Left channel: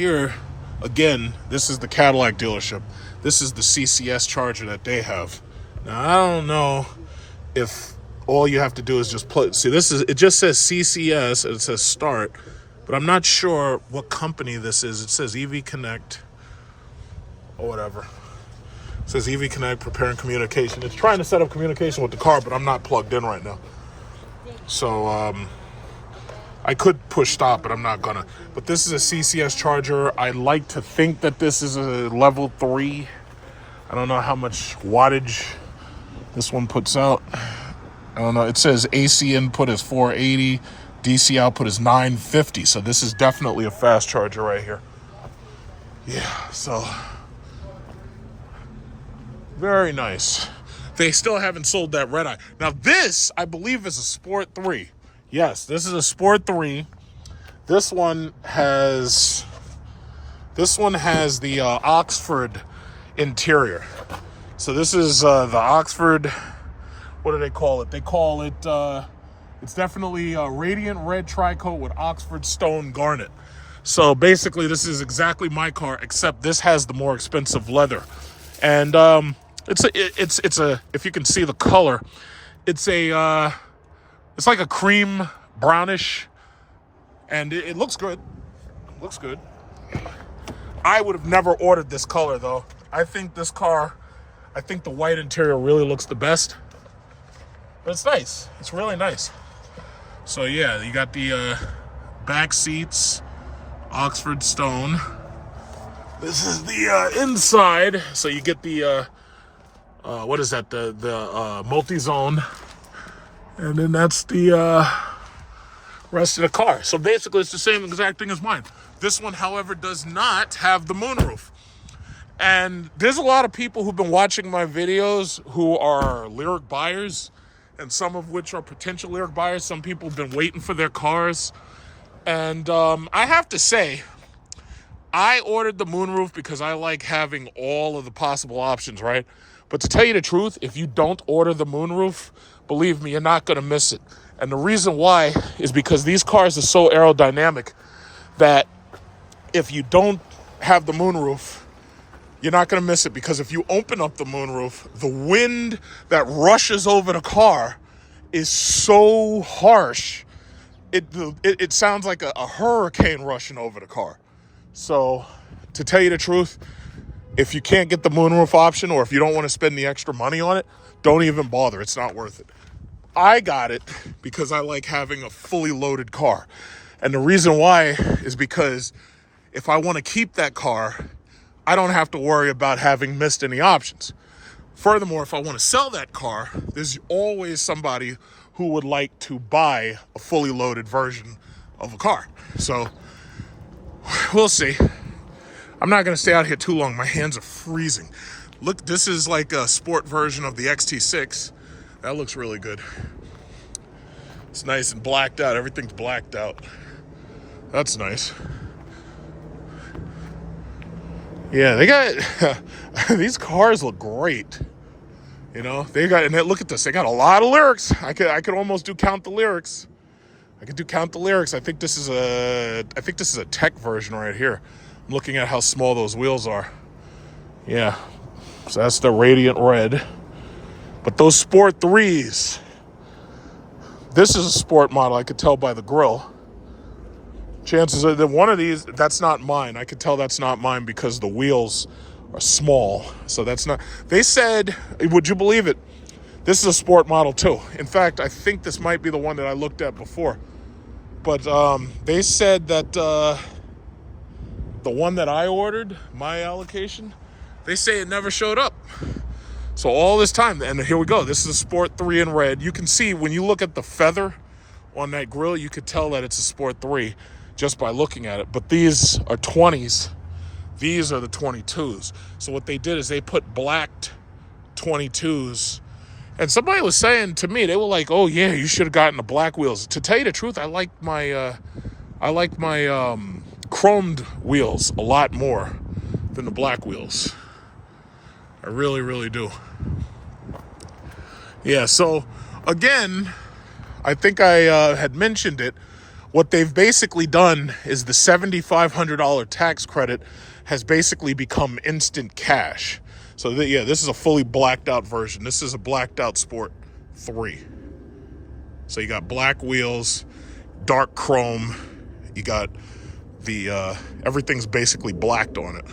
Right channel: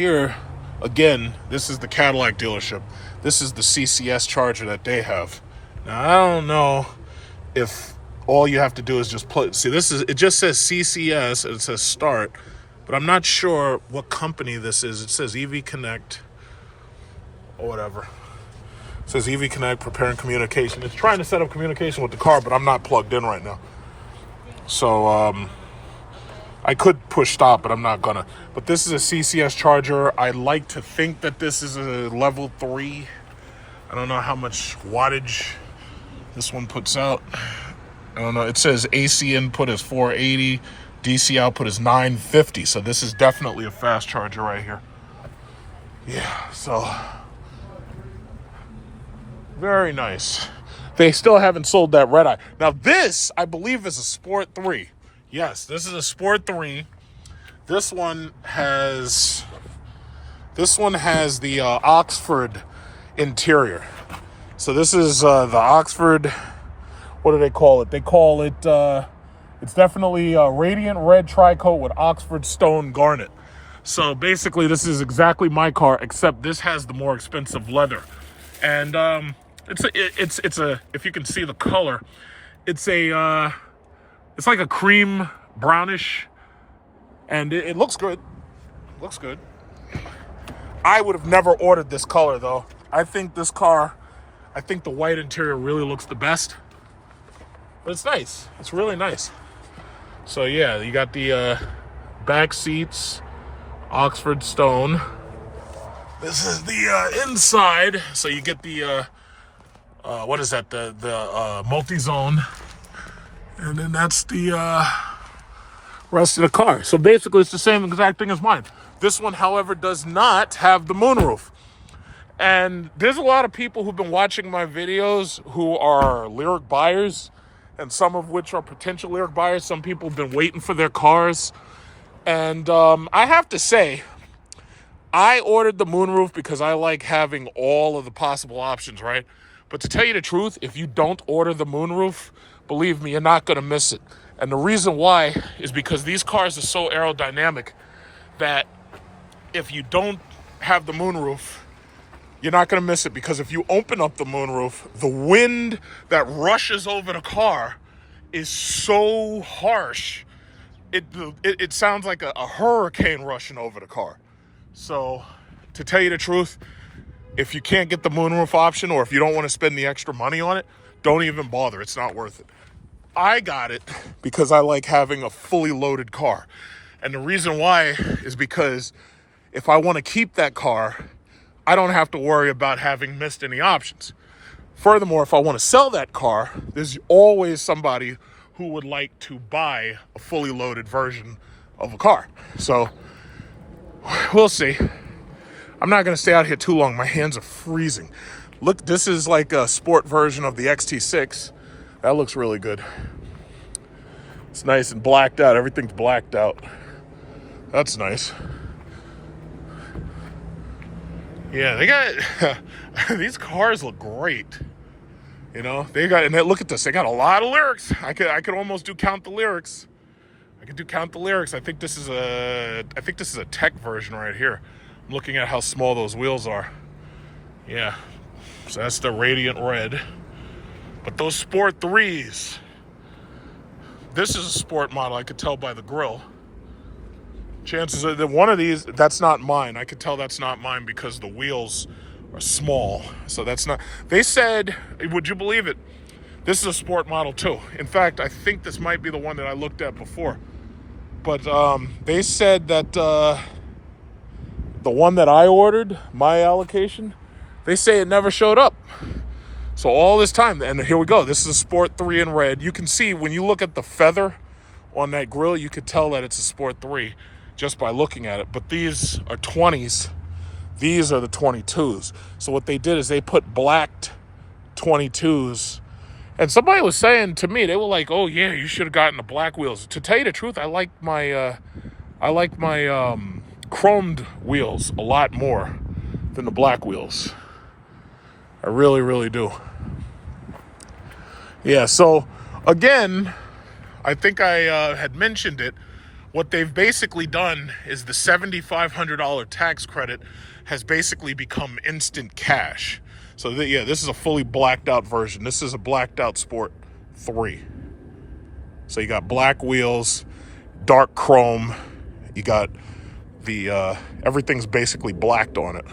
here, again, this is the Cadillac dealership. This is the CCS charger that they have. Now, I don't know if all you have to do is just plug. See, it just says CCS and it says start, but I'm not sure what company this is. It says EV Connect or whatever. It says EV Connect, preparing communication. It's trying to set up communication with the car, but I'm not plugged in right now. So, I could push stop, but I'm not gonna. But this is a CCS charger. I like to think that this is a level 3. I don't know how much wattage this one puts out. I don't know. It says AC input is 480, DC output is 950. So this is definitely a fast charger right here. Yeah, so very nice. They still haven't sold that red eye. Now this, I believe, is a Sport 3. Yes, this is a Sport 3. This one has the Oxford interior. So this is the Oxford, what do they call it? They call it, it's definitely a radiant red tri-coat with Oxford stone garnet. So basically this is exactly my car, except this has the more expensive leather. And it's a if you can see the color, it's like a cream brownish, and it looks good. Looks good. I would have never ordered this color though. I think the white interior really looks the best. But it's nice. It's really nice. So yeah, you got the back seats, Oxford stone. This is the inside. So you get the what is that? The multi-zone. And then that's the rest of the car. So basically it's the same exact thing as mine. This one, however, does not have the moonroof. And there's a lot of people who've been watching my videos who are Lyriq buyers, and some of which are potential Lyriq buyers. Some people have been waiting for their cars. And I have to say, I ordered the moonroof because I like having all of the possible options, right? But to tell you the truth, if you don't order the moonroof, believe me, you're not going to miss it. And the reason why is because these cars are so aerodynamic that if you don't have the moonroof, you're not going to miss it. Because if you open up the moonroof, the wind that rushes over the car is so harsh, it sounds like a hurricane rushing over the car. So to tell you the truth, if you can't get the moonroof option, or if you don't want to spend the extra money on it, don't even bother. It's not worth it. I got it because I like having a fully loaded car. And the reason why is because if I want to keep that car, I don't have to worry about having missed any options. Furthermore, if I want to sell that car, there's always somebody who would like to buy a fully loaded version of a car. So we'll see. I'm not going to stay out here too long. My hands are freezing. Look, this is like a sport version of the XT6. That looks really good. It's nice and blacked out. Everything's blacked out. That's nice. Yeah, they got these cars look great. You know, and look at this. They got a lot of Lyriqs. I could almost do count the Lyriqs. I could do count the Lyriqs. I think this is a tech version right here. I'm looking at how small those wheels are. Yeah. So that's the radiant red. But those Sport 3s, this is a sport model. I could tell by the grille. Chances are that one of these, that's not mine. I could tell that's not mine because the wheels are small. So that's not, they said, would you believe it? This is a sport model too. In fact, I think this might be the one that I looked at before. But they said that the one that I ordered, my allocation, they say it never showed up. So all this time, and here we go. This is a Sport 3 in red. You can see when you look at the feather on that grille, you could tell that it's a Sport 3 just by looking at it. But these are 20s. These are the 22s. So what they did is they put blacked 22s. And somebody was saying to me, they were like, "Oh yeah, you should have gotten the black wheels." To tell you the truth, I like my chromed wheels a lot more than the black wheels. I really, really do. Yeah, so again, I think I had mentioned it, What they've basically done is the $7,500 tax credit has basically become instant cash. So yeah, this is a fully blacked out version. This is a blacked out Sport 3. So you got black wheels, dark chrome. You got the, everything's basically blacked on it.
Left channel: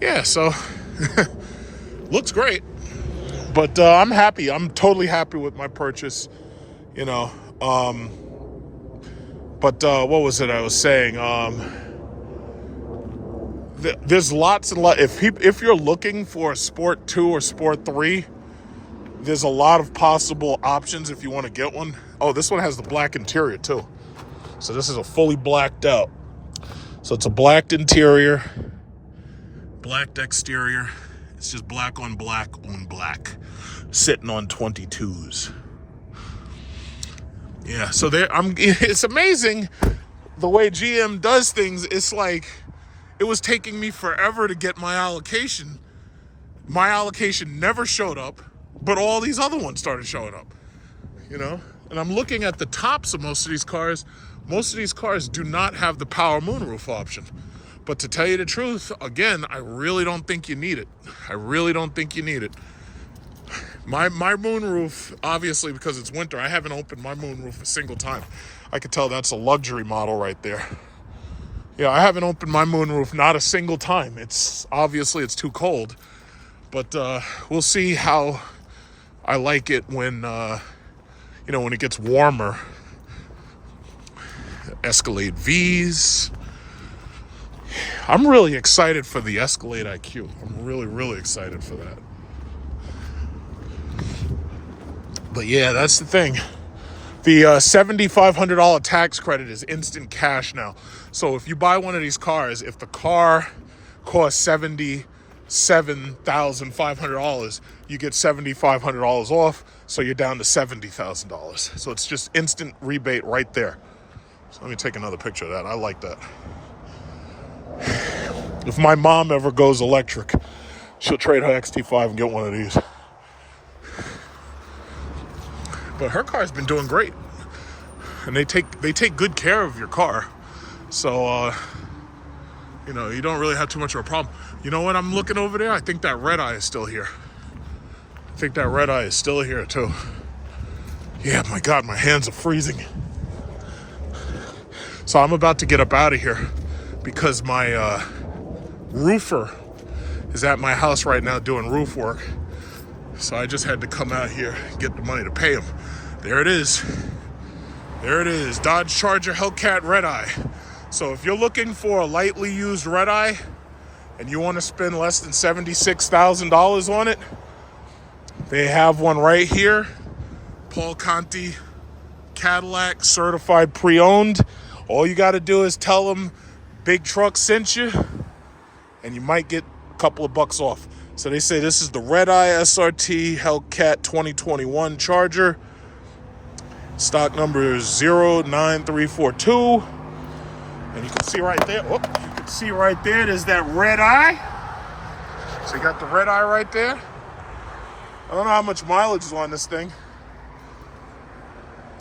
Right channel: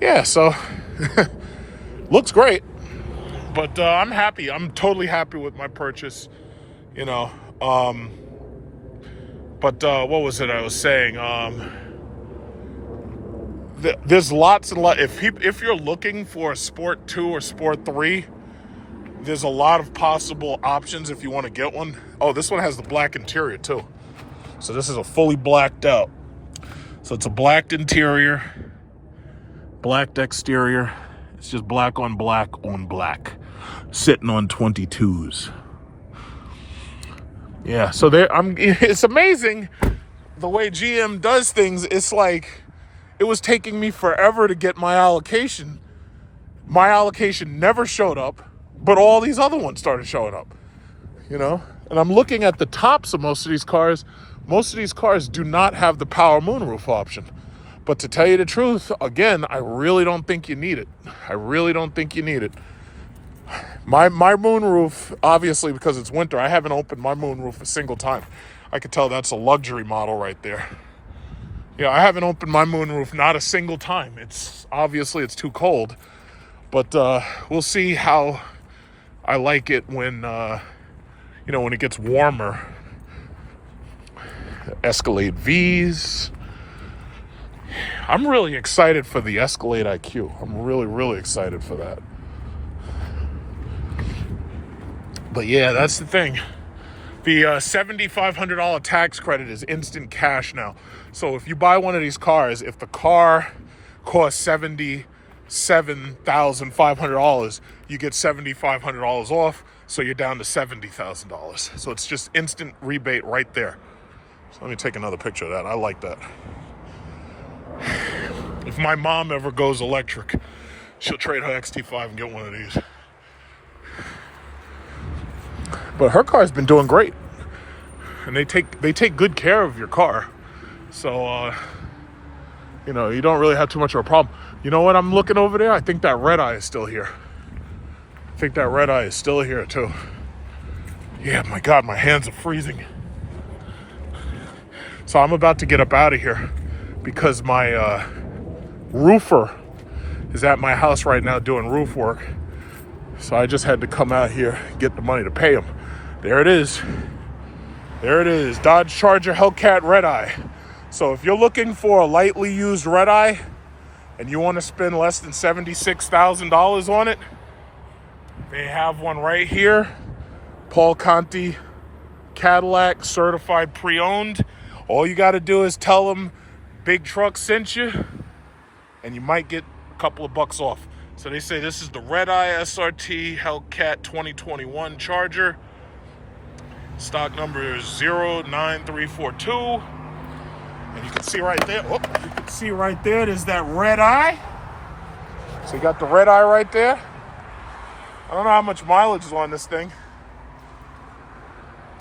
Yeah, so looks great. But I'm happy. I'm totally happy with my purchase, you know. But what was it I was saying? There's lots and lots. If you're looking for a Sport 2 or Sport 3, there's a lot of possible options if you want to get one. Oh, this one has the black interior too. So this is a fully blacked out. So it's a blacked interior, blacked exterior. It's just black on black on black, sitting on 22s. Yeah, so it's amazing the way GM does things. It's like it was taking me forever to get my allocation. My allocation never showed up, but all these other ones started showing up, you know? And I'm looking at the tops of most of these cars. Most of these cars do not have the power moonroof option. But to tell you the truth, again, I really don't think you need it. I really don't think you need it. My moonroof, obviously, because it's winter, I haven't opened my moonroof a single time. I could tell that's a luxury model right there. Yeah, I haven't opened my moonroof not a single time. It's too cold. But we'll see how I like it when, when it gets warmer. Escalade V's. I'm really excited for the Escalade IQ. I'm really, really excited for that. But yeah, that's the thing. The $7,500 tax credit is instant cash now. So if you buy one of these cars, if the car costs $77,500, you get $7,500 off. So you're down to $70,000. So it's just instant rebate right there. So let me take another picture of that. I like that. If my mom ever goes electric, she'll trade her XT5 and get one of these. But her car's been doing great, and they take good care of your car, so you don't really have too much of a problem. You know what? I'm looking over there. I think that red eye is still here. I think that red eye is still here too. Yeah, my God, my hands are freezing. So I'm about to get up out of here because my roofer is at my house right now doing roof work. So I just had to come out here and get the money to pay him. There it is. There it is. Dodge Charger Hellcat Red Eye. So if you're looking for a lightly used red eye and you want to spend less than $76,000 on it, they have one right here. Paul Conti Cadillac, certified pre-owned. All you got to do is tell them Big Truck sent you, and you might get a couple of bucks off. So they say this is the Red Eye SRT Hellcat 2021 Charger. Stock number is 09342. And you can see right there, there's that red eye. So you got the red eye right there. I don't know how much mileage is on this thing.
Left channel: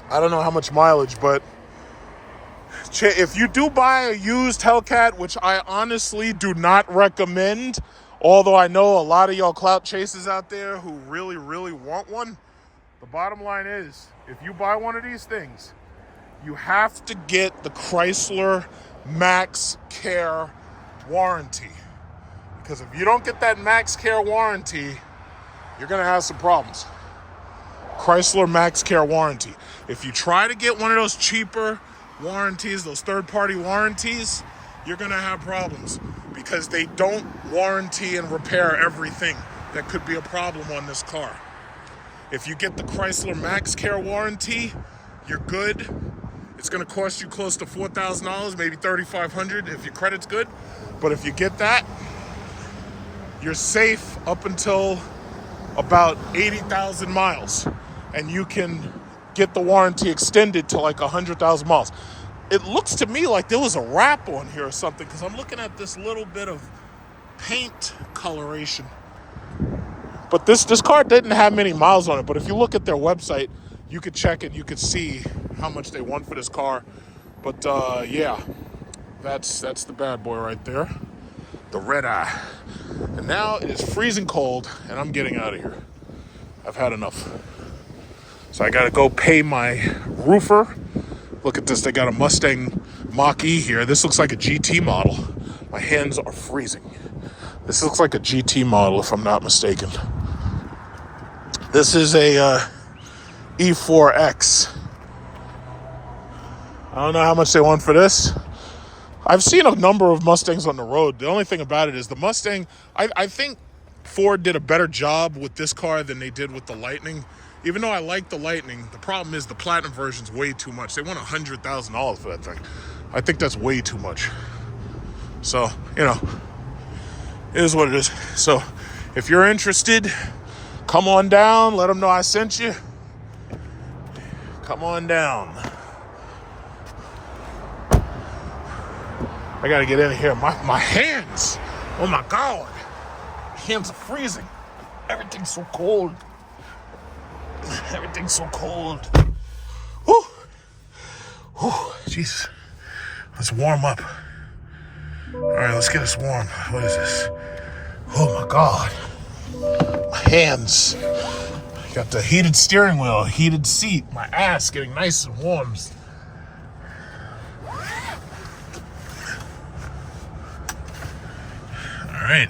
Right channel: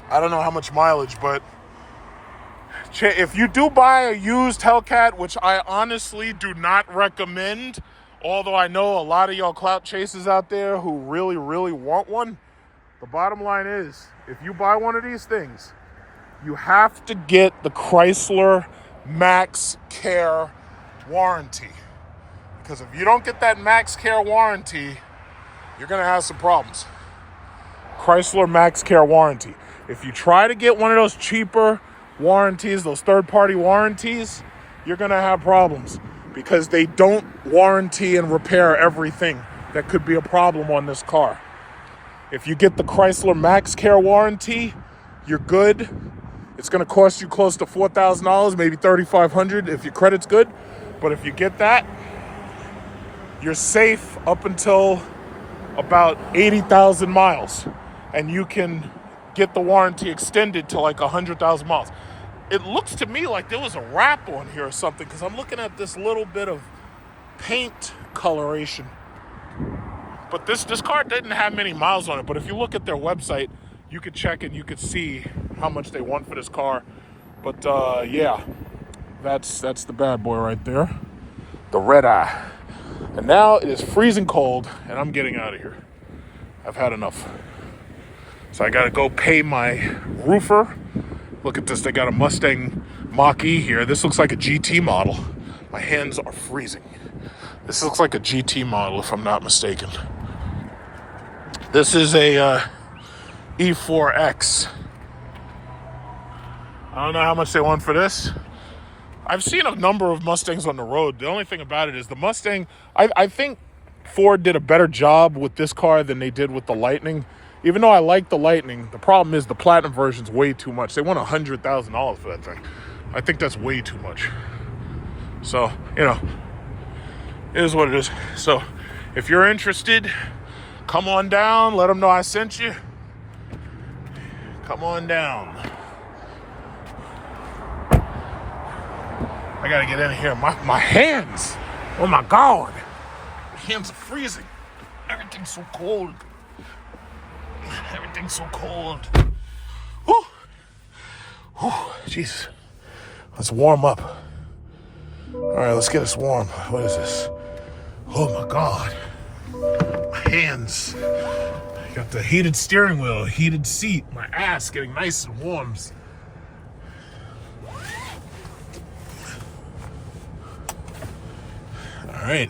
But if you do buy a used Hellcat, which I honestly do not recommend, although I know a lot of y'all clout chasers out there who really, really want one, the bottom line is, if you buy one of these things, you have to get the Chrysler Max Care warranty. Because if you don't get that Max Care warranty, you're going to have some problems. Chrysler Max Care warranty. If you try to get one of those cheaper warranties, those third-party warranties, you're going to have problems because they don't warranty and repair everything that could be a problem on this car. If you get the Chrysler Max Care warranty, you're good. It's going to cost you close to $4,000, maybe $3,500 if your credit's good. But if you get that, you're safe up until about 80,000 miles. And you can get the warranty extended to like 100,000 miles. It looks to me like there was a wrap on here or something, because I'm looking at this little bit of paint coloration. But this car didn't have many miles on it. But if you look at their website, you could check it. You could see how much they want for this car. But yeah, that's the bad boy right there, the red eye. And now it is freezing cold, and I'm getting out of here. I've had enough. So I gotta go pay my roofer. Look at this, they got a Mustang Mach-E here. This looks like a GT model. My hands are freezing. This looks like a GT model, if I'm not mistaken. This is a E4X. I don't know how much they want for this. I've seen a number of Mustangs on the road. The only thing about it is the Mustang, I think Ford did a better job with this car than they did with the Lightning. Even though I like the Lightning, the problem is the Platinum version's way too much. They want $100,000 for that thing. I think that's way too much. So, you know, it is what it is. So, if you're interested, come on down. Let them know I sent you. Come on down. I gotta get in here. My hands. Oh my God. My hands are freezing. Everything's so cold. Everything's so cold. Whew. Whew. Jesus. Let's warm up. All right, let's get us warm. What is this? Oh my God. My hands. Got the heated steering wheel, heated seat. My ass getting nice and warm. All right.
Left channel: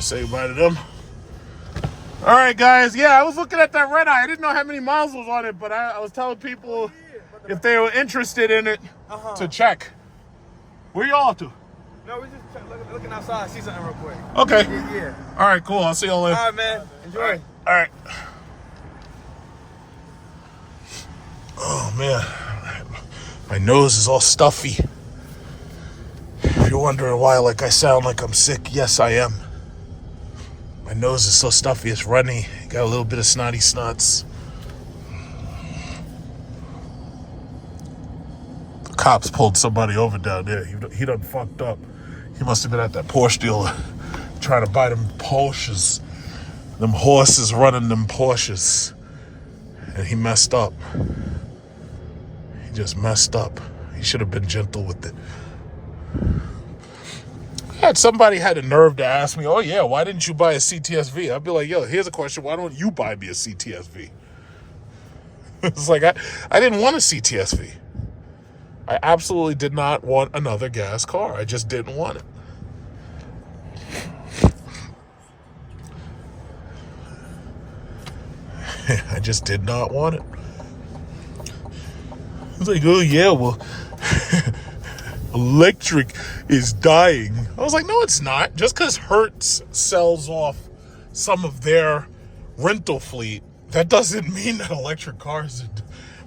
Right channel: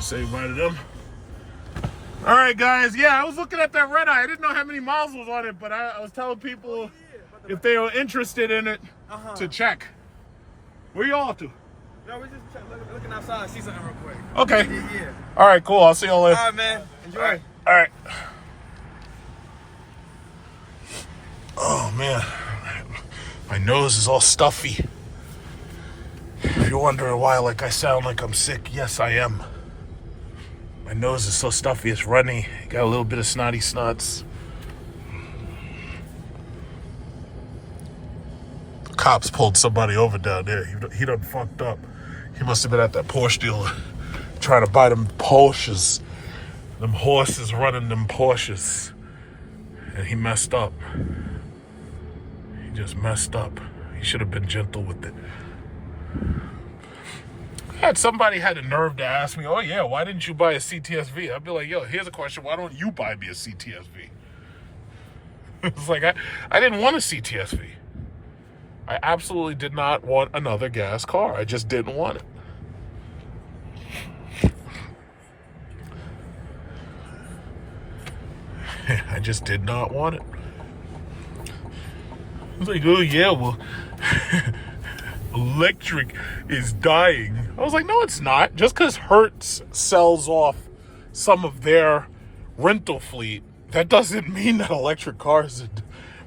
Say goodbye to them. All right, guys. Yeah, I was looking at that red eye. I didn't know how many miles was on it, but I was telling people if they were interested in it to check. Where you all up to? No, we're just looking outside, see something real quick. Okay. Yeah. All right, cool. I'll see y'all later. All right, man. Enjoy. All right. Oh, man. My nose is all stuffy. If you're wondering why, like, I sound like I'm sick, yes, I am. My nose is so stuffy, it's runny. Got a little bit of snotty snots. The cops pulled somebody over down there. He done fucked up. He must have been at that Porsche dealer trying to buy them Porsches. Them horses running them Porsches. And he messed up. He just messed up. He should have been gentle with it. Somebody had the nerve to ask me, oh yeah, why didn't you buy a CTSV? I'd be like, yo, here's a question. Why don't you buy me a CTSV? It's like, I didn't want a CTSV. I absolutely did not want another gas car. I just didn't want it. I just did not want it. I was like, oh yeah, well, electric is dying. I was like, no, it's not. Just because Hertz sells off some of their rental fleet, that doesn't mean that electric cars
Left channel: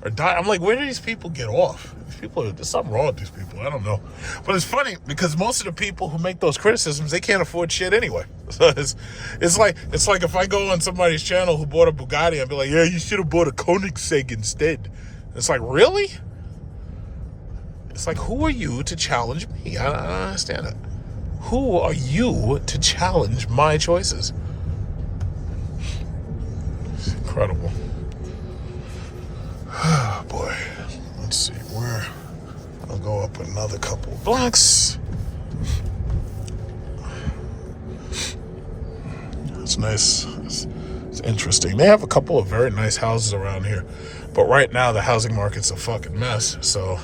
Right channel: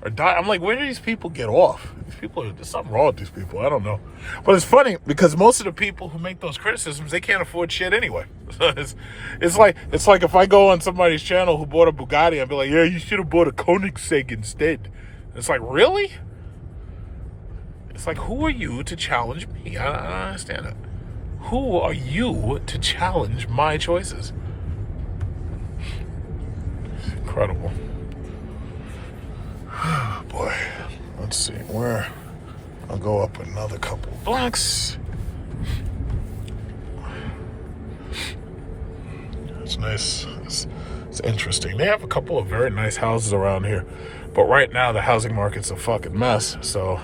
are dying. I'm like, where do these people get off? These people, there's something wrong with these people. I don't know. But it's funny because most of the people who make those criticisms, they can't afford shit anyway. So it's like if I go on somebody's channel who bought a Bugatti, I'd be like, yeah, you should have bought a Koenigsegg instead. It's like, really? It's like, who are you to challenge me? I don't understand it. Who are you to challenge my choices? It's incredible. Oh, boy. Let's see. Where? I'll go up another couple of blocks. It's nice. It's interesting. They have a couple of very nice houses around here. But right now, the housing market's a fucking mess. So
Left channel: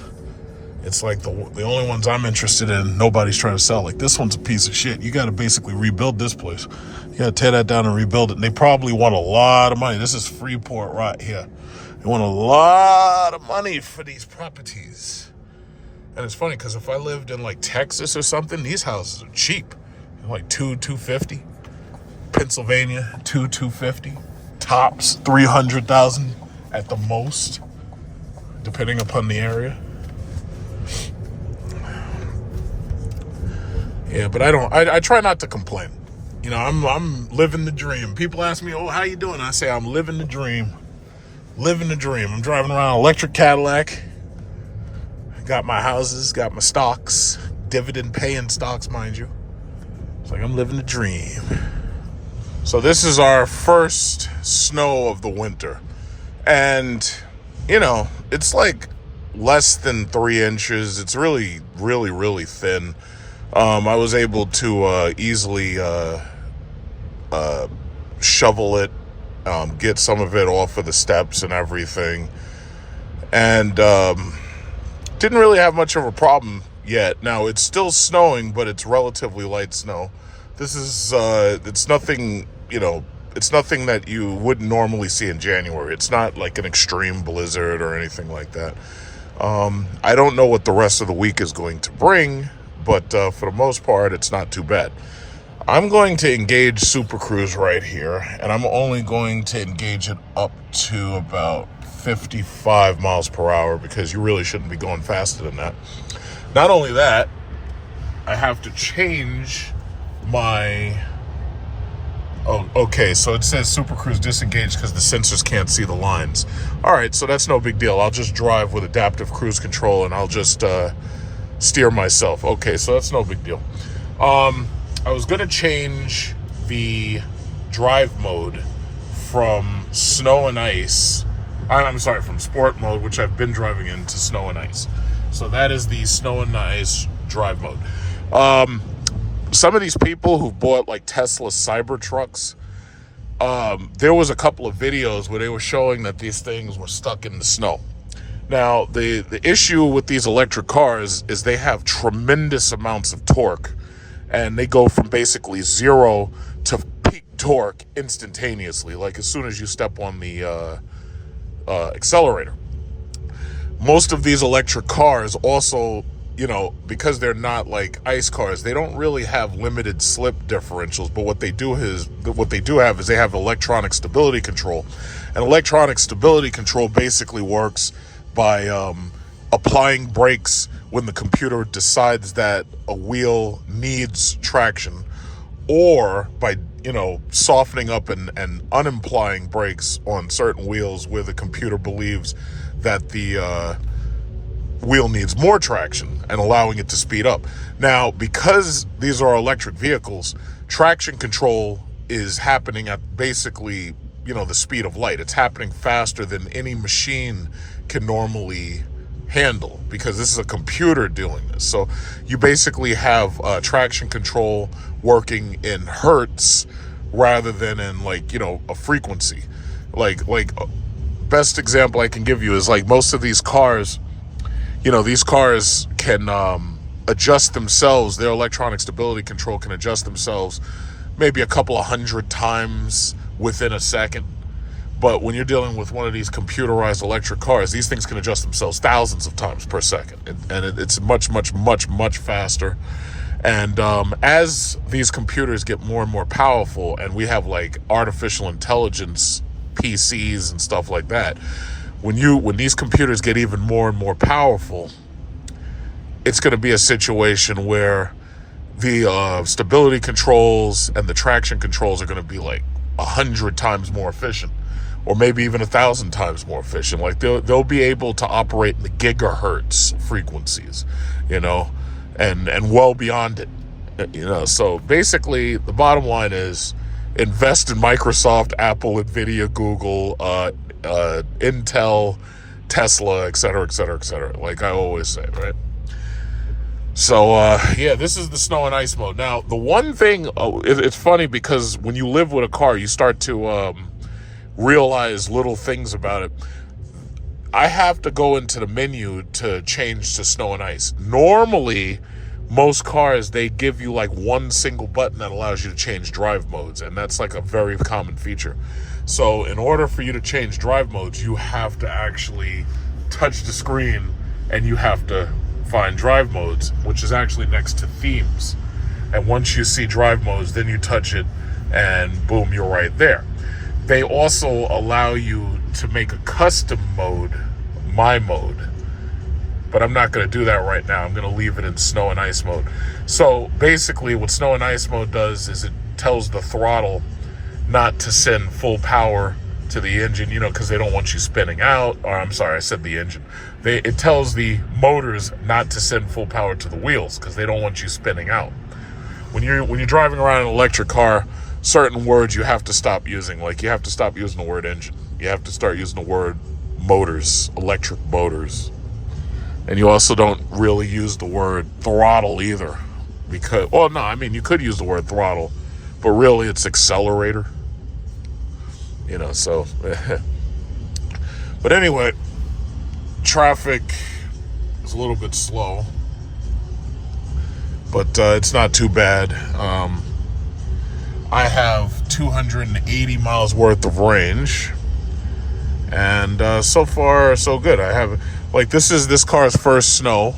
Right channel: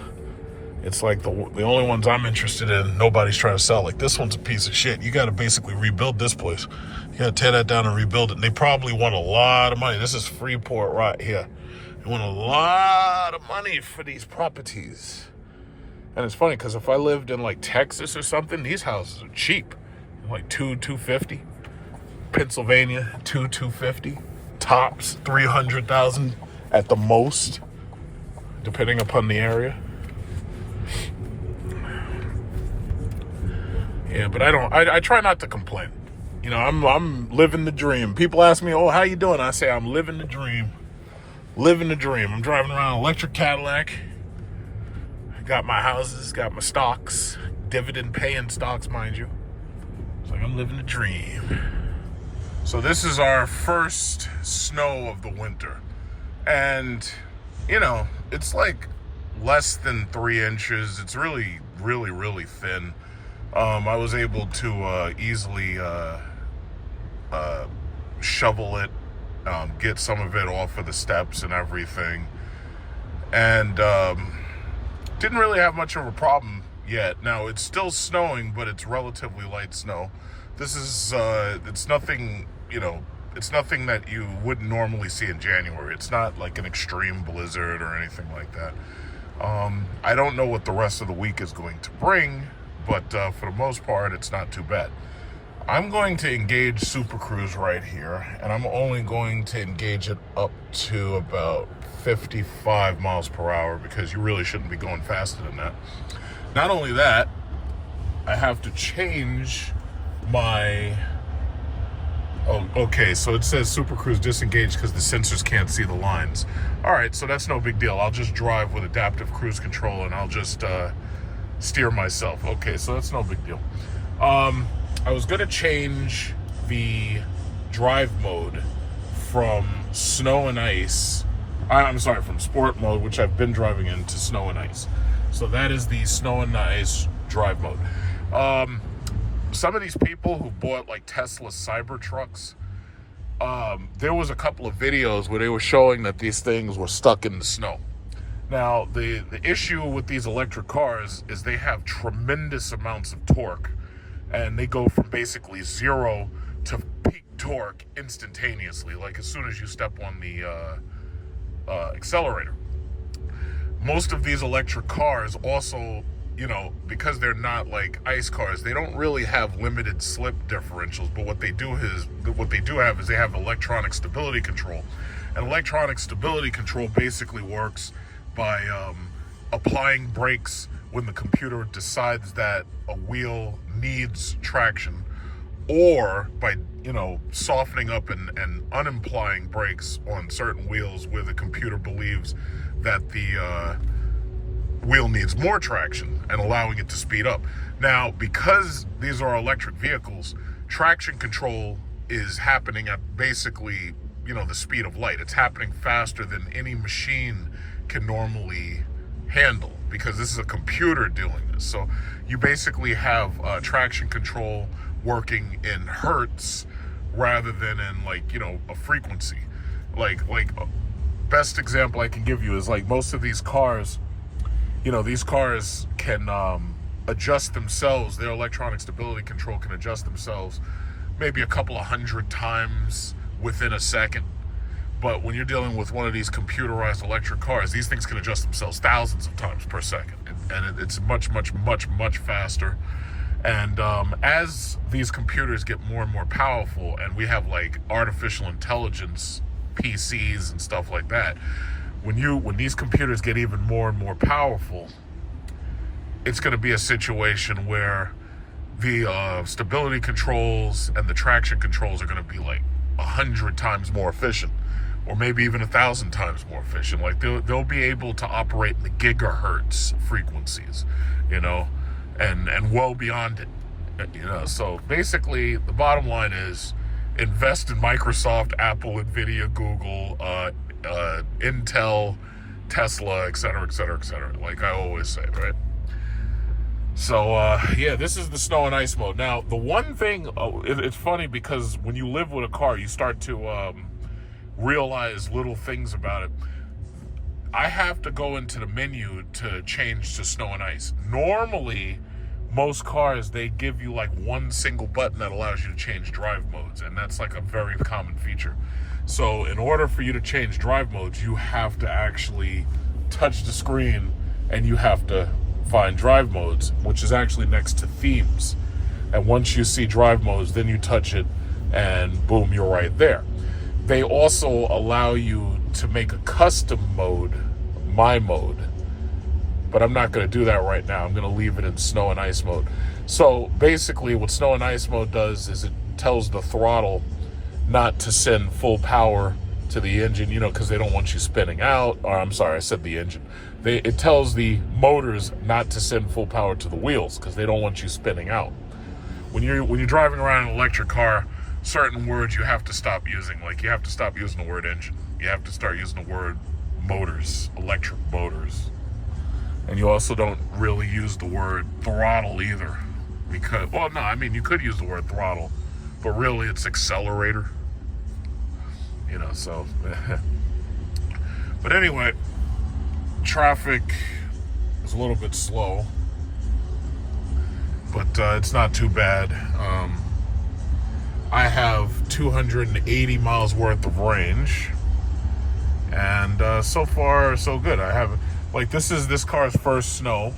it's like the only ones I'm interested in, nobody's trying to sell. Like, this one's a piece of shit. You got to basically rebuild this place. You got to tear that down and rebuild it. And they probably want a lot of money. This is Freeport right here. They want a lot of money for these properties. And it's funny because if I lived in like Texas or something, these houses are cheap. Like $250. Pennsylvania, $250. Tops, $300,000 at the most, depending upon the area. Yeah, but I try not to complain. You know, I'm living the dream. People ask me, oh, how you doing? I say, I'm living the dream. Living the dream. I'm driving around an electric Cadillac. Got my houses, got my stocks, dividend paying stocks, mind you. It's like I'm living a dream. So this is our first snow of the winter. And, you know, it's like less than 3 inches. It's really, really, really thin. I was able to easily shovel it, get some of it off of the steps and everything. And didn't really have much of a problem yet. Now, it's still snowing, but it's relatively light snow. This is, it's nothing, you know, it's nothing that you wouldn't normally see in January. It's not like an extreme blizzard or anything like that. I don't know what the rest of the week is going to bring, but for the most part, it's not too bad. I'm going to engage Super Cruise right here, and I'm only going to engage it up to about 55 miles per hour because you really shouldn't be going faster than that. Not only that, I have to change my... Oh, okay, so it says Super Cruise disengaged because the sensors can't see the lines. All right, so that's no big deal. I'll just drive with adaptive cruise control and I'll just steer myself. Okay, so that's no big deal. I was going to change the drive mode from snow and ice. I'm sorry, from sport mode, which I've been driving in, to snow and ice. So that is the snow and ice drive mode. Some of these people who bought like Tesla Cybertrucks, there was a couple of videos where they were showing that these things were stuck in the snow. Now, the issue with these electric cars is they have tremendous amounts of torque, and they go from basically 0 to peak torque instantaneously, like as soon as you step on the accelerator. Most of these electric cars also, you know, because they're not like ice cars, they don't really have limited slip differentials, but what they do have is they have electronic stability control. And electronic stability control basically works by applying brakes when the computer decides that a wheel needs traction, or by, you know, softening up and unimplying brakes on certain wheels where the computer believes that the wheel needs more traction and allowing it to speed up. Now, because these are electric vehicles, traction control is happening at basically, you know, the speed of light. It's happening faster than any machine can normally handle, because this is a computer doing this. So you basically have traction control working in hertz rather than in, like, you know, a frequency. Like best example I can give you is like most of these cars, you know, these cars can adjust themselves. Their electronic stability control can adjust themselves maybe a couple of 100 times within a second. But when you're dealing with one of these computerized electric cars, these things can adjust themselves thousands of times per second. And it's much, much, much, much faster. And as these computers get more and more powerful, and we have like artificial intelligence PCs and stuff like that, when these computers get even more and more powerful, it's going to be a situation where the stability controls and the traction controls are going to be like 100 times more efficient, or maybe even 1,000 times more efficient. Like they'll be able to operate in the gigahertz frequencies, you know, and well beyond it, you know. So basically, the bottom line is invest in Microsoft, Apple, Nvidia, Google, Intel, Tesla, et cetera, et cetera, et cetera, like I always say, right? So, yeah, this is the snow and ice mode. Now, the one thing, it's funny because when you live with a car, you start to realize little things about it. I have to go into the menu to change to snow and ice. Normally, most cars, they give you like one single button that allows you to change drive modes, and that's like a very common feature. So in order for you to change drive modes, you have to actually touch the screen and you have to find drive modes, which is actually next to themes. And once you see drive modes, then you touch it and boom, you're right there. They also allow you to make a custom mode, my mode, but I'm not going to do that right now. I'm going to leave it in snow and ice mode. So basically what snow and ice mode does is it tells the throttle not to send full power to the engine, you know, because they don't want you spinning out. Or I'm sorry, I said the engine. It tells the motors not to send full power to the wheels because they don't want you spinning out. when you're driving around an electric car, certain words you have to stop using. Like you have to stop using the word engine. You have to start using the word motors, electric motors. And you also don't really use the word throttle either. Because, well, no, I mean, you could use the word throttle, but really it's accelerator. You know, so. But anyway, traffic is a little bit slow, but it's not too bad. I have 280 miles worth of range, and so far so good. I have, like, this is this car's first snow,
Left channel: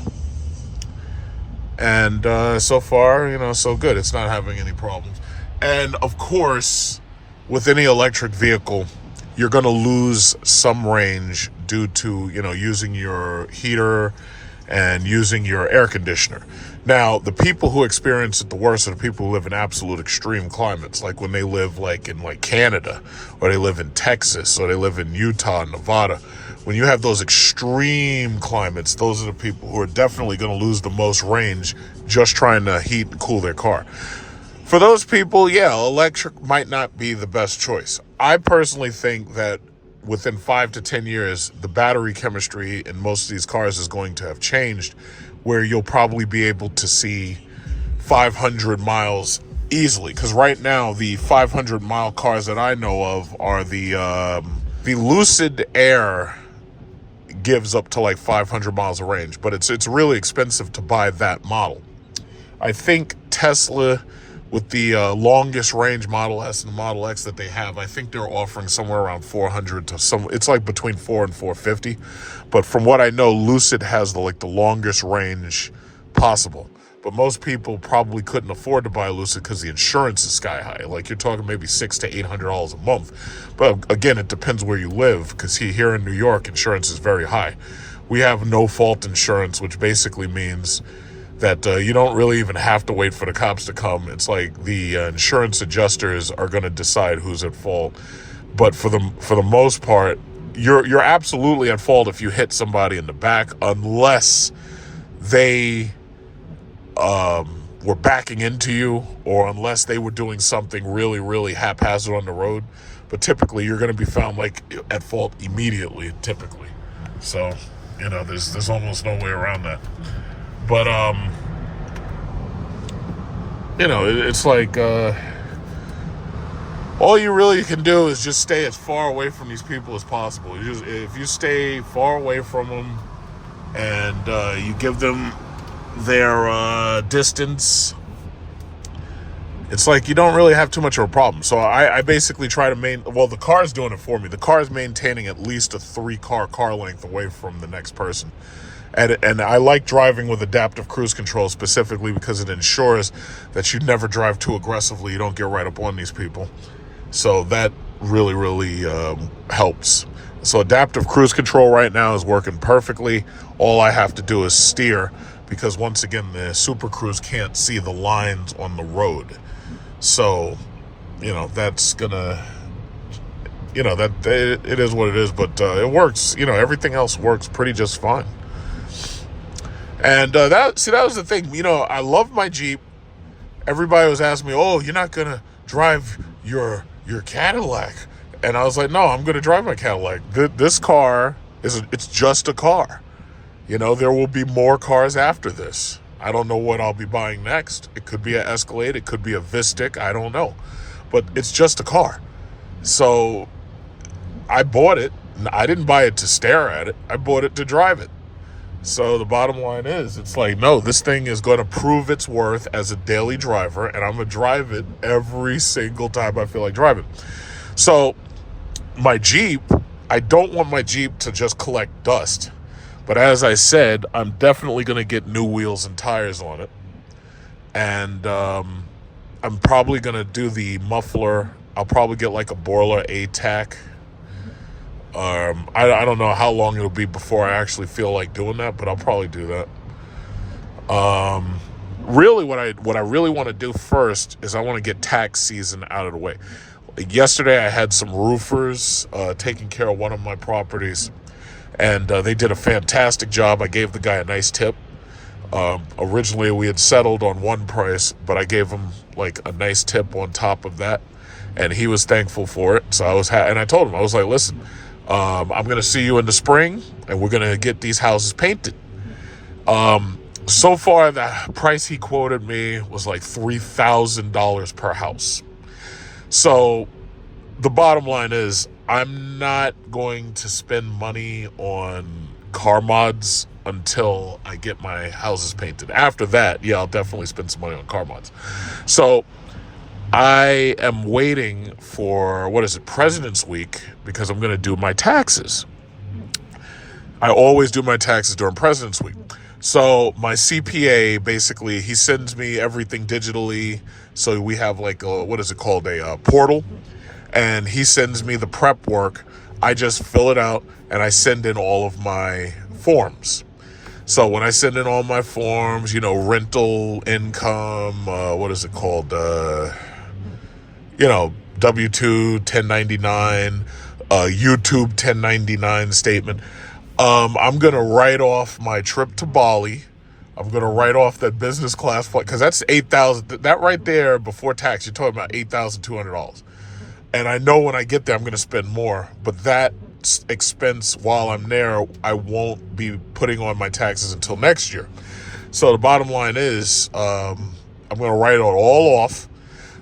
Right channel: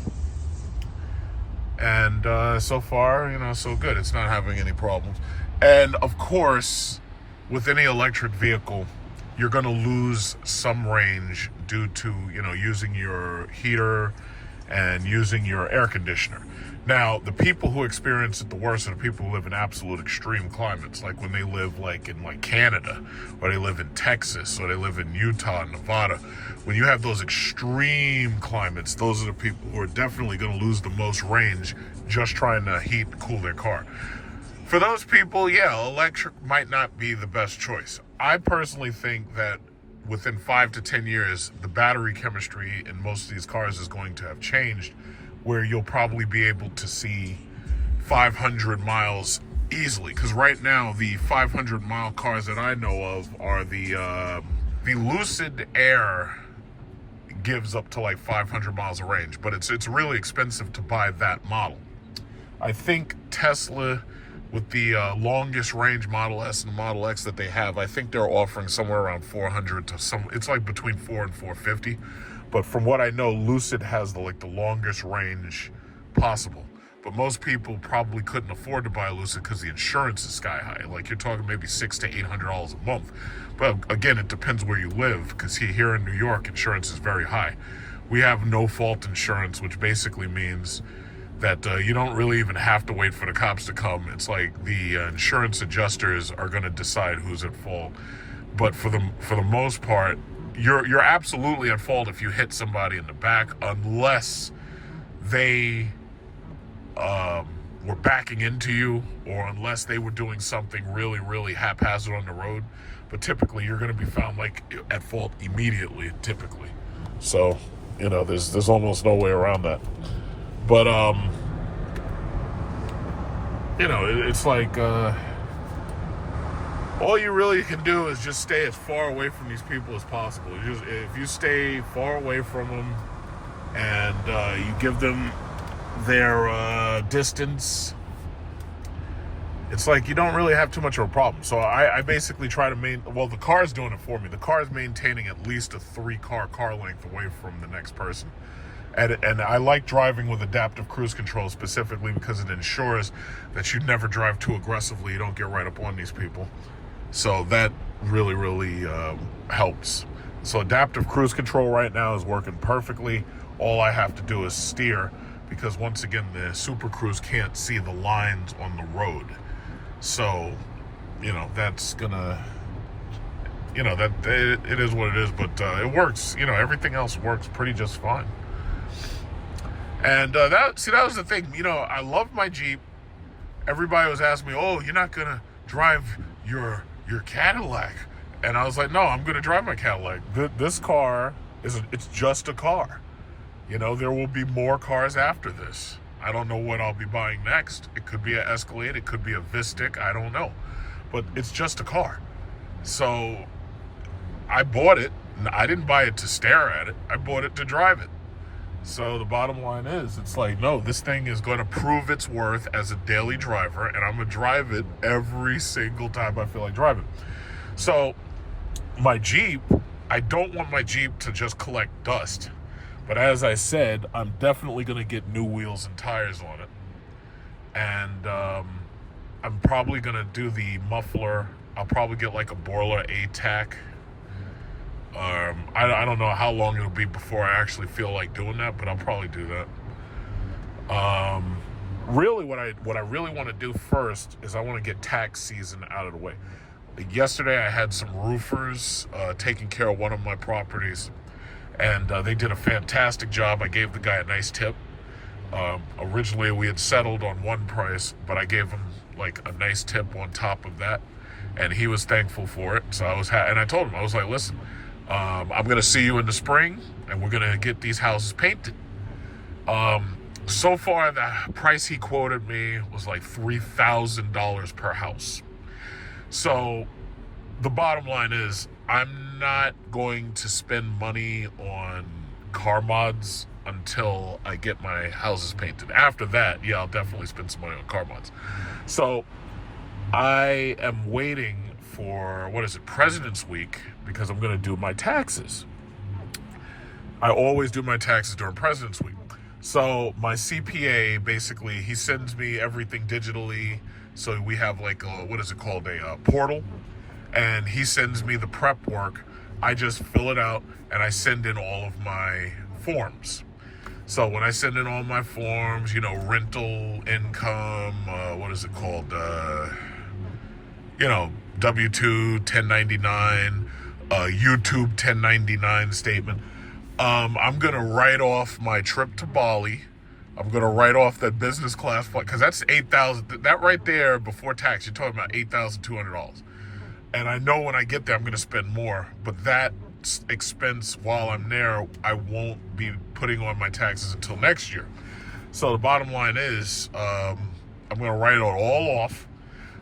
and so far, you know, so good. It's not having any problems. And of course, with any electric vehicle, you're going to lose some range due to, you know, using your heater and using your air conditioner. Now, the people who experience it the worst are the people who live in absolute extreme climates, like when they live like in like Canada, or they live in Texas, or they live in Utah and Nevada. When you have those extreme climates, those are the people who are definitely going to lose the most range just trying to heat and cool their car. For those people, yeah, electric might not be the best choice. I personally think that within 5 to 10 years, the battery chemistry in most of these cars is going to have changed, where you'll probably be able to see 500 miles easily. Because right now, the 500-mile cars that I know of are the Lucid Air gives up to like 500 miles of range, but it's really expensive to buy that model. I think Tesla, with the longest range Model S and the Model X that they have, I think they're offering somewhere around 400 to some. It's like between 4 and 450. But from what I know, Lucid has the longest range possible. But most people probably couldn't afford to buy a Lucid because the insurance is sky high. Like you're talking maybe $600 to $800 a month. But again, it depends where you live, because here in New York, insurance is very high. We have no fault insurance, which basically means that you don't really even have to wait for the cops to come. It's like the insurance adjusters are going to decide who's at fault. But for the most part, you're absolutely at fault if you hit somebody in the back, unless they were backing into you, or unless they were doing something really, really haphazard on the road. But typically, you're going to be found like at fault immediately. Typically, so you know there's almost no way around that. But, you know, it's like, all you really can do is just stay as far away from these people as possible. If you stay far away from them and you give them their distance, it's like you don't really have too much of a problem. So I basically try to well, the car's doing it for me. The car's maintaining at least a 3-car length away from the next person. And I like driving with adaptive cruise control specifically because it ensures that you never drive too aggressively. You don't get right up on these people. So that really, really helps. So adaptive cruise control right now is working perfectly. All I have to do is steer, because once again, the Super Cruise can't see the lines on the road. So, you know, that's gonna, you know, that it is what it is, but it works. You know, everything else works pretty just fine. And that was the thing. You know, I love my Jeep. Everybody was asking me, "Oh, you're not gonna drive your Cadillac?" And I was like, "No, I'm gonna drive my Cadillac. This car it's just a car. You know, there will be more cars after this. I don't know what I'll be buying next. It could be an Escalade, it could be a Vistic, I don't know. But it's just a car. So I bought it. I didn't buy it to stare at it. I bought it to drive it. So the bottom line is, it's like, no, this thing is going to prove its worth as a daily driver, and I'm going to drive it every single time I feel like driving. So my Jeep, I don't want my Jeep to just collect dust. But as I said, I'm definitely going to get new wheels and tires on it. And I'm probably going to do the muffler. I'll probably get like a Borla ATAC. I don't know how long it'll be before I actually feel like doing that, but I'll probably do that. Really, what I really want to do first is I want to get tax season out of the way. Yesterday, I had some roofers taking care of one of my properties, and they did a fantastic job. I gave the guy a nice tip. Originally, we had settled on one price, but I gave him like a nice tip on top of that, and he was thankful for it. So I was, and I told him, I was like, listen, I'm going to see you in the spring, and we're going to get these houses painted. So far, the price he quoted me was like $3,000 per house. So the bottom line is, I'm not going to spend money on car mods until I get my houses painted. After that, yeah, I'll definitely spend some money on car mods. So I am waiting for, President's Week, because I'm going to do my taxes. I always do my taxes during President's Week. So my CPA, basically, he sends me everything digitally. So we have like a portal. And he sends me the prep work. I just fill it out and I send in all of my forms. So when I send in all my forms, rental income, W-2, 1099, YouTube 1099 statement. I'm going to write off my trip to Bali. I'm going to write off that business class flight, because that's $8,000. That right there, before tax, you're talking about $8,200. And I know when I get there, I'm going to spend more. But that expense while I'm there, I won't be putting on my taxes until next year. So the bottom line is, I'm going to write it all off.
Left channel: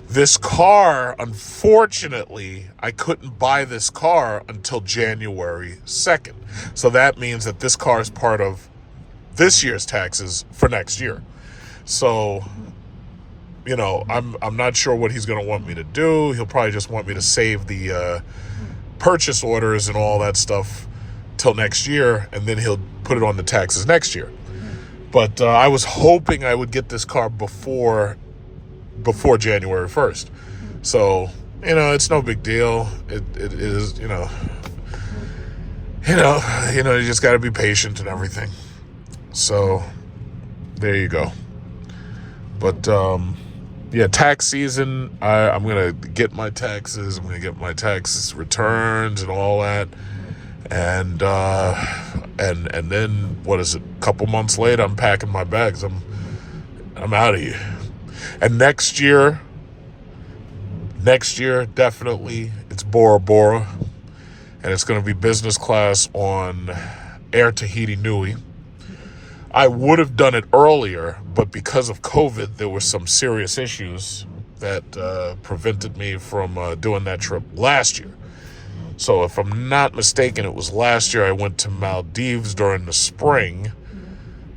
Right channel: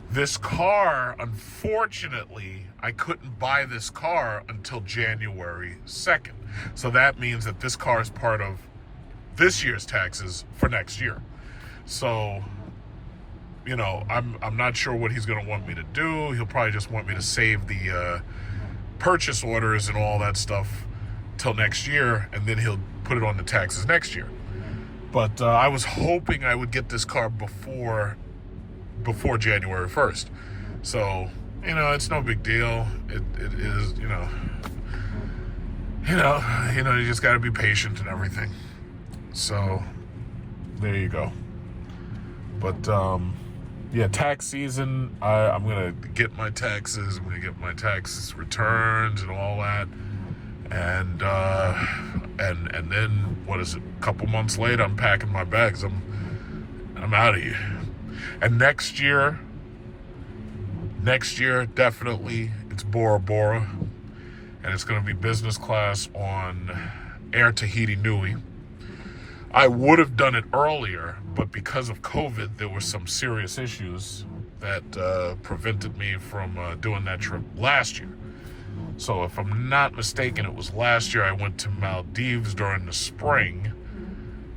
This car, unfortunately, I couldn't buy this car until January 2nd. So that means that this car is part of this year's taxes for next year. So, I'm not sure what he's going to want me to do. He'll probably just want me to save the purchase orders and all that stuff till next year, and then he'll put it on the taxes next year. But I was hoping I would get this car before January 1st. So, it's no big deal. It is, you just got to be patient and everything. So, there you go. But, tax season, I'm going to get my taxes. I'm going to get my tax returns and all that. And then, a couple months later, I'm packing my bags. I'm out of here. And next year, definitely, it's Bora Bora. And it's going to be business class on Air Tahiti Nui. I would have done it earlier, but because of COVID, there were some serious issues that prevented me from doing that trip last year. So if I'm not mistaken, it was last year I went to Maldives during the spring.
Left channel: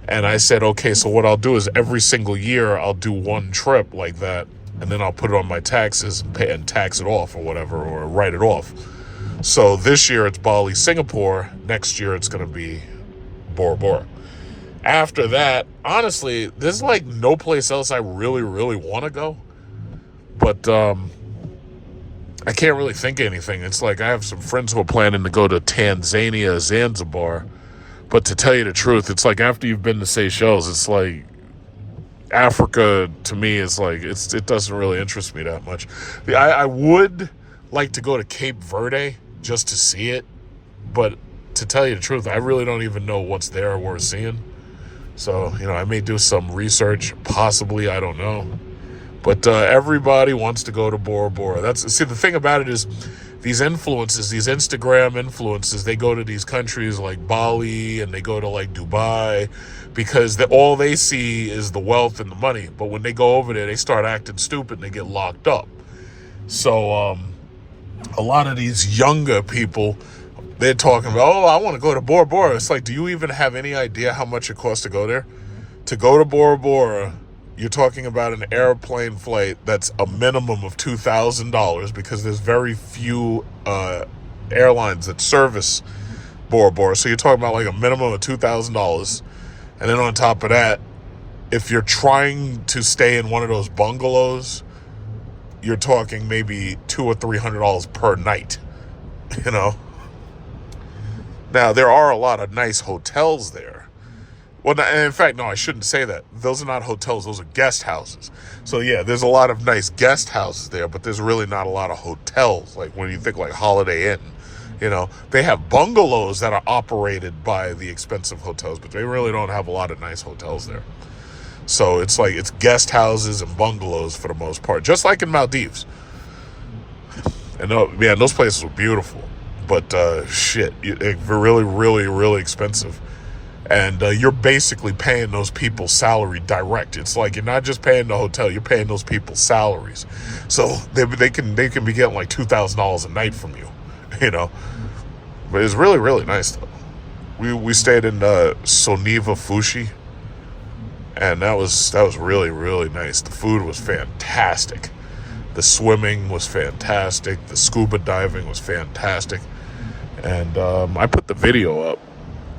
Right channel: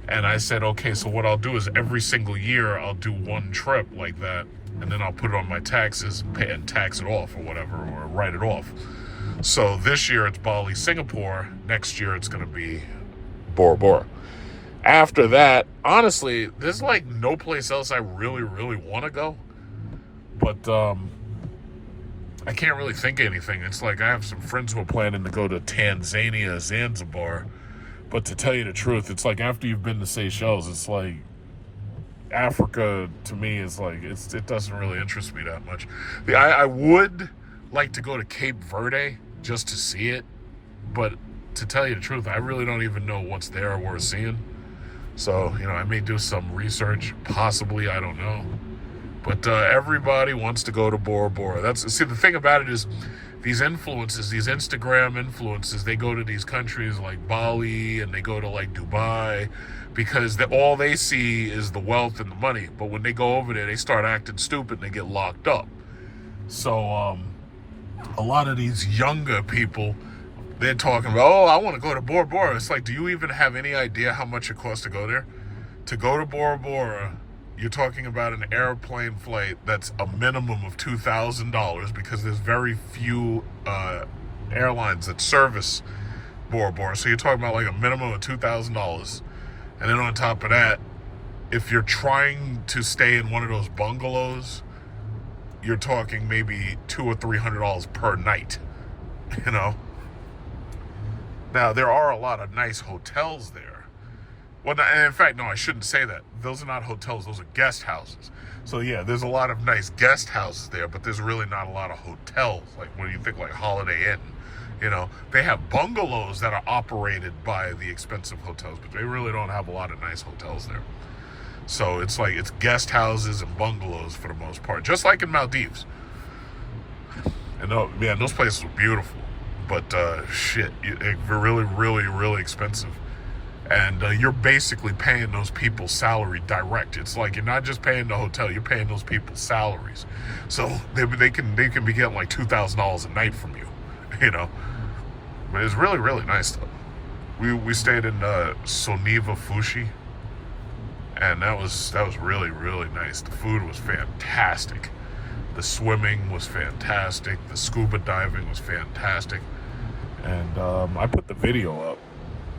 And I said, okay, so what I'll do is every single year I'll do one trip like that, and then I'll put it on my taxes and pay and tax it off or whatever, or write it off. So this year it's Bali, Singapore. Next year it's going to be Bora Bora. After that, honestly, there's like no place else I really, really want to go. But I can't really think of anything. It's like I have some friends who are planning to go to Tanzania, Zanzibar. But to tell you the truth, it's like after you've been to Seychelles, it's like Africa to me is like, it doesn't really interest me that much. I would like to go to Cape Verde just to see it. But to tell you the truth, I really don't even know what's there worth seeing. So, I may do some research, possibly, I don't know. But everybody wants to go to Bora Bora. See, the thing about it is these influencers, these Instagram influencers, they go to these countries like Bali and they go to like Dubai because all they see is the wealth and the money. But when they go over there, they start acting stupid and they get locked up. So a lot of these younger people, they're talking about, I want to go to Bora Bora. It's like, do you even have any idea how much it costs to go there? To go to Bora Bora, you're talking about an airplane flight that's a minimum of $2,000 because there's very few airlines that service Bora Bora. So you're talking about like a minimum of $2,000. And then on top of that, if you're trying to stay in one of those bungalows, you're talking maybe $200 or $300 per night, Now, there are a lot of nice hotels there. Well, and in fact, no, I shouldn't say that. Those are not hotels. Those are guest houses. So, yeah, there's a lot of nice guest houses there, but there's really not a lot of hotels. Like when you think like Holiday Inn You know, they have bungalows that are operated by the expensive hotels, but they really don't have a lot of nice hotels there. So it's like, it's guest houses and bungalows for the most part, just like in Maldives. And man, those places were beautiful, but shit, they're really, really, really expensive. And you're basically paying those people's salary direct. It's like you're not just paying the hotel, you're paying those people's salaries. So they can be getting like $2,000 a night from you, you know. But it's really, really nice though. We stayed in Soniva Fushi, and that was really, really nice. The food was fantastic. The swimming was fantastic. The scuba diving was fantastic. And I put the video up,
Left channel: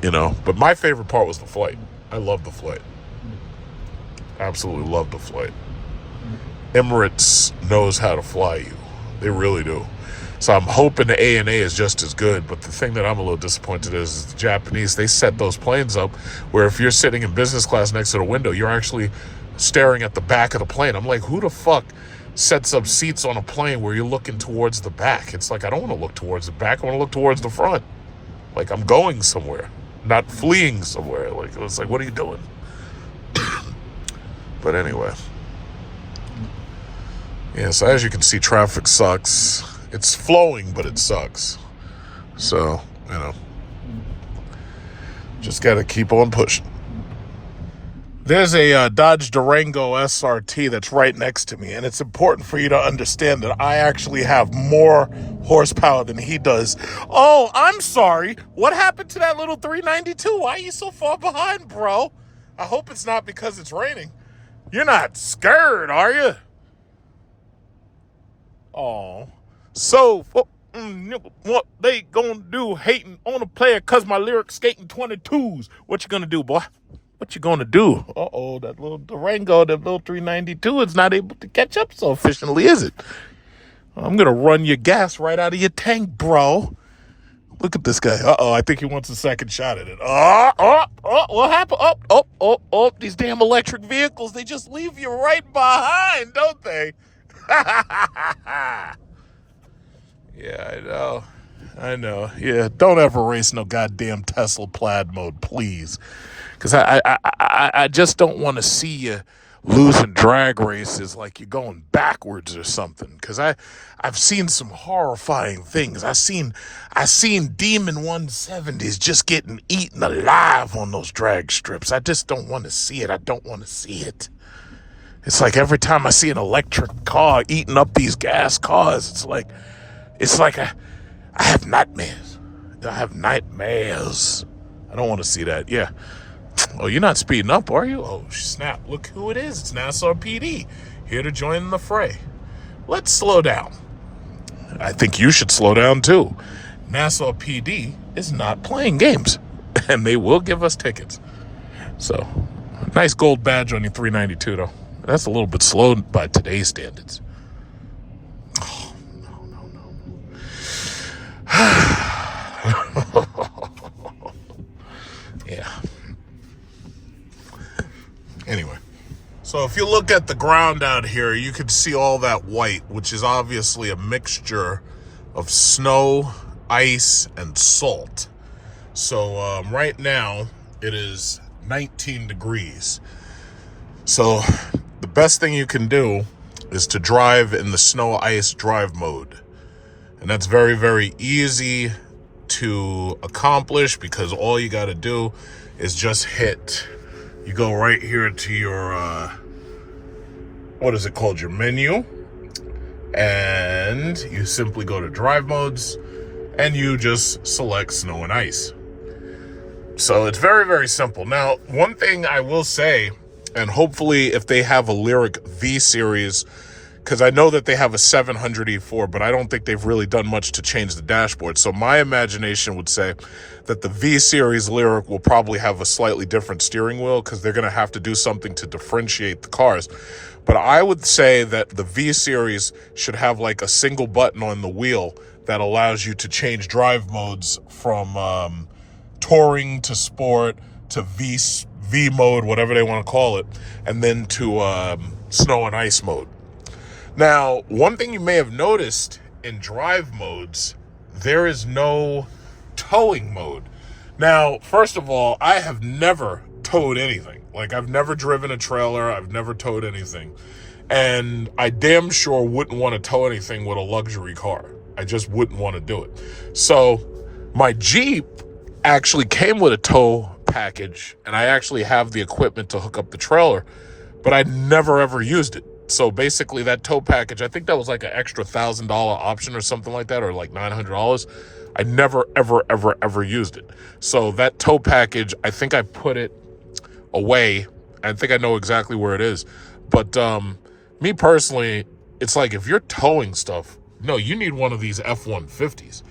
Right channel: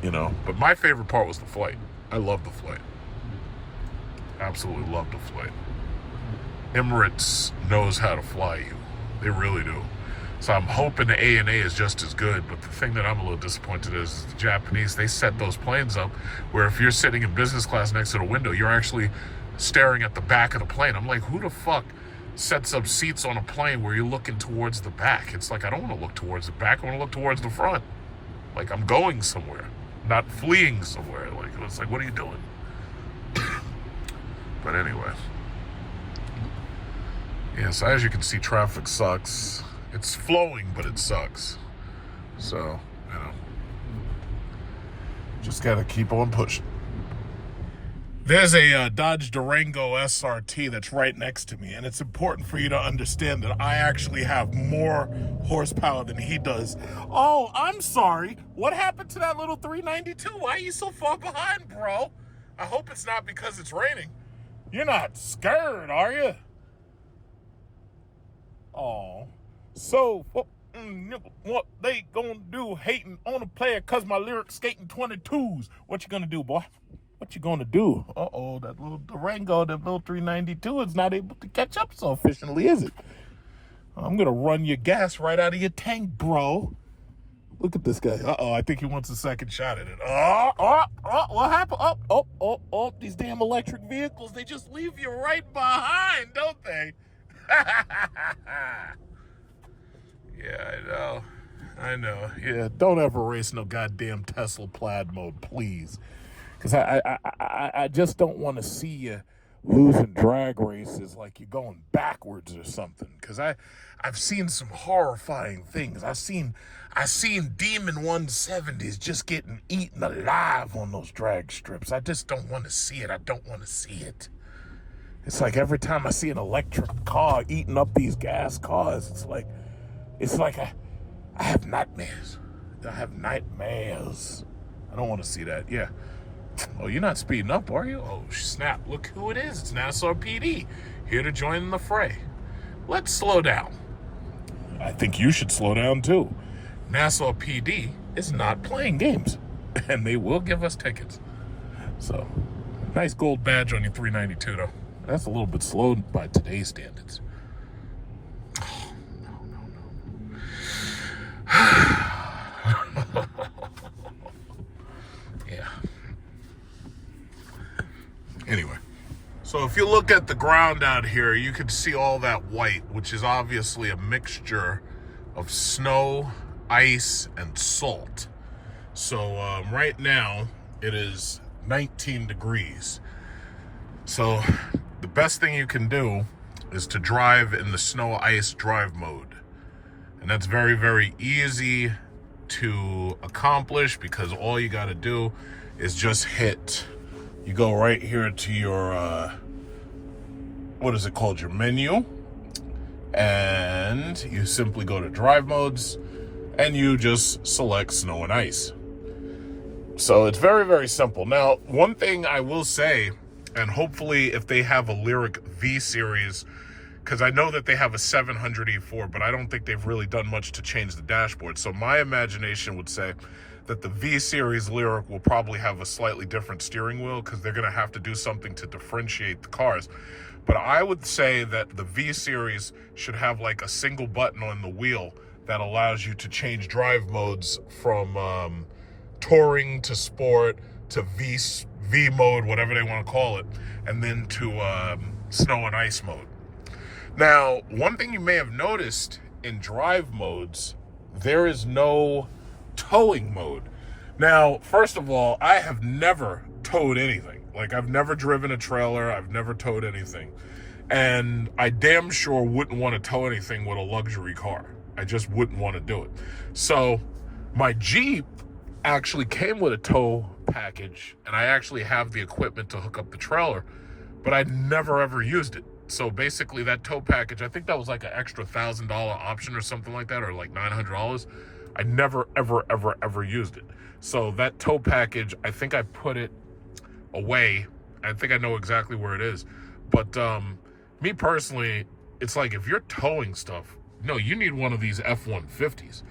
you know. But my favorite part was the flight. I love the flight. Absolutely love the flight. Emirates knows how to fly you. They really do. So I'm hoping the ANA is just as good. But the thing that I'm a little disappointed is the Japanese, they set those planes up where if you're sitting in business class next to the window, you're actually staring at the back of the plane. I'm like, who the fuck sets up seats on a plane where you're looking towards the back? It's like, I don't want to look towards the back. I want to look towards the front. Like I'm going somewhere, not fleeing somewhere. Like, it's like, what are you doing? But anyway. Yeah, so as you can see, traffic sucks. It's flowing, but it sucks. So, you know, just got to keep on pushing. There's a Dodge Durango SRT that's right next to me, and it's important for you to understand that I actually have more horsepower than he does. Oh, I'm sorry. What happened to that little 392? Why are you so far behind, bro? I hope it's not because it's raining. You're not scared, are you? Oh. So, what they gonna do hating on a player cause my Lyriq skating 22s? What you gonna do, boy? What you gonna do? Uh-oh, that little Durango, that little 392 is not able to catch up so efficiently, is it? I'm gonna run your gas right out of your tank, bro. Look at this guy. Uh-oh, I think he wants a second shot at it. What happened? These damn electric vehicles, they just leave you right behind, don't they? Yeah, I know. Yeah, don't ever race no goddamn Tesla plaid mode, please. Because I just don't want to see you losing drag races like you're going backwards or something. Because I've seen some horrifying things. I seen Demon 170s just getting eaten alive on those drag strips. I just don't want to see it. I don't want to see it. It's like every time I see an electric car eating up these gas cars, it's like I have nightmares. I don't want to see that. Yeah. Oh, you're not speeding up, are you? Oh, snap. Look who it is. It's Nassau PD, here to join in the fray. Let's slow down. I think you should slow down, too. Nassau PD is not playing games, and they will give us tickets. So, nice gold badge on your 392, though. That's a little bit slow by today's standards. Oh, no. Yeah. Anyway, so if you look at the ground out here, you can see all that white, which is obviously a mixture of snow, ice, and salt. So right now, it is 19 degrees. So the best thing you can do is to drive in the snow ice drive mode. And that's very, very easy to accomplish because all you got to do is just you go right here to your, what is it called? Your menu. And you simply go to drive modes and you just select snow and ice. So it's very, very simple. Now, one thing I will say, and hopefully if they have a Lyriq V series, because I know that they have a 700 E4, but I don't think they've really done much to change the dashboard. So my imagination would say that the V series Lyriq will probably have a slightly different steering wheel because they're going to have to do something to differentiate the cars. But I would say that the V series should have like a single button on the wheel that allows you to change drive modes from touring to sport to V mode, whatever they want to call it, and then to snow and ice mode. Now, one thing you may have noticed in drive modes there is no towing mode. Now, first of all, I have never towed anything. Like, I've never driven a trailer. I've never towed anything. And I damn sure wouldn't want to tow anything with a luxury car. I just wouldn't want to do it. So my Jeep actually came with a tow package, and I actually have the equipment to hook up the trailer, but I never ever used it. So basically that tow package, I think that was like an extra $1,000 option or something like that, or like $900. I never, ever used it. So that tow package, I think I put it away. I think I know exactly where it is. But me personally, it's like, if you're towing stuff, no, you need one of these F-150s.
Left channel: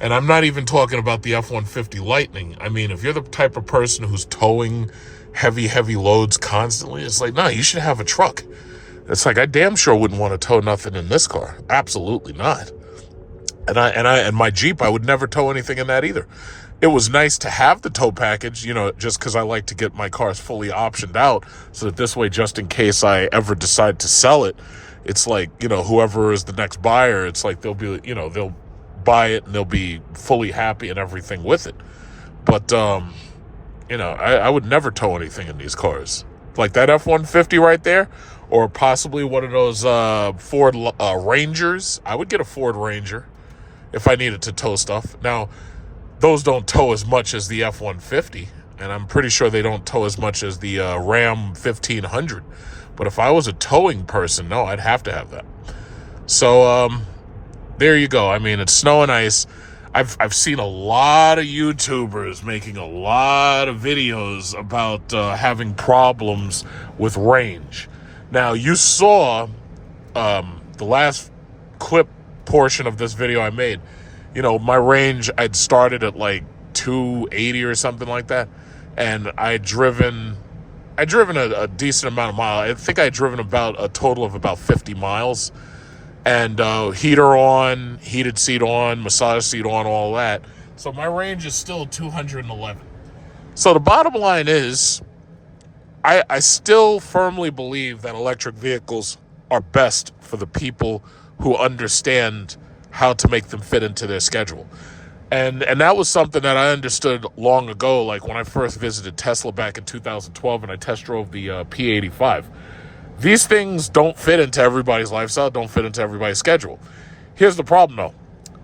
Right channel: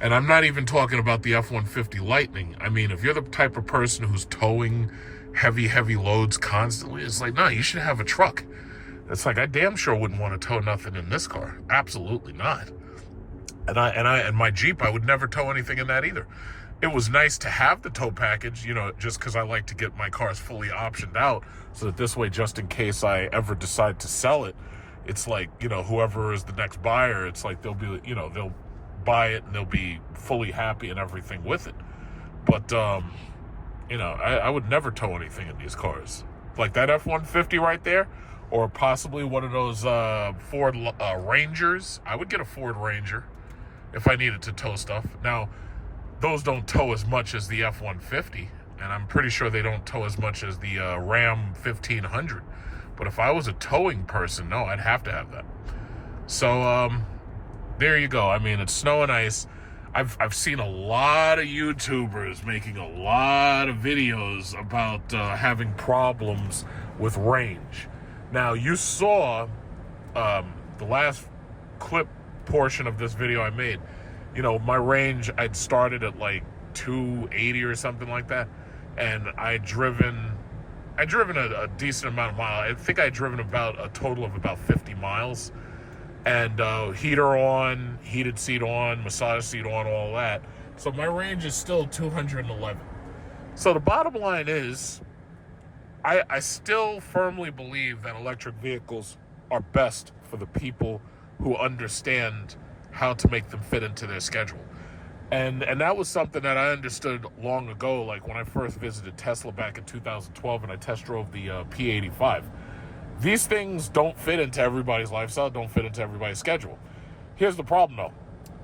And I'm not even talking about the F-150 Lightning. I mean, if you're the type of person who's towing heavy loads constantly, it's like, no, you should have a truck. It's like, I damn sure wouldn't want to tow nothing in this car. Absolutely not. And my Jeep, I would never tow anything in that either. It was nice to have the tow package, you know, just because I like to get my cars fully optioned out, so that this way, just in case I ever decide to sell it, it's like, you know, whoever is the next buyer, it's like they'll be, you know, they'll buy it and they'll be fully happy and everything with it. But, you know, I would never tow anything in these cars. Like that F-150 right there, or possibly one of those Ford Rangers. I would get a Ford Ranger if I needed to tow stuff. Now, those don't tow as much as the F-150, and I'm pretty sure they don't tow as much as the Ram 1500. But if I was a towing person, no, I'd have to have that. So, there you go. I mean, it's snow and ice. I've seen a lot of YouTubers making a lot of videos about having problems with range. Now, you saw the last clip portion of this video I made. You know, my range, I'd started at like 280 or something like that, and I'd driven a decent amount of miles. I think I'd driven about a total of about 50 miles, and heater on, heated seat on, massage seat on, all that. So my range is still 211. So the bottom line is, I still firmly believe that electric vehicles are best for the people who understand how to make them fit into their schedule. And that was something that I understood long ago, like when I first visited Tesla back in 2012 and I test drove the P85. These things don't fit into everybody's lifestyle, don't fit into everybody's schedule. Here's the problem though.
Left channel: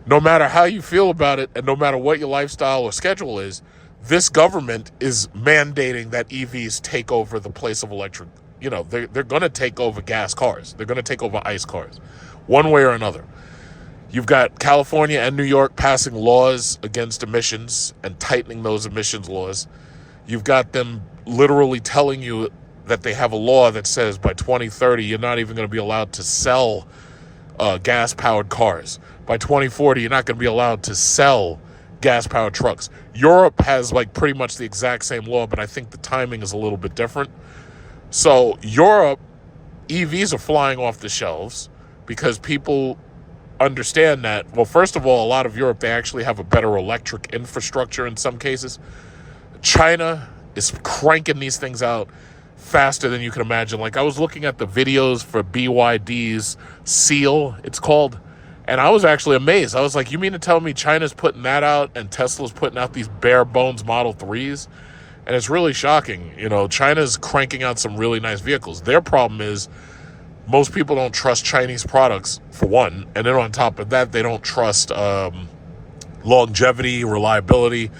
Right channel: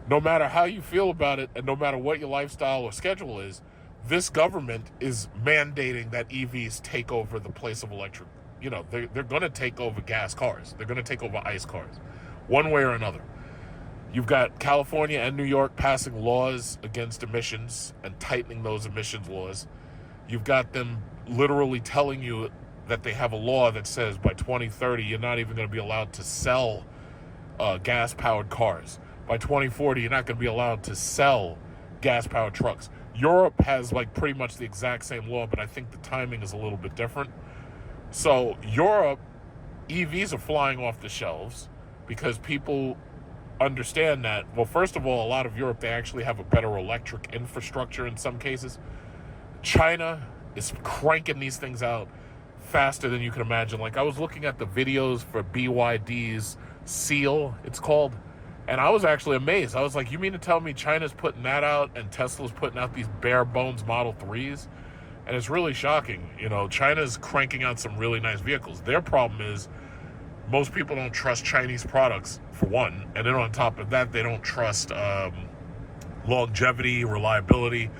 No matter how you feel about it and no matter what your lifestyle or schedule is, this government is mandating that EVs take over the place of electric. You know, they're going to take over gas cars. They're going to take over ICE cars, one way or another. You've got California and New York passing laws against emissions and tightening those emissions laws. You've got them literally telling you that they have a law that says by 2030, you're not even going to be allowed to sell gas-powered cars. By 2040, you're not going to be allowed to sell gas-powered trucks. Europe has like pretty much the exact same law, but I think the timing is a little bit different. So Europe, EVs are flying off the shelves because people understand that, well, first of all, a lot of Europe, they actually have a better electric infrastructure in some cases. China is cranking these things out faster than you can imagine. Like, I was looking at the videos for BYD's Seal, it's called, and I was actually amazed. I was like, you mean to tell me China's putting that out and Tesla's putting out these bare bones Model 3s? And it's really shocking. You know, China's cranking out some really nice vehicles. Their problem is most people don't trust Chinese products, for one. And then on top of that, they don't trust longevity, reliability.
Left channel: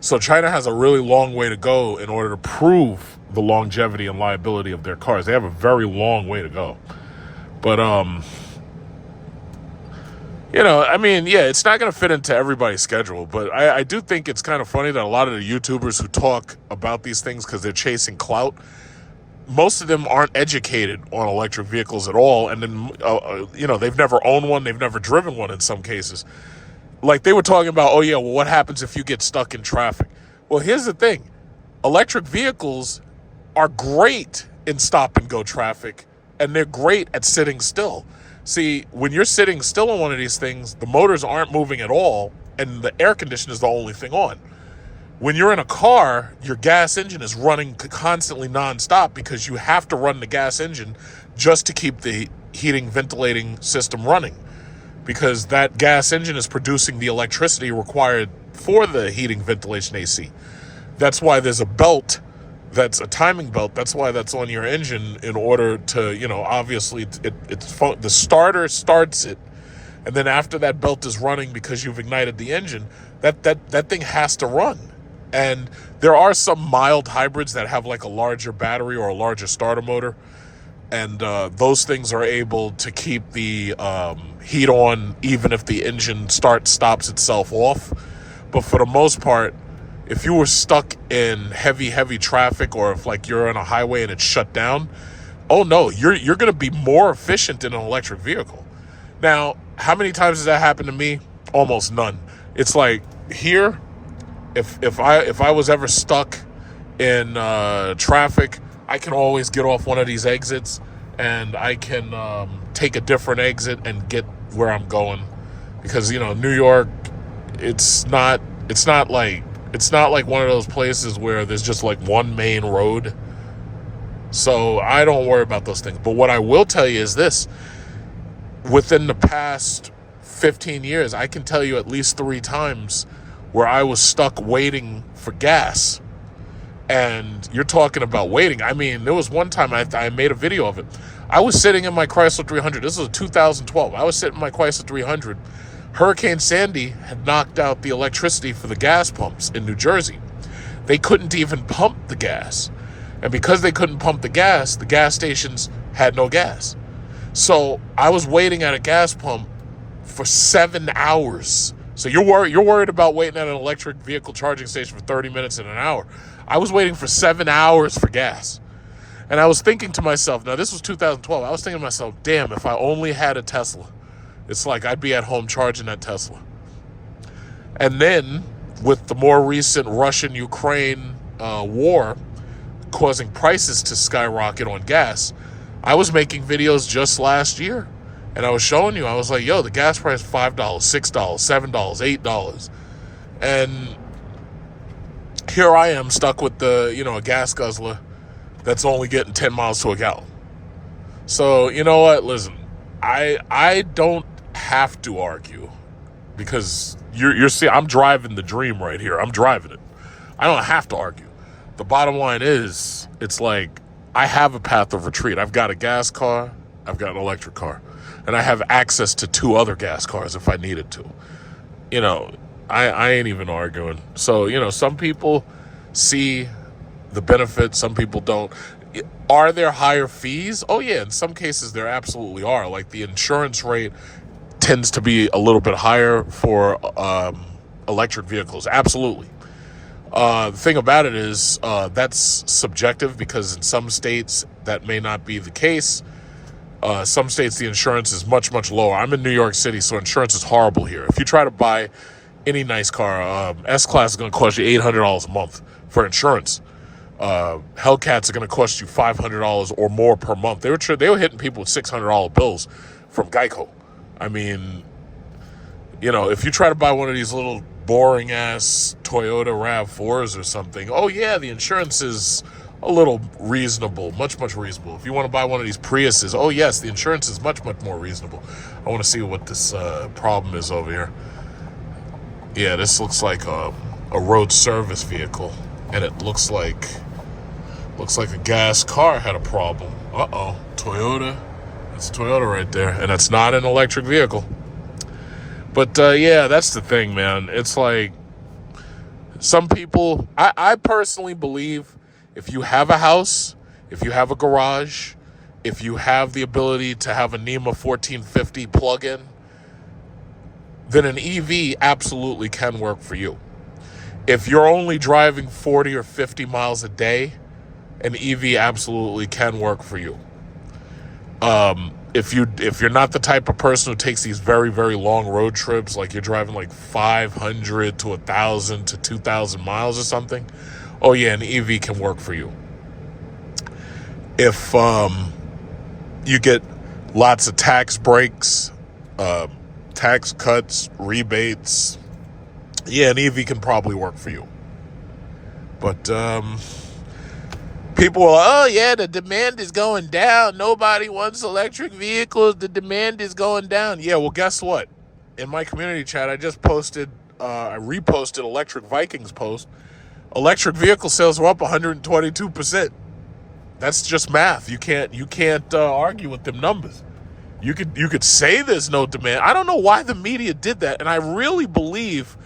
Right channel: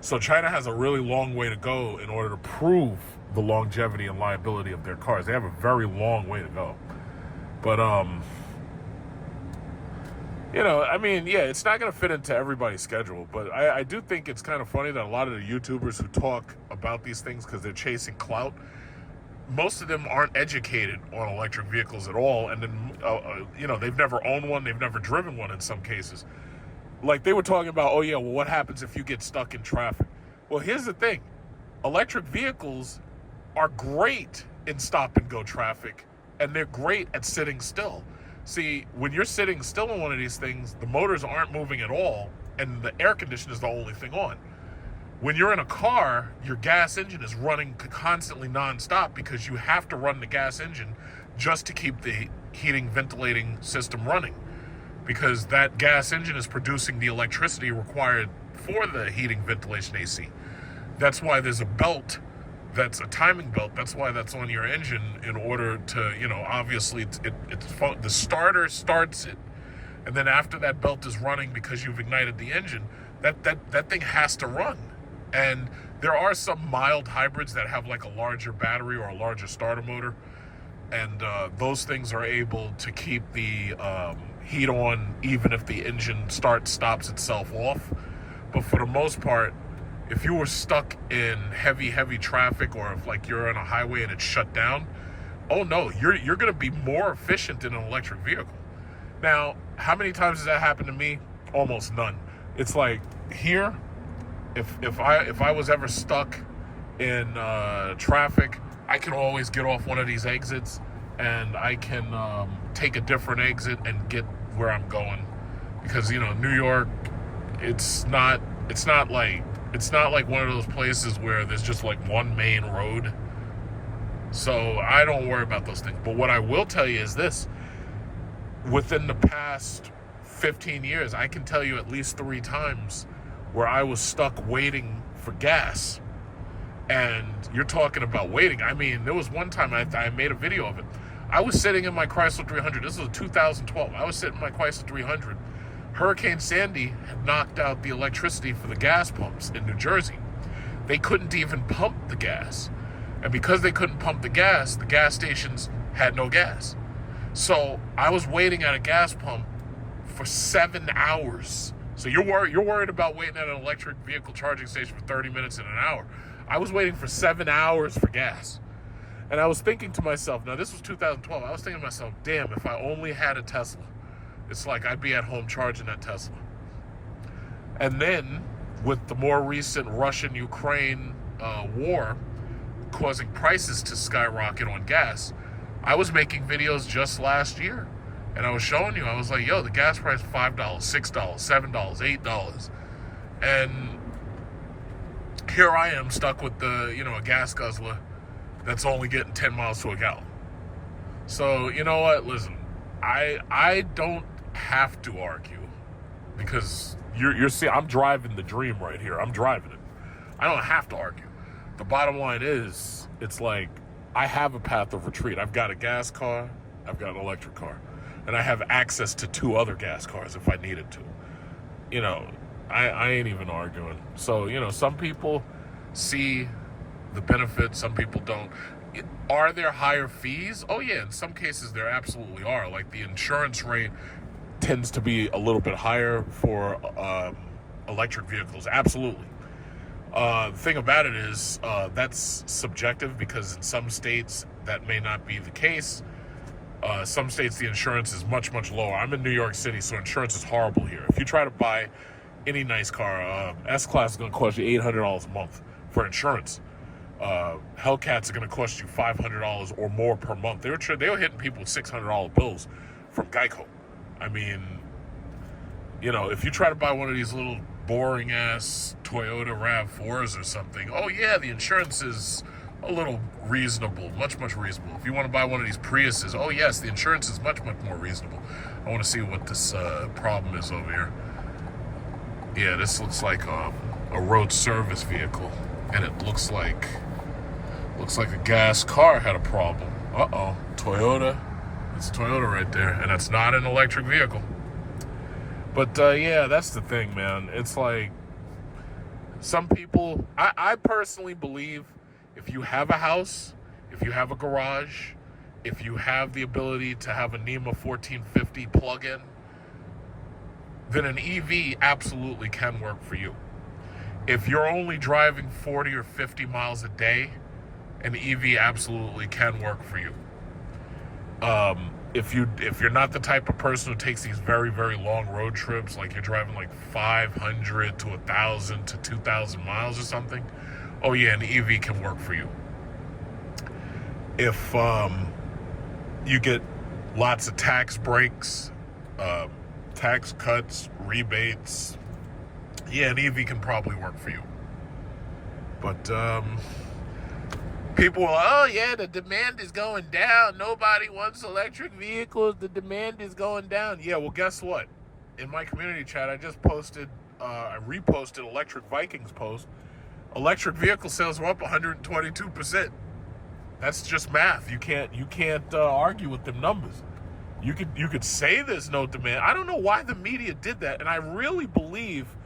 So China has a really long way to go in order to prove the longevity and liability of their cars. They have a very long way to go. But, you know, I mean, yeah, it's not going to fit into everybody's schedule. But I do think it's kind of funny that a lot of the YouTubers who talk about these things because they're chasing clout, most of them aren't educated on electric vehicles at all. And then, you know, they've never owned one. They've never driven one in some cases. Like they were talking about, oh, yeah, well, what happens if you get stuck in traffic? Well, here's the thing. Electric vehicles are great in stop-and-go traffic, and they're great at sitting still. See, when you're sitting still on one of these things, the motors aren't moving at all, and the air conditioner is the only thing on. When you're in a car, your gas engine is running constantly nonstop because you have to run the gas engine just to keep the heating, ventilating system running. because that gas engine is producing the electricity required for the heating, ventilation, AC. That's why there's a belt that's a timing belt. That's why that's on your engine, in order to, obviously the starter starts it. And then after that belt is running, because you've ignited the engine, that thing has to run. And there are some mild hybrids that have like a larger battery or a larger starter motor. And those things are able to keep the heat on even if the engine stops itself off. But for the most part, if you were stuck in heavy traffic, or if like you're on a highway and it's shut down, oh no, you're going to be more efficient in an electric vehicle. Now, how many times has that happened to me? Almost none. It's like here, if I was ever stuck in traffic, I can always get off one of these exits, and I can take a different exit and get where I'm going. Because New York, it's not like one of those places where there's just like one main road. So I don't worry about those things. But what I will tell you is this: within the past 15 years, I can tell you at least 3 times where I was stuck waiting for gas. And you're talking about waiting. I mean, there was one time I made a video of it. I was sitting in my Chrysler 300. This was 2012. I was sitting in my Chrysler 300. Hurricane Sandy had knocked out the electricity for the gas pumps in New Jersey. They couldn't even pump the gas. And because they couldn't pump the gas stations had no gas. So I was waiting at a gas pump for 7 hours. So you're worried about waiting at an electric vehicle charging station for 30 minutes and an hour. I was waiting for 7 hours for gas. And I was thinking to myself, now this was 2012, I was thinking to myself, damn, if I only had a Tesla. It's like I'd be at home charging that Tesla. And then with the more recent Russian-Ukraine war causing prices to skyrocket on gas, I was making videos just last year. And I was showing you, I was like, yo, the gas price is $5, $6, $7, $8. And here I am stuck with a gas guzzler that's only getting 10 miles to a gallon. So, you know what? Listen, I don't have to argue, because you're seeing, I'm driving the dream right here. I'm driving it. I don't have to argue. The bottom line is, it's like, I have a path of retreat. I've got a gas car, I've got an electric car, and I have access to 2 other gas cars if I needed to. I ain't even arguing. So, some people see the benefits, some people don't. Are there higher fees? Oh yeah, in some cases there absolutely are. Like the insurance rate tends to be a little bit higher for electric vehicles. Absolutely. The thing about it is that's subjective, because in some states that may not be the case. Some states the insurance is much, much lower. I'm in New York City, so insurance is horrible here. If you try to buy any nice car, S-Class is going to cost you $800 a month for insurance. Hellcats are going to cost you $500 or more per month. They were hitting people with $600 bills from Geico. I mean, if you try to buy one of these little boring ass Toyota RAV4s or something, oh yeah, the insurance is a little reasonable, much, much reasonable. If you want to buy one of these Priuses, oh yes, the insurance is much, much more reasonable. I want to see what this problem is over here. Yeah, this looks like a road service vehicle, and it looks like a gas car had a problem. Uh-oh, Toyota. It's Toyota right there, and it's not an electric vehicle. But yeah, that's the thing, man. It's like some people, I personally believe, if you have a house, if you have a garage, if you have the ability to have a NEMA 1450 plug-in, then an EV absolutely can work for you. If you're only driving 40 or 50 miles a day, an EV absolutely can work for you. If you're not the type of person who takes these very, very long road trips, like you're driving like 500 to 1,000 to 2,000 miles or something, oh yeah, an EV can work for you. If you get lots of tax breaks, tax cuts, rebates, yeah, an EV can probably work for you. But people are, oh yeah, the demand is going down. Nobody wants electric vehicles. The demand is going down. Yeah, well, guess what? in my community chat, I just posted, I reposted Electric Vikings post. Electric vehicle sales were up 122%. That's just math. You can't argue with them numbers. You could say there's no demand. I don't know why the media did that, and I really believe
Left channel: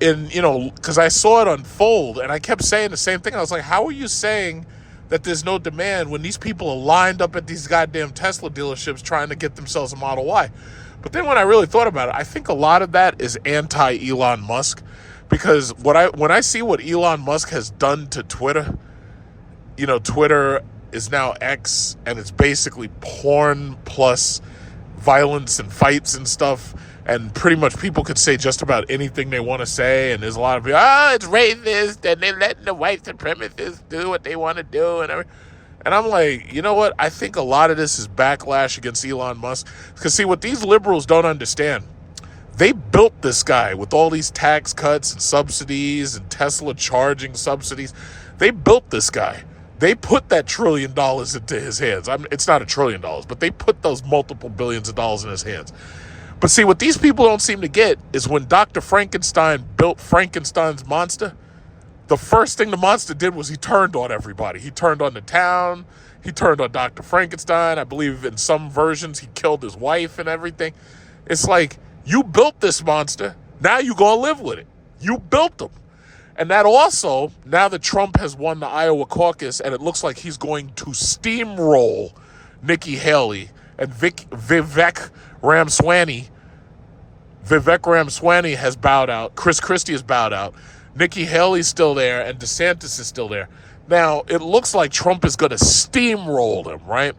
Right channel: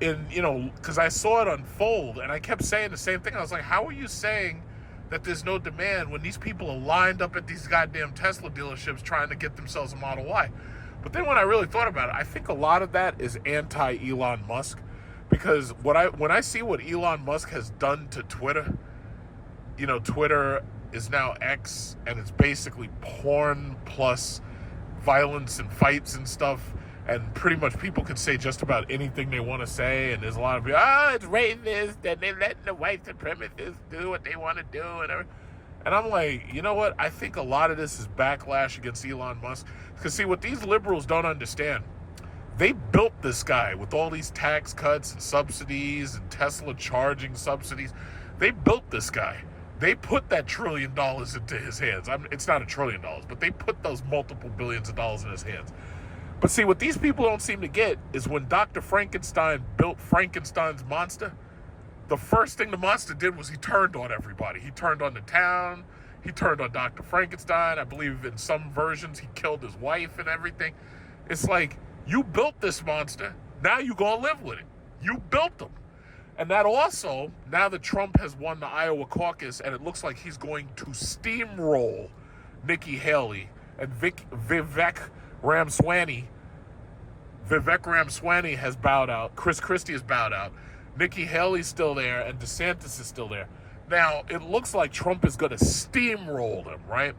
in, because I saw it unfold, and I kept saying the same thing. I was like, how are you saying that there's no demand when these people are lined up at these goddamn Tesla dealerships trying to get themselves a Model Y? But then when I really thought about it, I think a lot of that is anti-Elon Musk, because when I see what Elon Musk has done to Twitter, Twitter is now X, and it's basically porn plus violence and fights and stuff, and pretty much people could say just about anything they want to say, and there's a lot of people, it's racist, and they're letting the white supremacists do what they want to do, and everything. And I'm like, you know what? I think a lot of this is backlash against Elon Musk. Because see, what these liberals don't understand, they built this guy with all these tax cuts and subsidies and Tesla charging subsidies. They built this guy. They put that $1 trillion into his hands. It's not $1 trillion, but they put those multiple billions of dollars in his hands. But see, what these people don't seem to get is when Dr. Frankenstein built Frankenstein's monster, the first thing the monster did was he turned on everybody. He turned on the town. He turned on Dr. Frankenstein. I believe in some versions he killed his wife and everything. It's like, you built this monster. Now you go live with it. You built him. And that also, now that Trump has won the Iowa caucus and it looks like he's going to steamroll Nikki Haley and Vivek Ramaswamy has bowed out. Chris Christie has bowed out. Nikki Haley's still there, and DeSantis is still there. Now, it looks like Trump is going to steamroll them, right?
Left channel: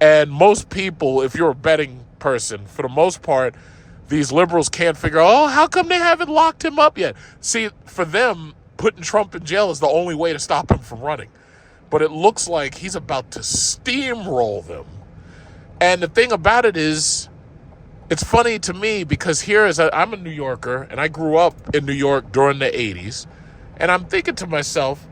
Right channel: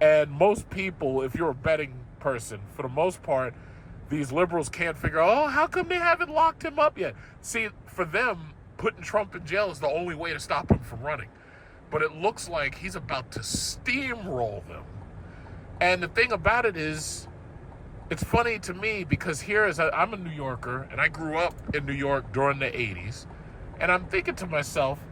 And most people, if you're a betting person, for the most part, these liberals can't figure out, how come they haven't locked him up yet? See, for them, putting Trump in jail is the only way to stop him from running. But it looks like he's about to steamroll them. And the thing about it is, it's funny to me because I'm a New Yorker, and I grew up in New York during the 80s, and I'm thinking to myself,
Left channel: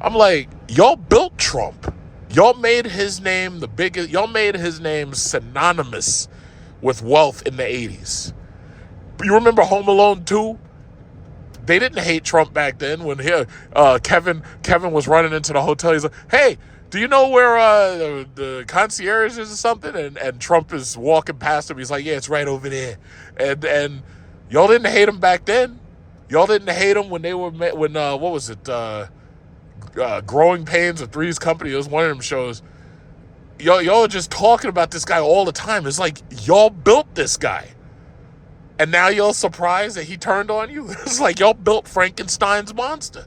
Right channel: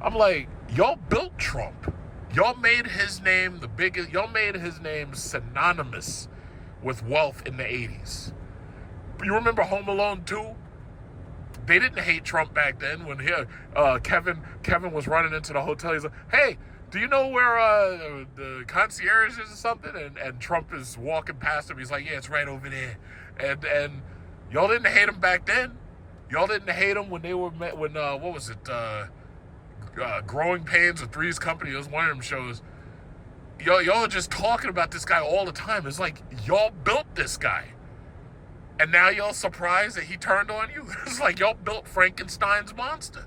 I'm like, y'all built Trump. Y'all made his name y'all made his name synonymous with wealth in the 80s. You remember Home Alone 2? They didn't hate Trump back then when Kevin was running into the hotel. He's like, hey, do you know where the concierge is or something? And Trump is walking past him. He's like, yeah, it's right over there. And y'all didn't hate him back then. Y'all didn't hate him when they were, what was it? Growing Pains or Three's Company. It was one of them shows. Y'all are just talking about this guy all the time. It's like, y'all built this guy. And now y'all surprised that he turned on you? It's like y'all built Frankenstein's monster.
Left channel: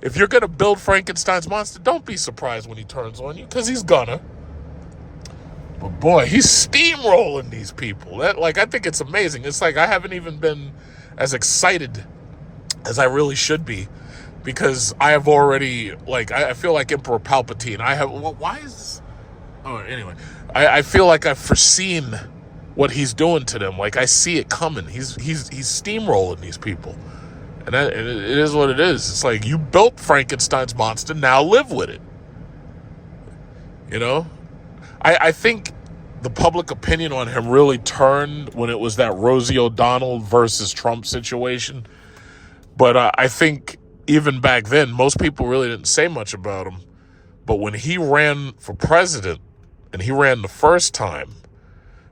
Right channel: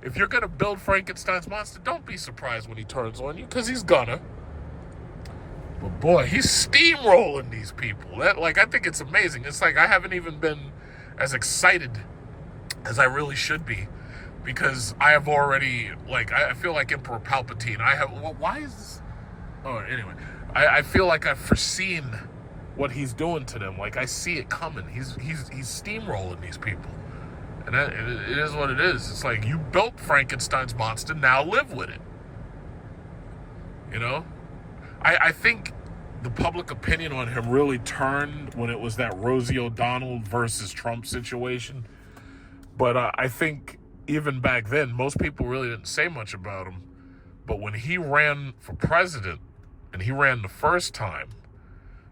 If you're going to build Frankenstein's monster, don't be surprised when he turns on you, because he's gonna. But boy, he's steamrolling these people. I think it's amazing. It's like I haven't even been as excited as I really should be, because I have already, I feel like Emperor Palpatine. Why is this? Oh, anyway. I feel like I've foreseen what he's doing to them. I see it coming. He's steamrolling these people. And it is what it is. It's like, you built Frankenstein's monster, now live with it. I think the public opinion on him really turned when it was that Rosie O'Donnell versus Trump situation. But I think even back then, most people really didn't say much about him. But when he ran for president, and he ran the first time,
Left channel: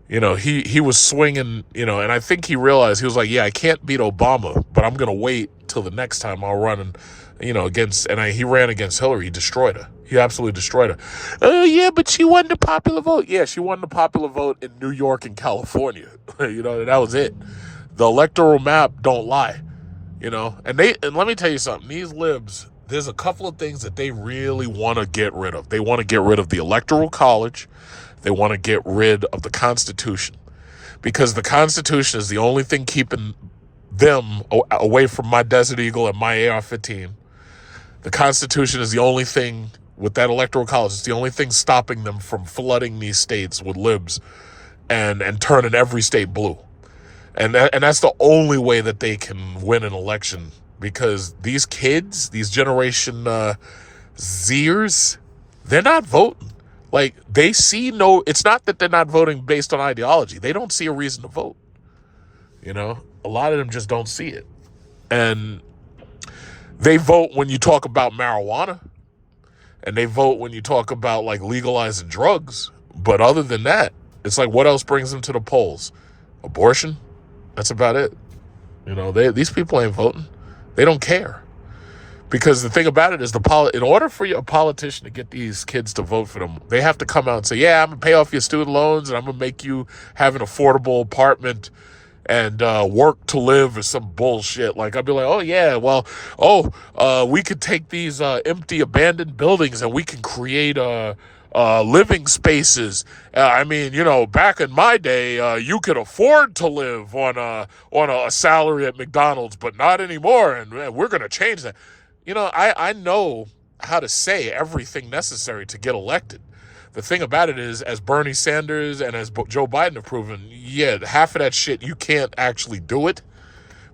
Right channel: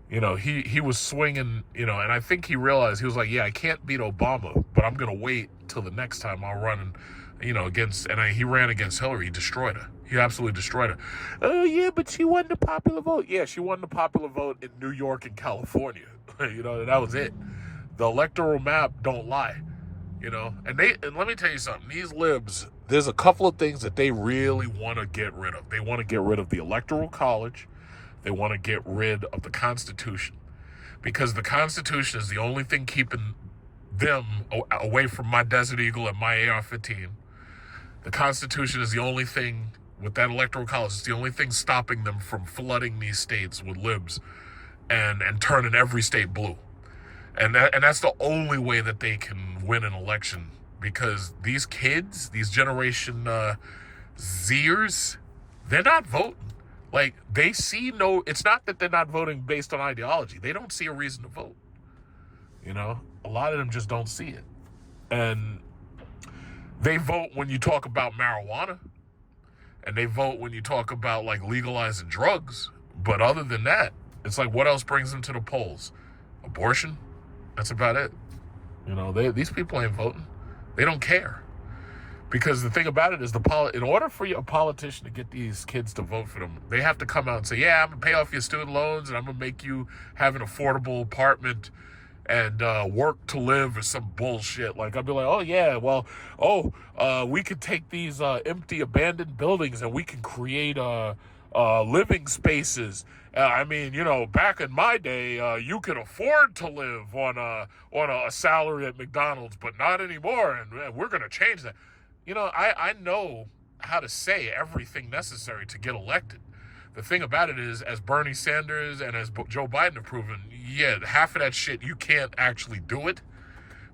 he was swinging, and I think he realized, he was like, yeah, I can't beat Obama, but I'm going to wait till the next time I'll run he ran against Hillary. He destroyed her. He absolutely destroyed her. Yeah, but she won the popular vote. Yeah, she won the popular vote in New York and California. That was it. The electoral map don't lie, and let me tell you something, these libs, there's a couple of things that they really want to get rid of. They want to get rid of the Electoral College. They want to get rid of the Constitution, because the Constitution is the only thing keeping them away from my Desert Eagle and my AR-15. The Constitution is the only thing, with that Electoral College, it's the only thing stopping them from flooding these states with libs and turning every state blue. And that's the only way that they can win an election, because these kids, these Generation Zers, they're not voting. They see it's not that they're not voting based on ideology. They don't see a reason to vote. You know, a lot of them just don't see it. And they vote when you talk about marijuana, and they vote when you talk about like legalizing drugs. But other than that, it's like, what else brings them to the polls? Abortion? That's about it. You know, these people ain't voting. They don't care. Because the thing about it is, in order for a politician to get these kids to vote for them, they have to come out and say, yeah, I'm going to pay off your student loans and I'm going to make you have an affordable apartment and work to live or some bullshit. Like, I'd be like, oh, yeah, well, we could take these empty, abandoned buildings and we can create living spaces. I mean, you know, back in my day, you could afford to live on a salary at McDonald's, but not anymore, and we're going to change that. You know, I know how to say everything necessary to get elected. The thing about it is, as Bernie Sanders and as Joe Biden have proven, yeah, half of that shit, you can't actually do it,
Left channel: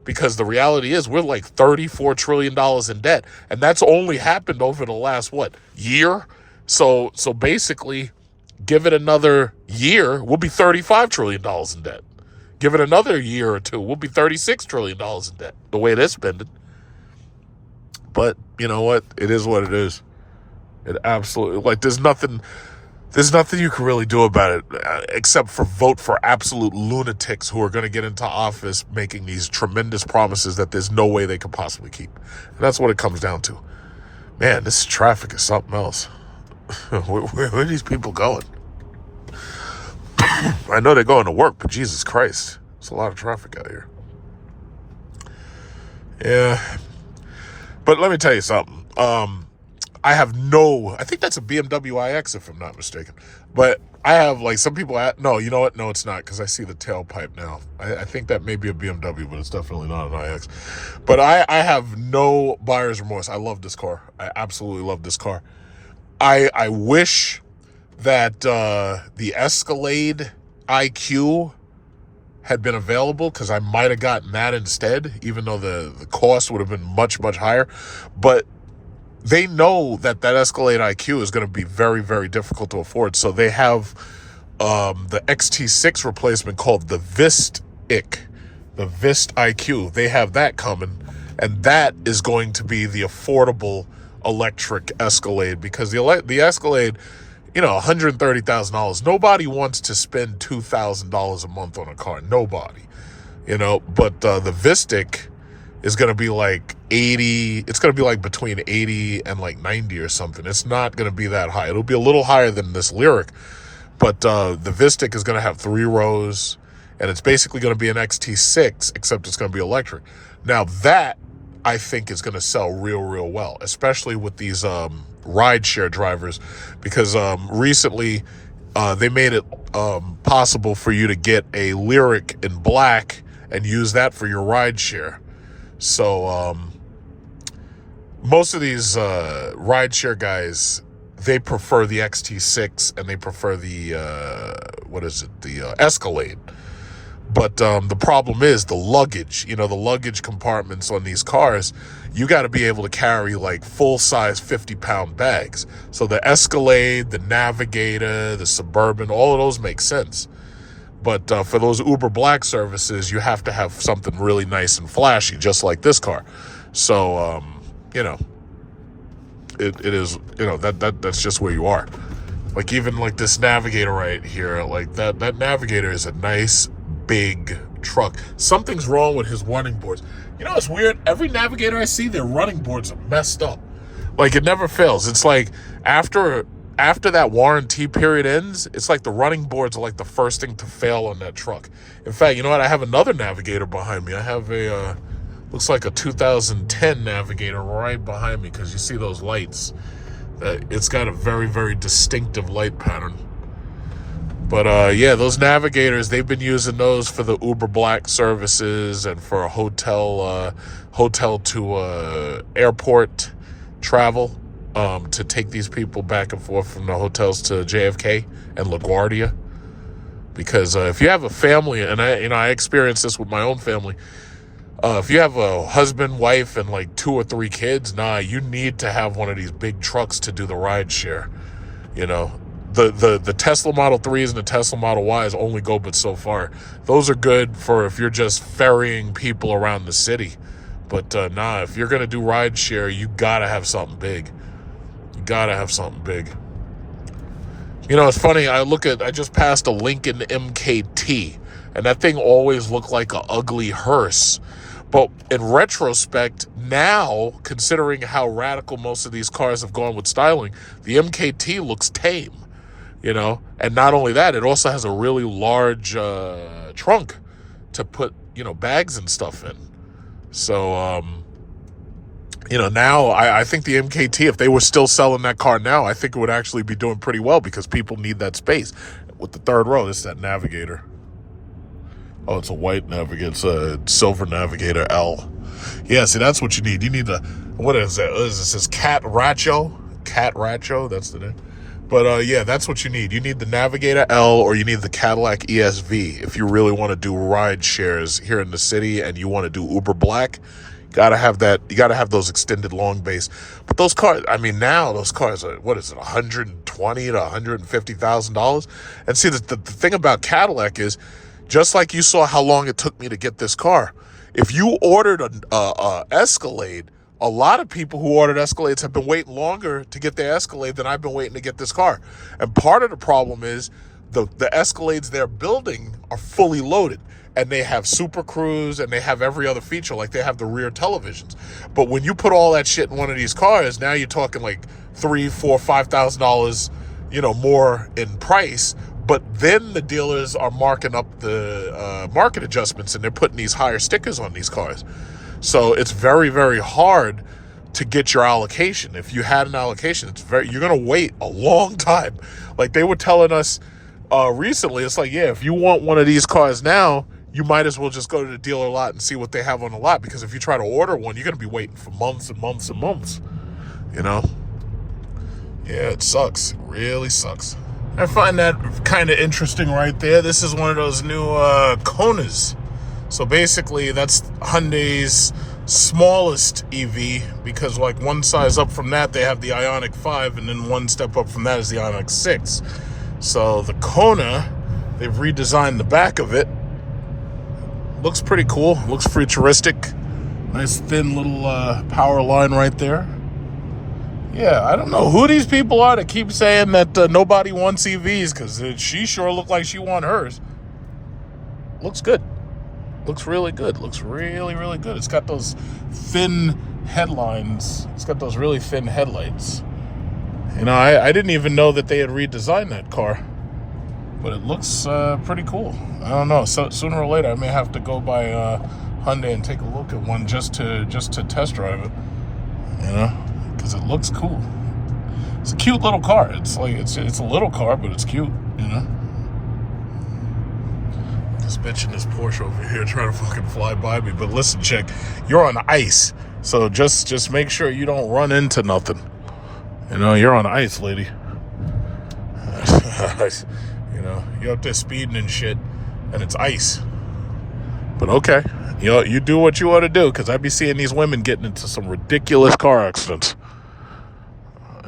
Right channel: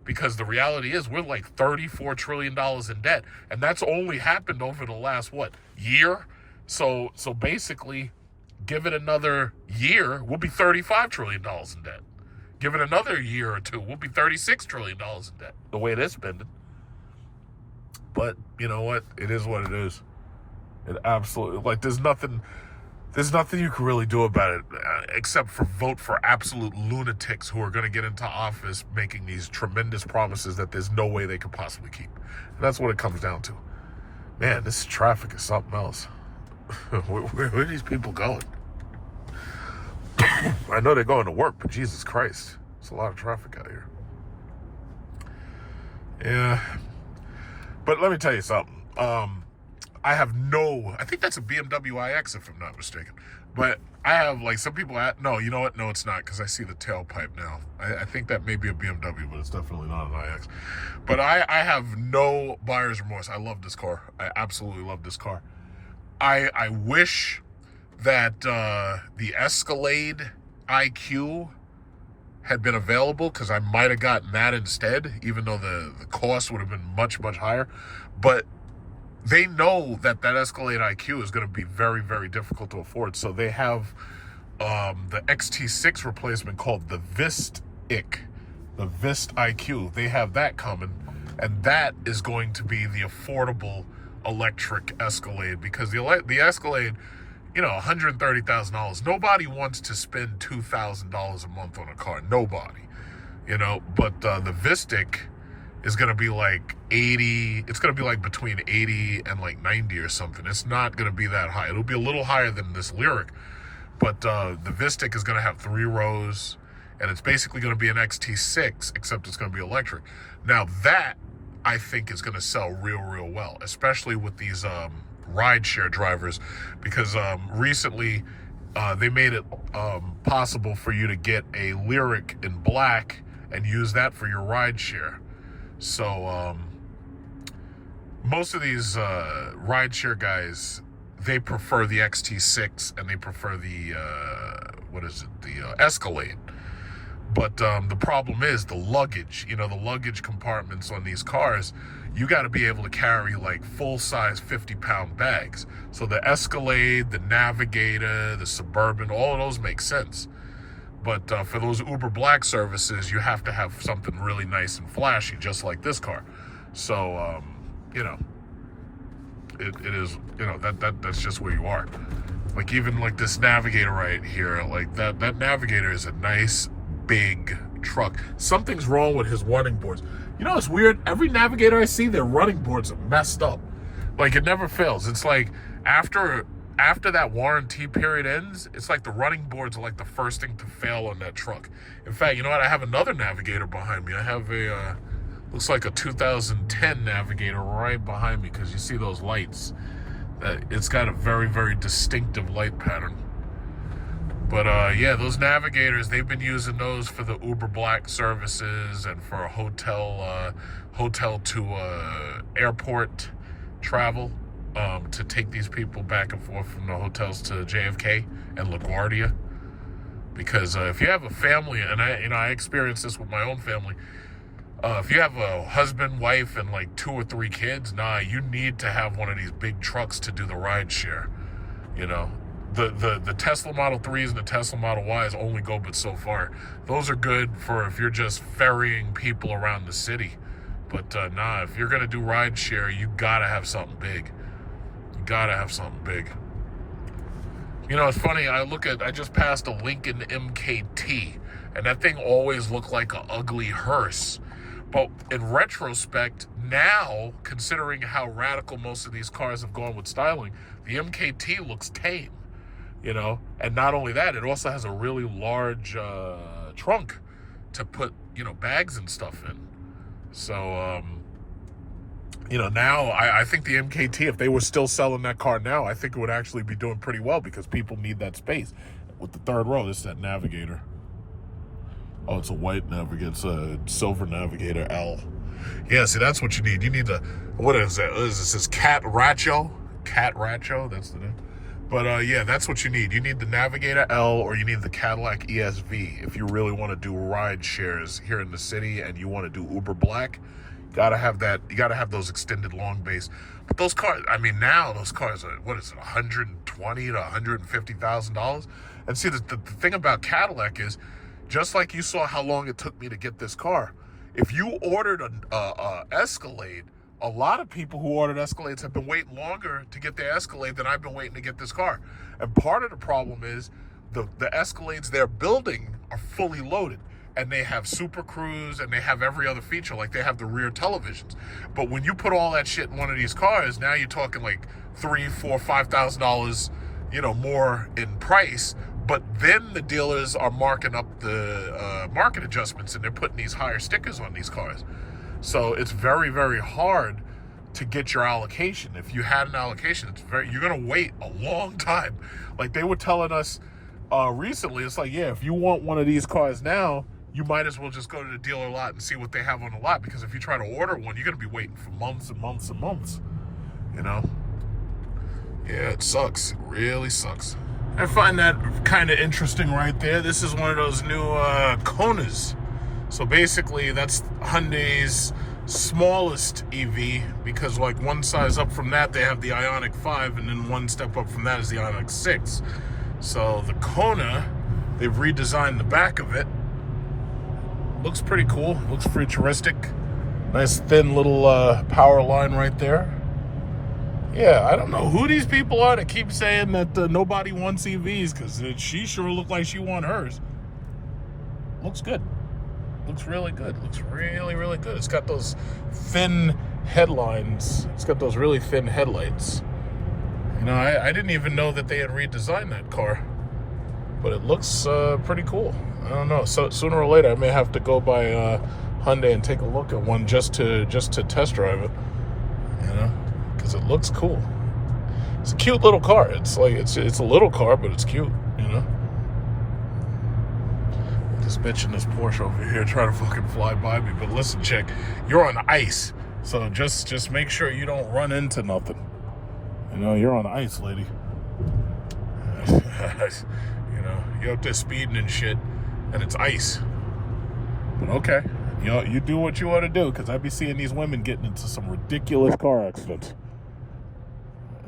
because the reality is we're like $34 trillion in debt. And that's only happened over the last, year? So basically, give it another year, we'll be $35 trillion in debt. Give it another year or two, we'll be $36 trillion in debt, the way they're spending. But you know what? It is what it is. It absolutely, like, there's nothing you can really do about it except for vote for absolute lunatics who are going to get into office making these tremendous promises that there's no way they could possibly keep. And that's what it comes down to. Man, this traffic is something else. Where are these people going? I know they're going to work, but Jesus Christ, there's a lot of traffic out here. Yeah. But let me tell you something. I think that's a BMW iX if I'm not mistaken. But I have, like, some people, no, you know what? No, it's not, because I see the tailpipe now. I think that may be a BMW, but it's definitely not an iX. But I have no buyer's remorse. I love this car. I absolutely love this car. I wish that the Escalade IQ had been available, because I might have gotten that instead, even though the cost would have been much, much higher. But they know that Escalade IQ is going to be very, very difficult to afford. So they have the XT6 replacement called the Vist IQ. They have that coming, and that is going to be the affordable electric Escalade, because the Escalade, you know, $130,000. Nobody wants to spend $2,000 a month on a car. Nobody, you know. But the Vistic is going to be like 80. It's going to be like between 80 and like 90 or something. It's not going to be that high. It'll be a little higher than this Lyriq. But the Vistic is going to have 3 rows, and it's basically going to be an XT6, except it's going to be electric. Now that, I think, is going to sell real, real well, especially with these rideshare drivers, because recently they made it possible for you to get a Lyriq in black and use that for your rideshare. So most of these rideshare guys, they prefer the XT6 and they prefer the the Escalade. But the problem is the luggage. You know, the luggage compartments on these cars, you got to be able to carry like full-size 50-pound bags. So the Escalade, the Navigator, the Suburban, all of those make sense. But for those Uber Black services, you have to have something really nice and flashy, just like this car. So, you know, it is, you know, that's just where you are. Like, even like this Navigator right here, like that Navigator is a nice big truck. Something's wrong with his running boards. You know, it's weird. Every Navigator I see, their running boards are messed up. Like, it never fails. It's like after that warranty period ends, it's like the running boards are like the first thing to fail on that truck. In fact, you know what? I have another Navigator behind me. I have a looks like a 2010 Navigator right behind me, because you see those lights. It's got a very, very distinctive light pattern. But yeah, those Navigators, they've been using those for the Uber Black services and for a hotel to airport travel, to take these people back and forth from the hotels to JFK and LaGuardia. Because if you have a family, and I experienced this with my own family, if you have a husband, wife, and like 2 or 3 kids, you need to have one of these big trucks to do the ride share, you know. the Tesla Model 3s and the Tesla Model Ys only go but so far. Those are good for if you're just ferrying people around the city. But nah, if you're going to do ride share, you got to have something big. You got to have something big. You know, it's funny. I just passed a Lincoln MKT, and that thing always looked like an ugly hearse. But in retrospect, now, considering how radical most of these cars have gone with styling, the MKT looks tame, you know? And not only that, it also has a really large trunk to put, you know, bags and stuff in. So, you know, now I think the MKT, if they were still selling that car now, I think it would actually be doing pretty well because people need that space. With the third row, this is that Navigator. Oh, it's a white Navigator. It's a silver Navigator L. Yeah, see, that's what you need. You need the, what is that? What is this? This Cat Racho? Cat Racho, that's the name. But yeah, that's what you need. You need the Navigator L or you need the Cadillac ESV if you really want to do ride shares here in the city and you want to do Uber Black. Gotta have that. You gotta have those extended long base. But those cars, I mean, now those cars are, what is it, $120,000 to $150,000? And see, the thing about Cadillac is, just like you saw how long it took me to get this car, if you ordered a Escalade, a lot of people who ordered Escalades have been waiting longer to get their Escalade than I've been waiting to get this car. And part of the problem is the Escalades they're building are fully loaded. And they have Super Cruise and they have every other feature, like they have the rear televisions. But when you put all that shit in one of these cars, now you're talking like $3,000, $4,000, $5,000, you know, more in price. But then the dealers are marking up the market adjustments and they're putting these higher stickers on these cars. So it's very, very hard to get your allocation. If you had an allocation, you're gonna wait a long time. Like they were telling us recently, it's like, yeah, if you want one of these cars now, you might as well just go to the dealer lot and see what they have on the lot, because if you try to order one, you're gonna be waiting for months and months and months, you know? Yeah, it sucks. It really sucks. I find that kind of interesting right there. This is one of those new Konas. So basically, that's Hyundai's smallest EV, because like one size up from that, they have the Ioniq 5, and then one step up from that is the Ioniq 6. So the Kona, they've redesigned the back of it. Looks pretty cool. Looks futuristic. Nice thin little power line right there. Yeah, I don't know who these people are that keep saying that nobody wants EVs, because she sure looked like she won hers. Looks good. Looks really good. Looks really, really good. It's got those thin headlines. It's got those really thin headlights. You know, I didn't even know that they had redesigned that car, but it looks pretty cool. I don't know. So sooner or later, I may have to go by Hyundai and take a look at one just to test drive it. You know, because it looks cool. It's a cute little car. It's like it's a little car, but it's cute. You know. This bitch in this Porsche over here trying to fucking fly by me. But listen, chick, you're on ice, so just make sure you don't run into nothing. You know, you're on ice, lady. You know, you're up there speeding and shit, and it's ice. But okay, you do what you ought to do, because I be seeing these women getting into some ridiculous car accidents.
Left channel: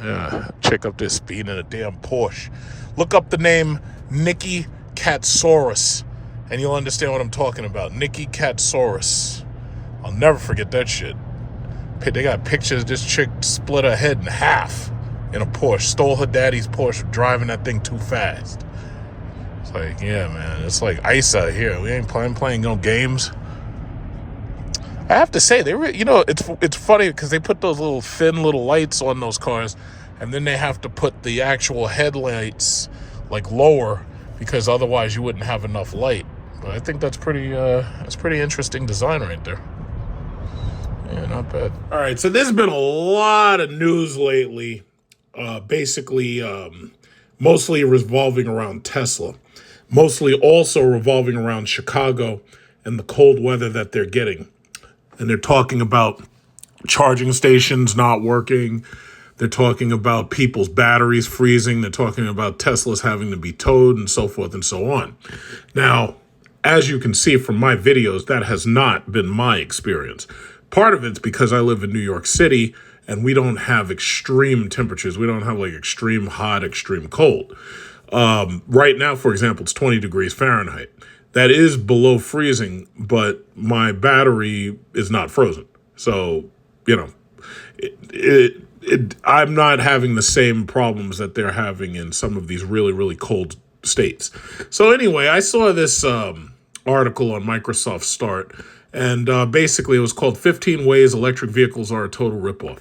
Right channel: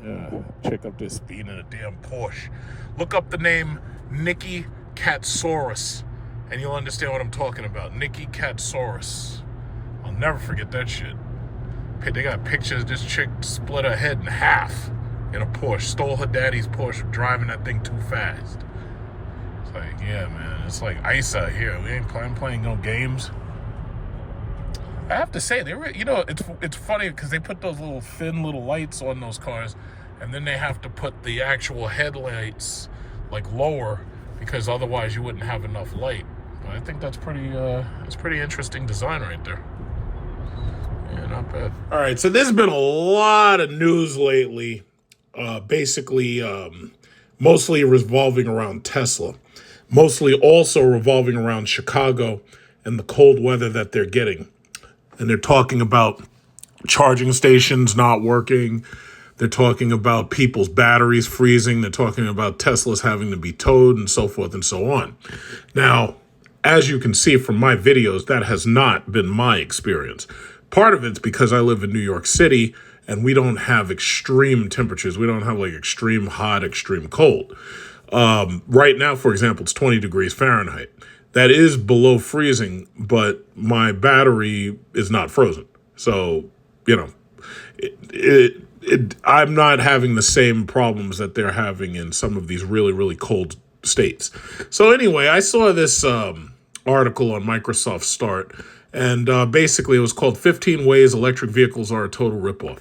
Yeah, chick up there speeding in a damn Porsche. Look up the name Nikki Katsaurus, and you'll understand what I'm talking about. Nikki Katsaurus. I'll never forget that shit. They got pictures. This chick split her head in half in a Porsche. Stole her daddy's Porsche, driving that thing too fast. It's like, yeah, man. It's like ice out here. We ain't playing no games. I have to say, it's funny because they put those little thin little lights on those cars, and then they have to put the actual headlights like lower, because otherwise you wouldn't have enough light. But I think that's pretty interesting design right there. Yeah, not bad. All right, so there's been a lot of news lately, basically mostly revolving around Tesla, mostly also revolving around Chicago and the cold weather that they're getting. And they're talking about charging stations not working. They're talking about people's batteries freezing. They're talking about Teslas having to be towed and so forth and so on. Now, as you can see from my videos, that has not been my experience. Part of it's because I live in New York City, and we don't have extreme temperatures. We don't have like extreme hot, extreme cold. Right now, for example, it's 20 degrees Fahrenheit. That is below freezing, but my battery is not frozen. So, you know, I'm not having the same problems that they're having in some of these really, really cold states. So anyway, I saw this article on Microsoft Start, and basically it was called 15 Ways Electric Vehicles Are a Total Ripoff.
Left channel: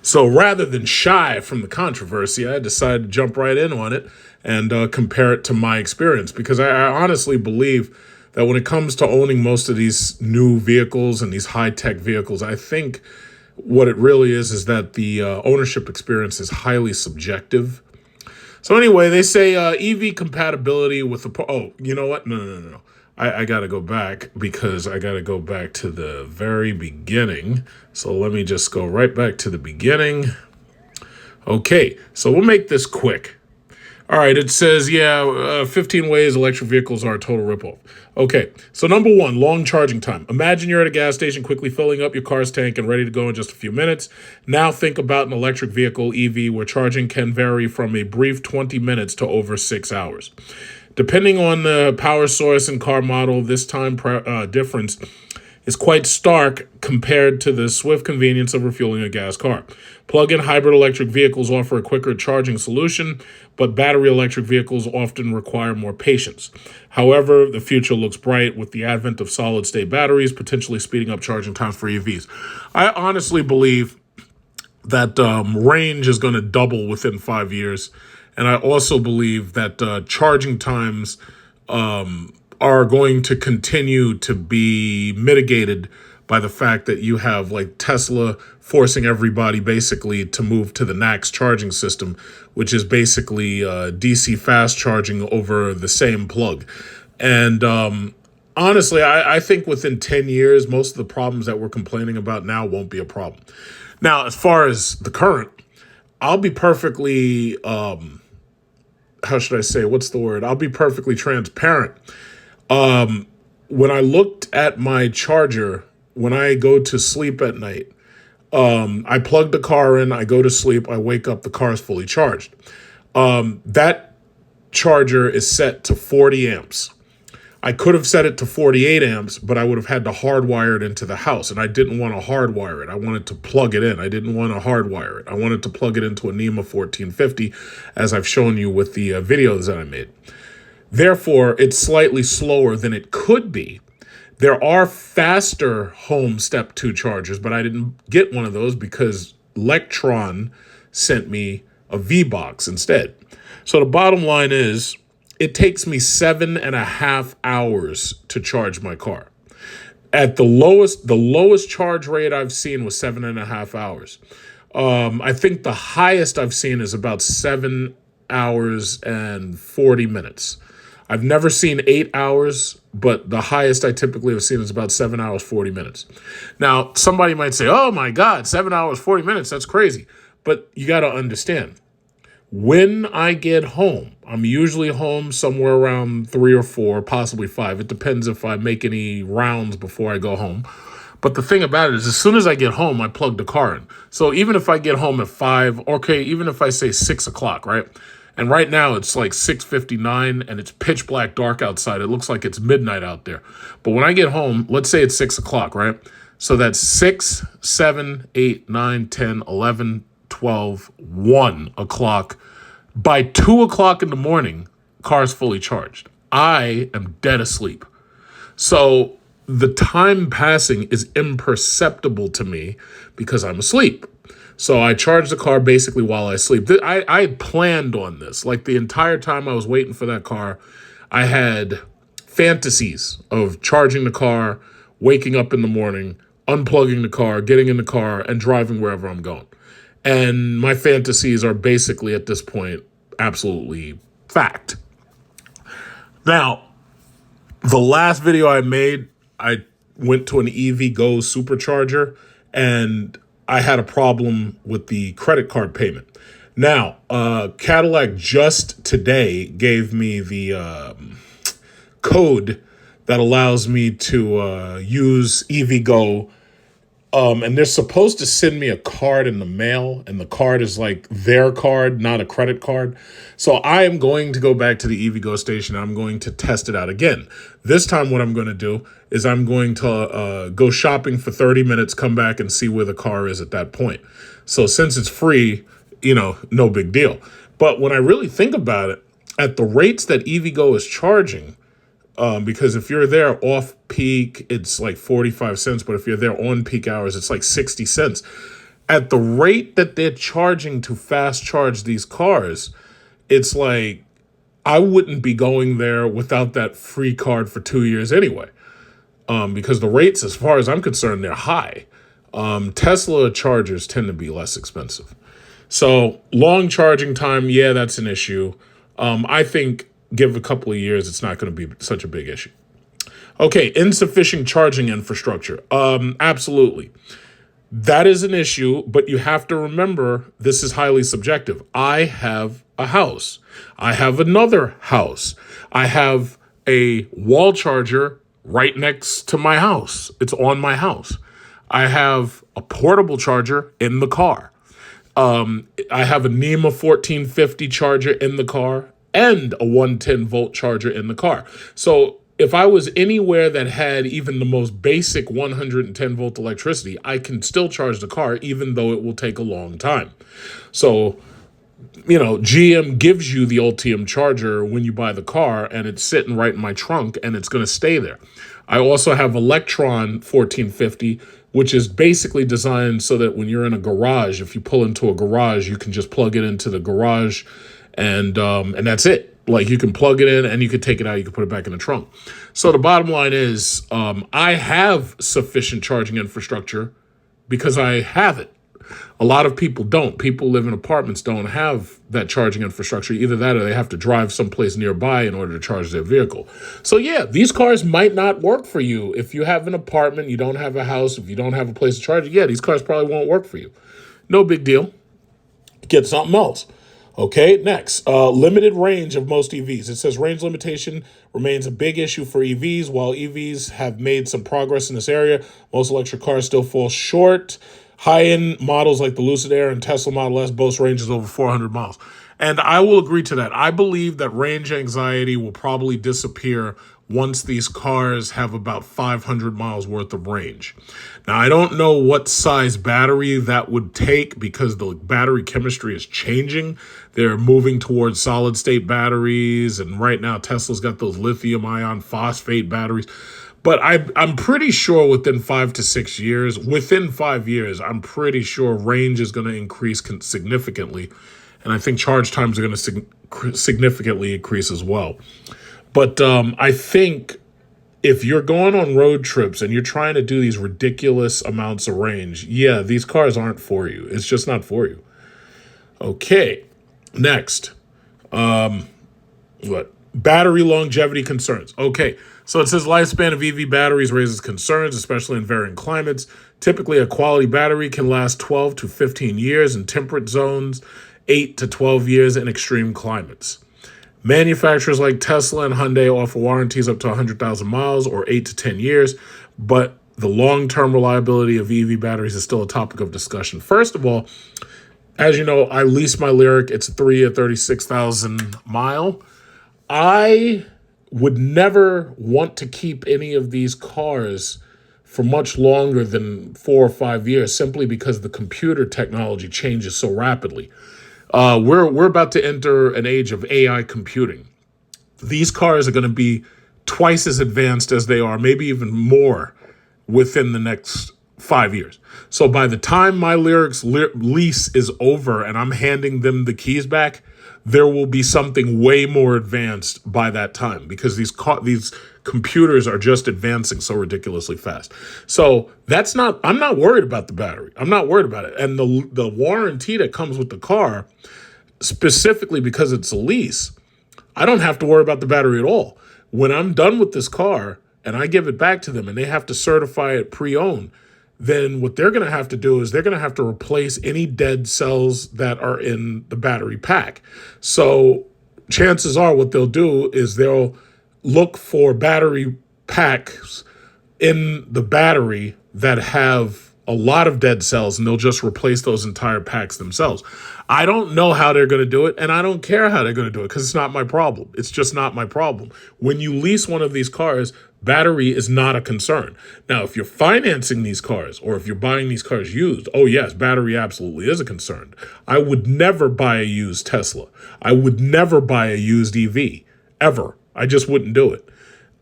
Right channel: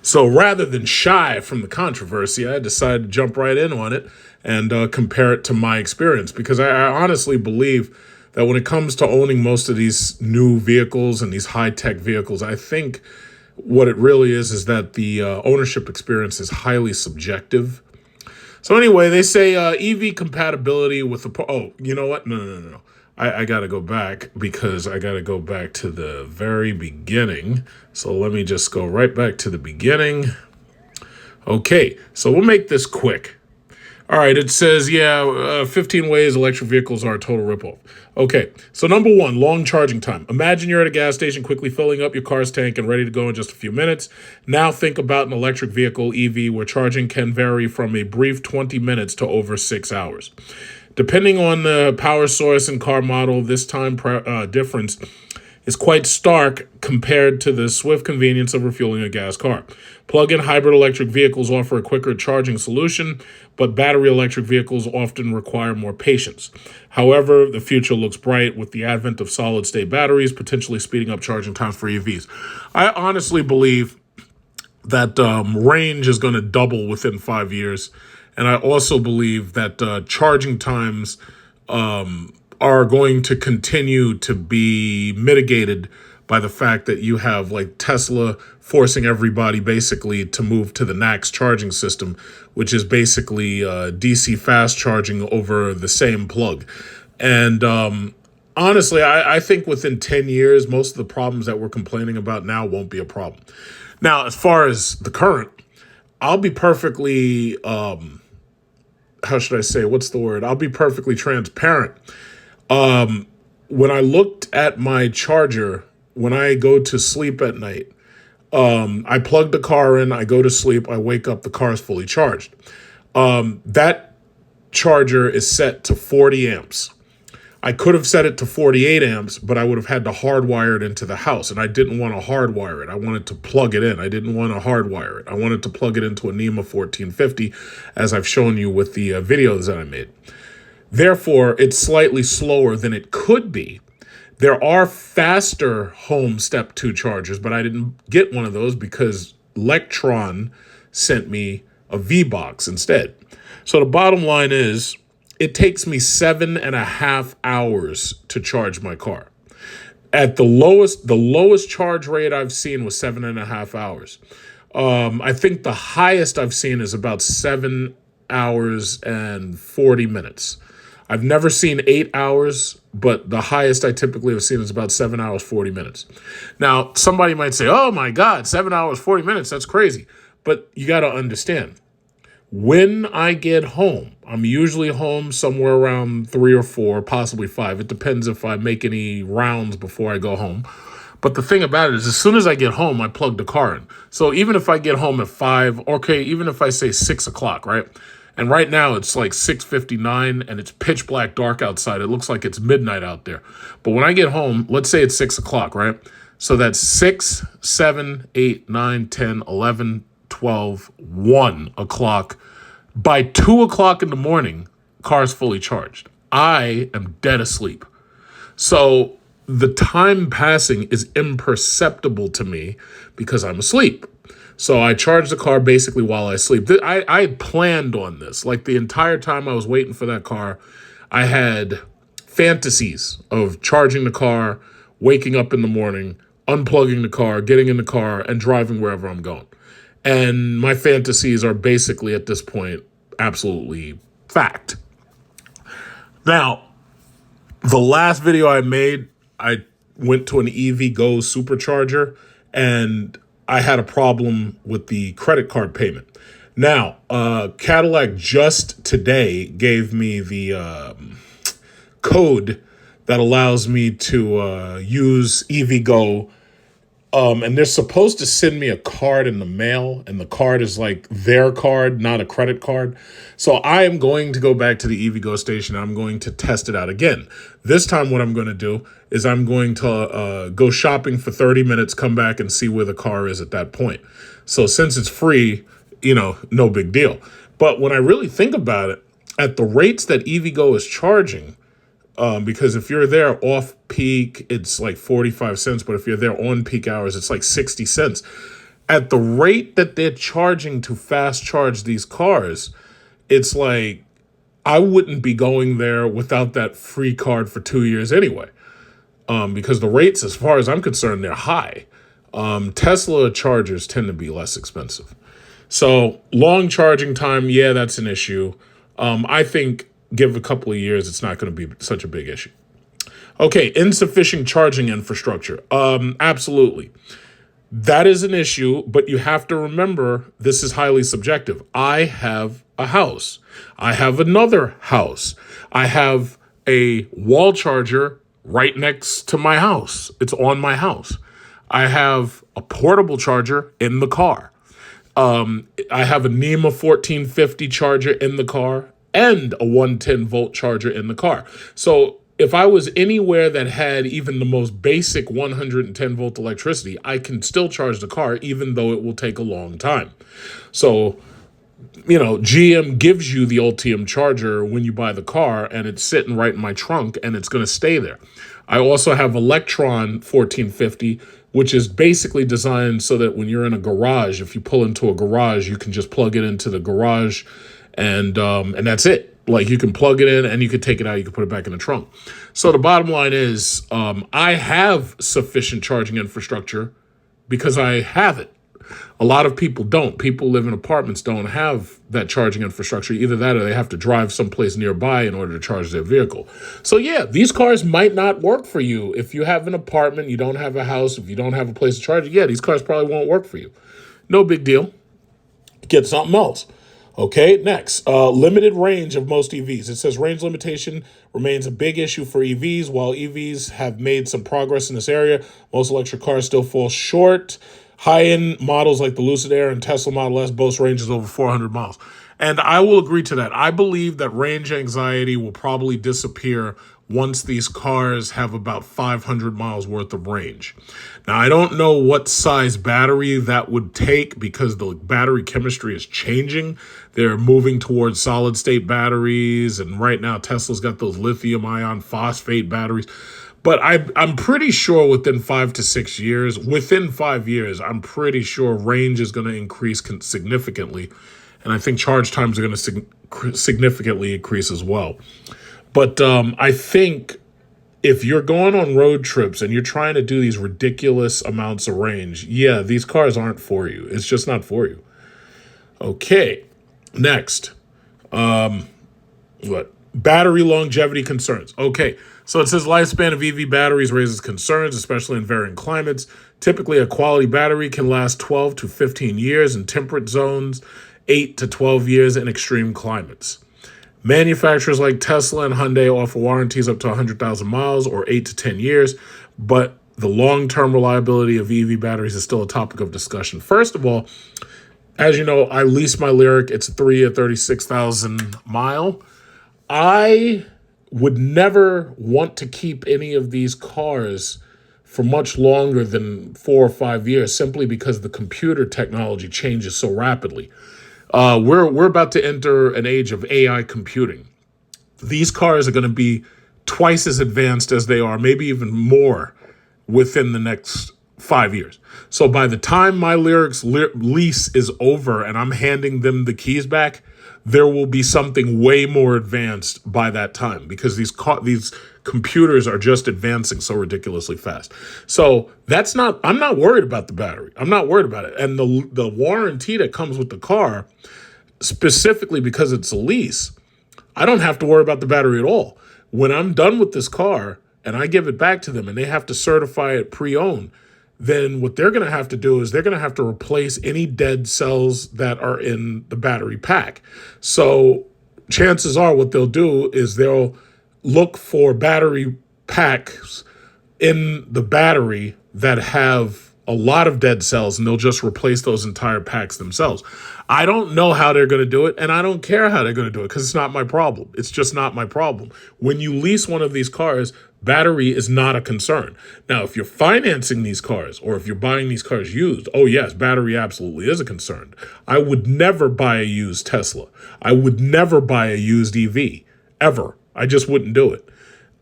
So rather than shy from the controversy, I decided to jump right in on it and compare it to my experience, because I honestly believe that when it comes to owning most of these new vehicles and these high-tech vehicles, I think what it really is that the ownership experience is highly subjective. So anyway, they say EV compatibility with the... Oh, you know what? No. I got to go back, because I got to go back to the very beginning. So let me just go right back to the beginning. Okay, so we'll make this quick. All right, it says, 15 ways electric vehicles are a total ripoff. Okay, so number one, long charging time. Imagine you're at a gas station quickly filling up your car's tank and ready to go in just a few minutes. Now think about an electric vehicle, EV, where charging can vary from a brief 20 minutes to over 6 hours. Depending on the power source and car model, this time difference is quite stark compared to the swift convenience of refueling a gas car. Plug-in hybrid electric vehicles offer a quicker charging solution, but battery electric vehicles often require more patience. However, the future looks bright with the advent of solid-state batteries, potentially speeding up charging times for EVs. I honestly believe that range is going to double within 5 years, and I also believe that charging times are going to continue to be mitigated by the fact that you have like Tesla forcing everybody basically to move to the NACS charging system, which is basically DC fast charging over the same plug. And honestly, I think within 10 years, most of the problems that we're complaining about now won't be a problem. Now, as far as the current, I'll be perfectly, how should I say, what's the word? I'll be perfectly transparent. When I looked at my charger, when I go to sleep at night, I plug the car in, I go to sleep, I wake up, the car is fully charged. That charger is set to 40 amps. I could have set it to 48 amps, but I would have had to hardwire it into the house, and I didn't want to hardwire it. I wanted to plug it in. I didn't want to hardwire it. I wanted to plug it into a NEMA 1450, as I've shown you with the videos that I made. Therefore, it's slightly slower than it could be. There are faster home step 2 chargers, but I didn't get one of those because Lectron sent me a V-Box instead. So the bottom line is, it takes me 7.5 hours to charge my car. At the lowest charge rate I've seen was 7.5 hours. I think the highest I've seen is about 7 hours and 40 minutes. I've never seen 8 hours, but the highest I typically have seen is about 7 hours, 40 minutes. Now, somebody might say, oh my God, 7 hours, 40 minutes, that's crazy. But you got to understand, when I get home, I'm usually home somewhere around 3 or 4, possibly 5. It depends if I make any rounds before I go home. But the thing about it is, as soon as I get home, I plug the car in. So even if I get home at 5, okay, even if I say 6 o'clock, right? And right now it's like 6:59 and it's pitch black dark outside. It looks like it's midnight out there. But when I get home, let's say it's 6 o'clock, right? So that's 6, 7, 8, 9, 10, 11, 12, 1 o'clock. By 2 o'clock in the morning, car's fully charged. I am dead asleep. So the time passing is imperceptible to me because I'm asleep. So I charge the car basically while I sleep. I planned on this. Like the entire time I was waiting for that car, I had fantasies of charging the car, waking up in the morning, unplugging the car, getting in the car, and driving wherever I'm going. And my fantasies are basically at this point absolutely fact. Now, the last video I made, I went to an EV Go supercharger and I had a problem with the credit card payment. Now, Cadillac just today gave me the code that allows me to use EV Go And they're supposed to send me a card in the mail, and the card is like their card, not a credit card. So I am going to go back to the EVgo station. I'm going to test it out again. This time what I'm going to do is I'm going to go shopping for 30 minutes, come back and see where the car is at that point. So since it's free, no big deal. But when I really think about it, at the rates that EVgo is charging, because if you're there off peak, it's like 45 cents. But if you're there on peak hours, it's like 60 cents. At the rate that they're charging to fast charge these cars, it's like I wouldn't be going there without that free card for 2 years anyway. Because the rates, as far as I'm concerned, they're high. Tesla chargers tend to be less expensive. So long charging time, yeah, that's an issue. I think give a couple of years, it's not going to be such a big issue. Okay, insufficient charging infrastructure. Absolutely. That is an issue, but you have to remember this is highly subjective. I have a house. I have another house. I have a wall charger right next to my house. It's on my house. I have a portable charger in the car. I have a NEMA 1450 charger in the car and a 110 volt charger in the car. So if I was anywhere that had even the most basic 110 volt electricity, I can still charge the car, even though it will take a long time. So, GM gives you the Ultium charger when you buy the car, and it's sitting right in my trunk, and it's going to stay there. I also have Electron 1450, which is basically designed so that when you're in a garage, if you pull into a garage, you can just plug it into the garage, and that's it. Like, you can plug it in and you can take it out. You can put it back in the trunk. So the bottom line is, I have sufficient charging infrastructure because I have it. A lot of people don't. People live in apartments, don't have that charging infrastructure. Either that or they have to drive someplace nearby in order to charge their vehicle. So yeah, these cars might not work for you. If you have an apartment, you don't have a house, if you don't have a place to charge it, yeah, these cars probably won't work for you. No big deal. Get something else. Okay, next, limited range of most EVs. It says range limitation remains a big issue for EVs. While EVs have made some progress in this area, most electric cars still fall short. High-end models like the Lucid Air and Tesla Model S boast ranges over 400 miles. And I will agree to that. I believe that range anxiety will probably disappear once these cars have about 500 miles worth of range. Now, I don't know what size battery that would take because the battery chemistry is changing. They're moving towards solid-state batteries, and right now Tesla's got those lithium ion phosphate batteries. But I'm pretty sure within 5 to 6 years, within 5 years, I'm pretty sure range is going to increase significantly. And I think charge times are going to significantly increase as well. But I think if you're going on road trips and you're trying to do these ridiculous amounts of range, yeah, these cars aren't for you. It's just not for you. Okay, next. Battery longevity concerns. Okay, so it says lifespan of EV batteries raises concerns, especially in varying climates. Typically, a quality battery can last 12 to 15 years in temperate zones, 8 to 12 years in extreme climates. Manufacturers like Tesla and Hyundai offer warranties up to 100,000 miles or 8 to 10 years, but the long-term reliability of EV batteries is still a topic of discussion. First of all, as you know, I lease my Lyriq. It's a 3-year, 36,000 mile. I would never want to keep any of these cars for much longer than 4 or 5 years, simply because the computer technology changes so rapidly. We're about to enter an age of AI computing. These cars are going to be twice as advanced as they are, maybe even more, within the next 5 years. So by the time my Lyriq's lease is over and I'm handing them the keys back, there will be something way more advanced by that time, because these computers are just advancing so ridiculously fast. So I'm not worried about the battery. I'm not worried about it. And the warranty that comes with the car, specifically because it's a lease, I don't have to worry about the battery at all. When I'm done with this car and I give it back to them and they have to certify it pre-owned, then what they're going to have to do is they're going to have to replace any dead cells that are in the battery pack. So chances are what they'll do is they'll look for battery packs in the battery that have a lot of dead cells, and they'll just replace those entire packs themselves. I don't know how they're going to do it, and I don't care how they're going to do it because it's not my problem. It's just not my problem. When you lease one of these cars, battery is not a concern. Now, if you're financing these cars or if you're buying these cars used, oh yes, battery absolutely is a concern. I would never buy a used Tesla. I would never buy a used EV, ever. I just wouldn't do it.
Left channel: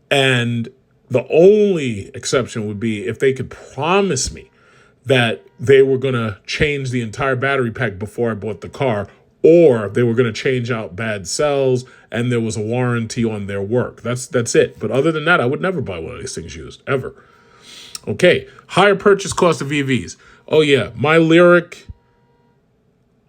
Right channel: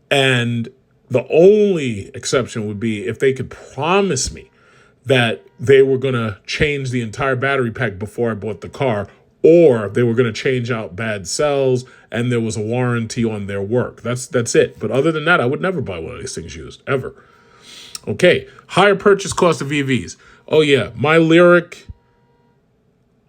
And the only exception would be if they could promise me that they were going to change the entire battery pack before I bought the car, or they were going to change out bad cells and there was a warranty on their work. That's it. But other than that, I would never buy one of these things used, ever. Okay, higher purchase cost of EVs. Oh yeah, my Lyriq,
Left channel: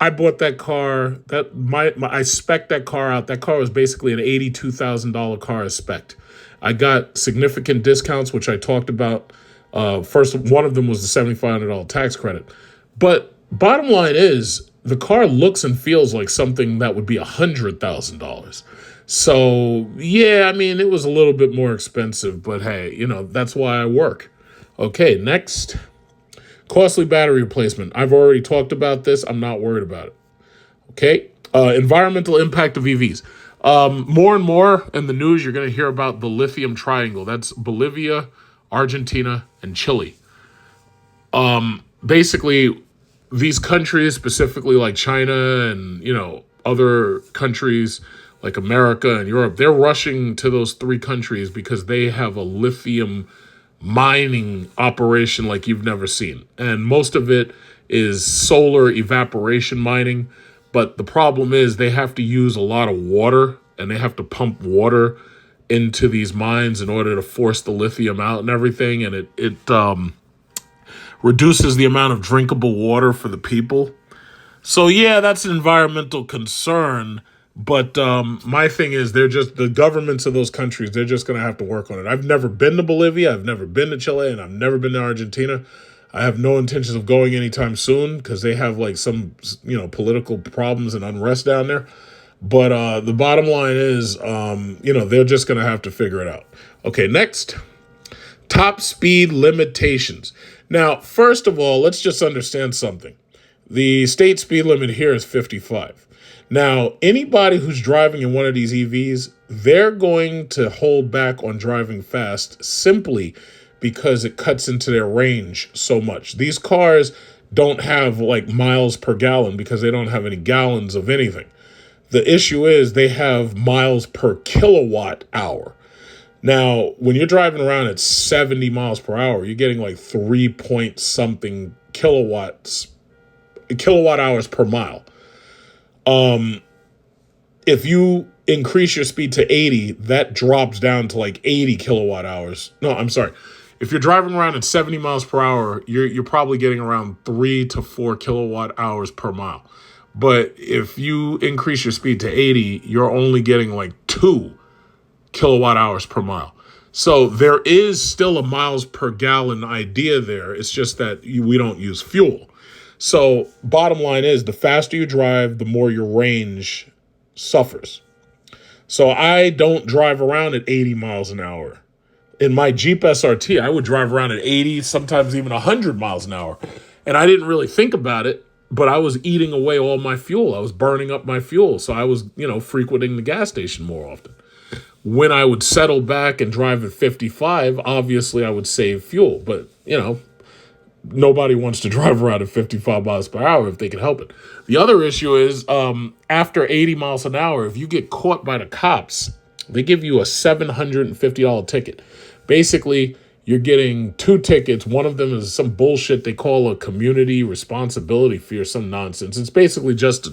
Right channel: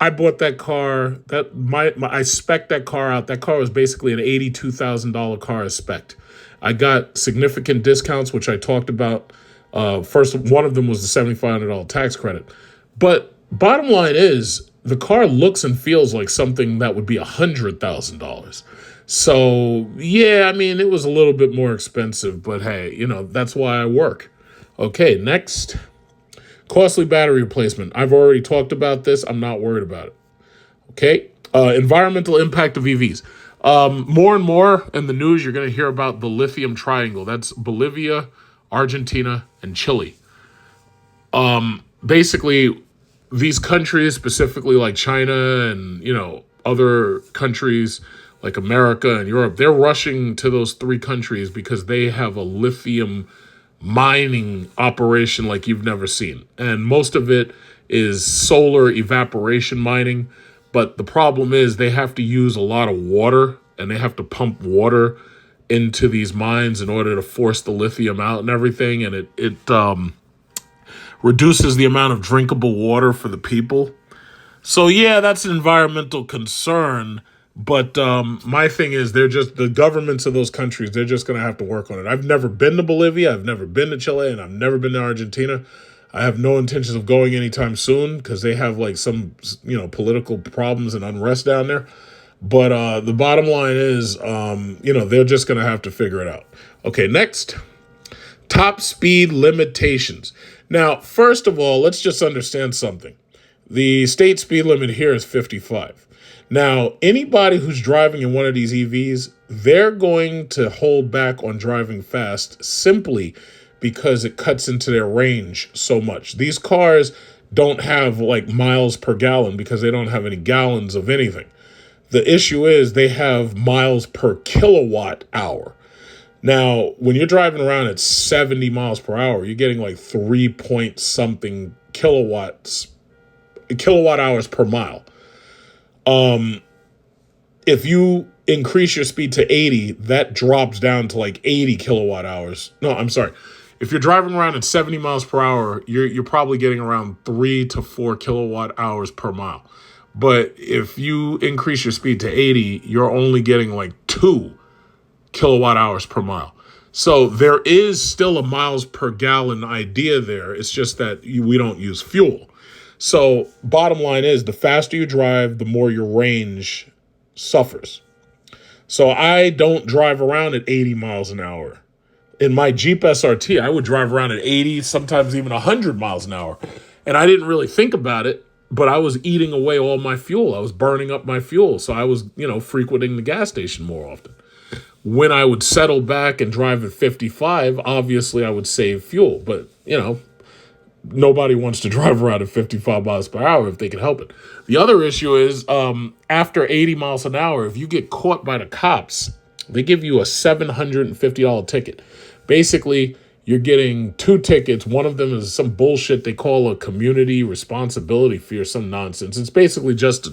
I bought that car. I spec'd that car out. That car was basically an $82,000 car as spec'd. I got significant discounts, which I talked about. First, one of them was the $7,500 tax credit. But bottom line is, the car looks and feels like something that would be $100,000. So, yeah, I mean, it was a little bit more expensive, but hey, you know, that's why I work. Okay, next. Costly battery replacement. I've already talked about this. I'm not worried about it. Okay, environmental impact of EVs. More and more in the news, you're going to hear about the lithium triangle. That's Bolivia, Argentina, and Chile. Basically, these countries, specifically like China and, you know, other countries like America and Europe, they're rushing to those three countries because they have a lithium mining operation like you've never seen. And most of it is solar evaporation mining. But the problem is they have to use a lot of water, and they have to pump water into these mines in order to force the lithium out and everything. And it reduces the amount of drinkable water for the people. So yeah, that's an environmental concern. But my thing is, the governments of those countries, they're just going to have to work on it. I've never been to Bolivia, I've never been to Chile, and I've never been to Argentina. I have no intentions of going anytime soon because they have like some, you know, political problems and unrest down there. But the bottom line is, you know, they're just going to have to figure it out. Okay, next. Top speed limitations. Now, first of all, let's just understand something. The state speed limit here is 55. Now, anybody who's driving in one of these EVs, they're going to hold back on driving fast simply because it cuts into their range so much. These cars don't have like miles per gallon because they don't have any gallons of anything. The issue is they have miles per kilowatt hour. Now, when you're driving around at 70 miles per hour, you're getting like 3 point something kilowatt hours per mile. If you increase your speed to 80, that drops down to like 80 kilowatt hours. No, I'm sorry. If you're driving around at 70 miles per hour, you're probably getting around 3 to 4 kilowatt hours per mile. But if you increase your speed to 80, you're only getting like 2 kilowatt hours per mile. So there is still a miles per gallon idea there. It's just that we don't use fuel. So bottom line is, the faster you drive, the more your range suffers. So I don't drive around at 80 miles an hour. In my Jeep SRT, I would drive around at 80, sometimes even 100 miles an hour. And I didn't really think about it, but I was eating away all my fuel. I was burning up my fuel. So I was, you know, frequenting the gas station more often. When I would settle back and drive at 55, obviously I would save fuel. But, you know, nobody wants to drive around at 55 miles per hour if they can help it. The other issue is after 80 miles an hour, if you get caught by the cops, they give you a $750 ticket. Basically, you're getting 2 tickets. One of them is some bullshit they call a community responsibility fee or some nonsense. It's basically just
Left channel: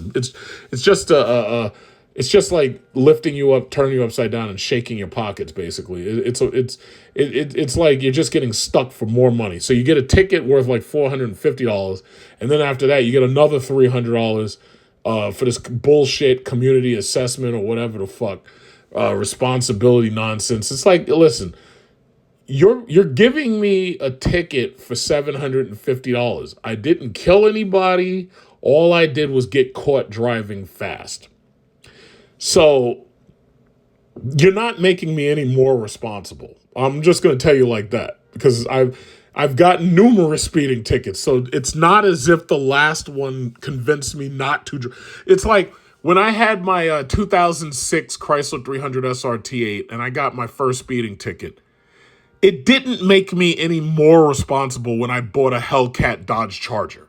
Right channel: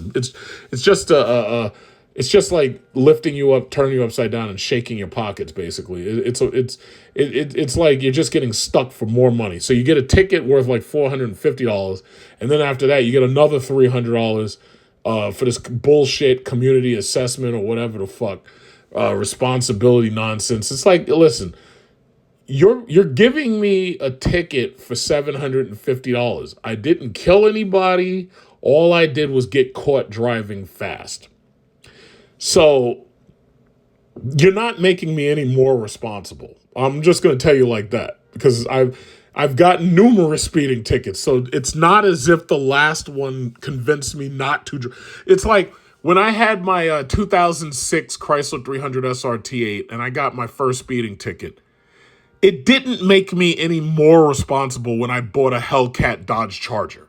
it's just like lifting you up, turning you upside down, and shaking your pockets. Basically, it's like you're just getting stuck for more money. So you get a ticket worth like $450, and then after that, you get another $300 for this bullshit community assessment or whatever the fuck responsibility nonsense. It's like, listen, you're giving me a ticket for $750. I didn't kill anybody. All I did was get caught driving fast. So you're not making me any more responsible. I'm just going to tell you like that, because I've gotten numerous speeding tickets, so it's not as if the last one convinced me not to. It's like when I had my 2006 Chrysler 300 SRT8 and I got my first speeding ticket. It didn't make me any more responsible when I bought a Hellcat Dodge Charger.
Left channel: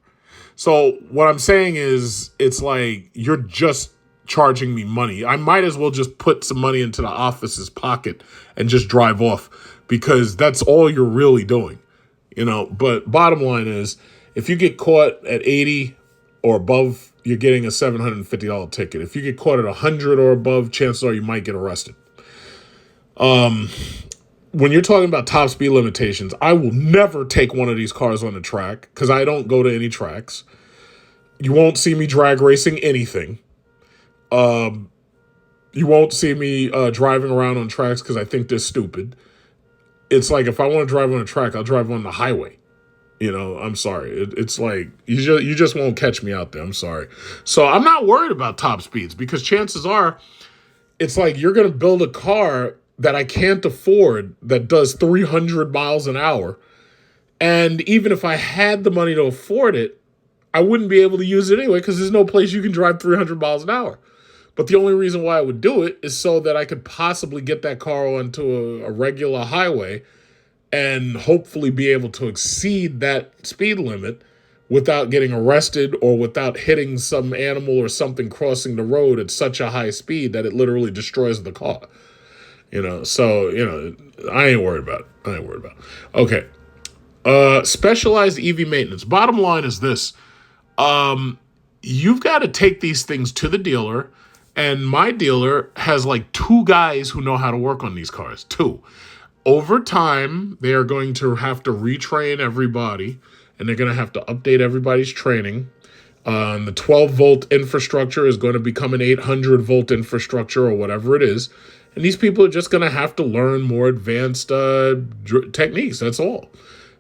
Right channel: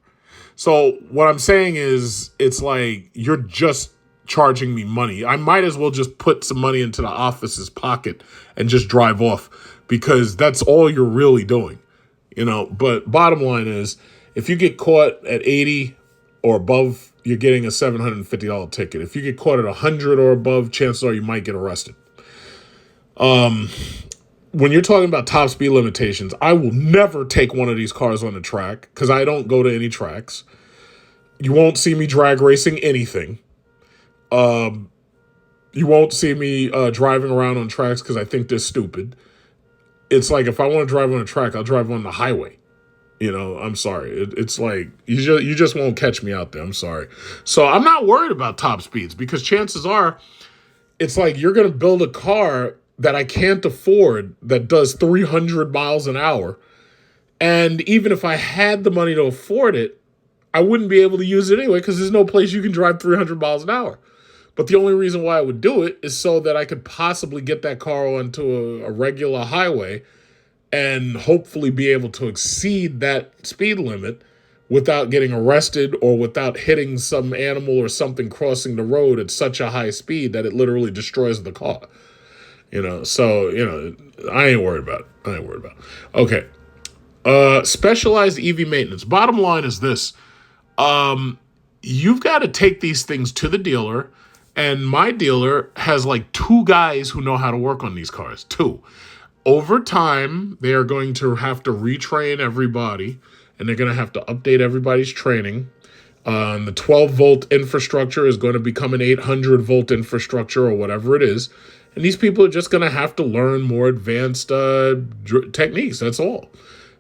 So what I'm saying is, it's like you're just charging me money. I might as well just put some money into the office's pocket and just drive off, because that's all you're really doing. But bottom line is, if you get caught at 80 or above, you're getting a $750 ticket. If you get caught at 100 or above, chances are you might get arrested. When you're talking about top speed limitations, I will never take one of these cars on the track because I don't go to any tracks. You won't see me drag racing anything. You won't see me driving around on tracks because I think they're stupid. It's like, if I want to drive on a track, I'll drive on the highway. I'm sorry. It's like, you just won't catch me out there. I'm sorry. So I'm not worried about top speeds, because chances are, it's like you're going to build a car that I can't afford that does 300 miles an hour. And even if I had the money to afford it, I wouldn't be able to use it anyway, because there's no place you can drive 300 miles an hour. But the only reason why I would do it is so that I could possibly get that car onto a regular highway and hopefully be able to exceed that speed limit without getting arrested or without hitting some animal or something crossing the road at such a high speed that it literally destroys the car. So, I ain't worried about it. Okay. Specialized EV maintenance. Bottom line is this. You've got to take these things to the dealer, and my dealer has like 2 guys who know how to work on these cars. 2. Over time, they are going to have to retrain everybody, and they're going to have to update everybody's training. The 12-volt infrastructure is going to become an 800-volt infrastructure or whatever it is. And these people are just going to have to learn more advanced techniques. That's all.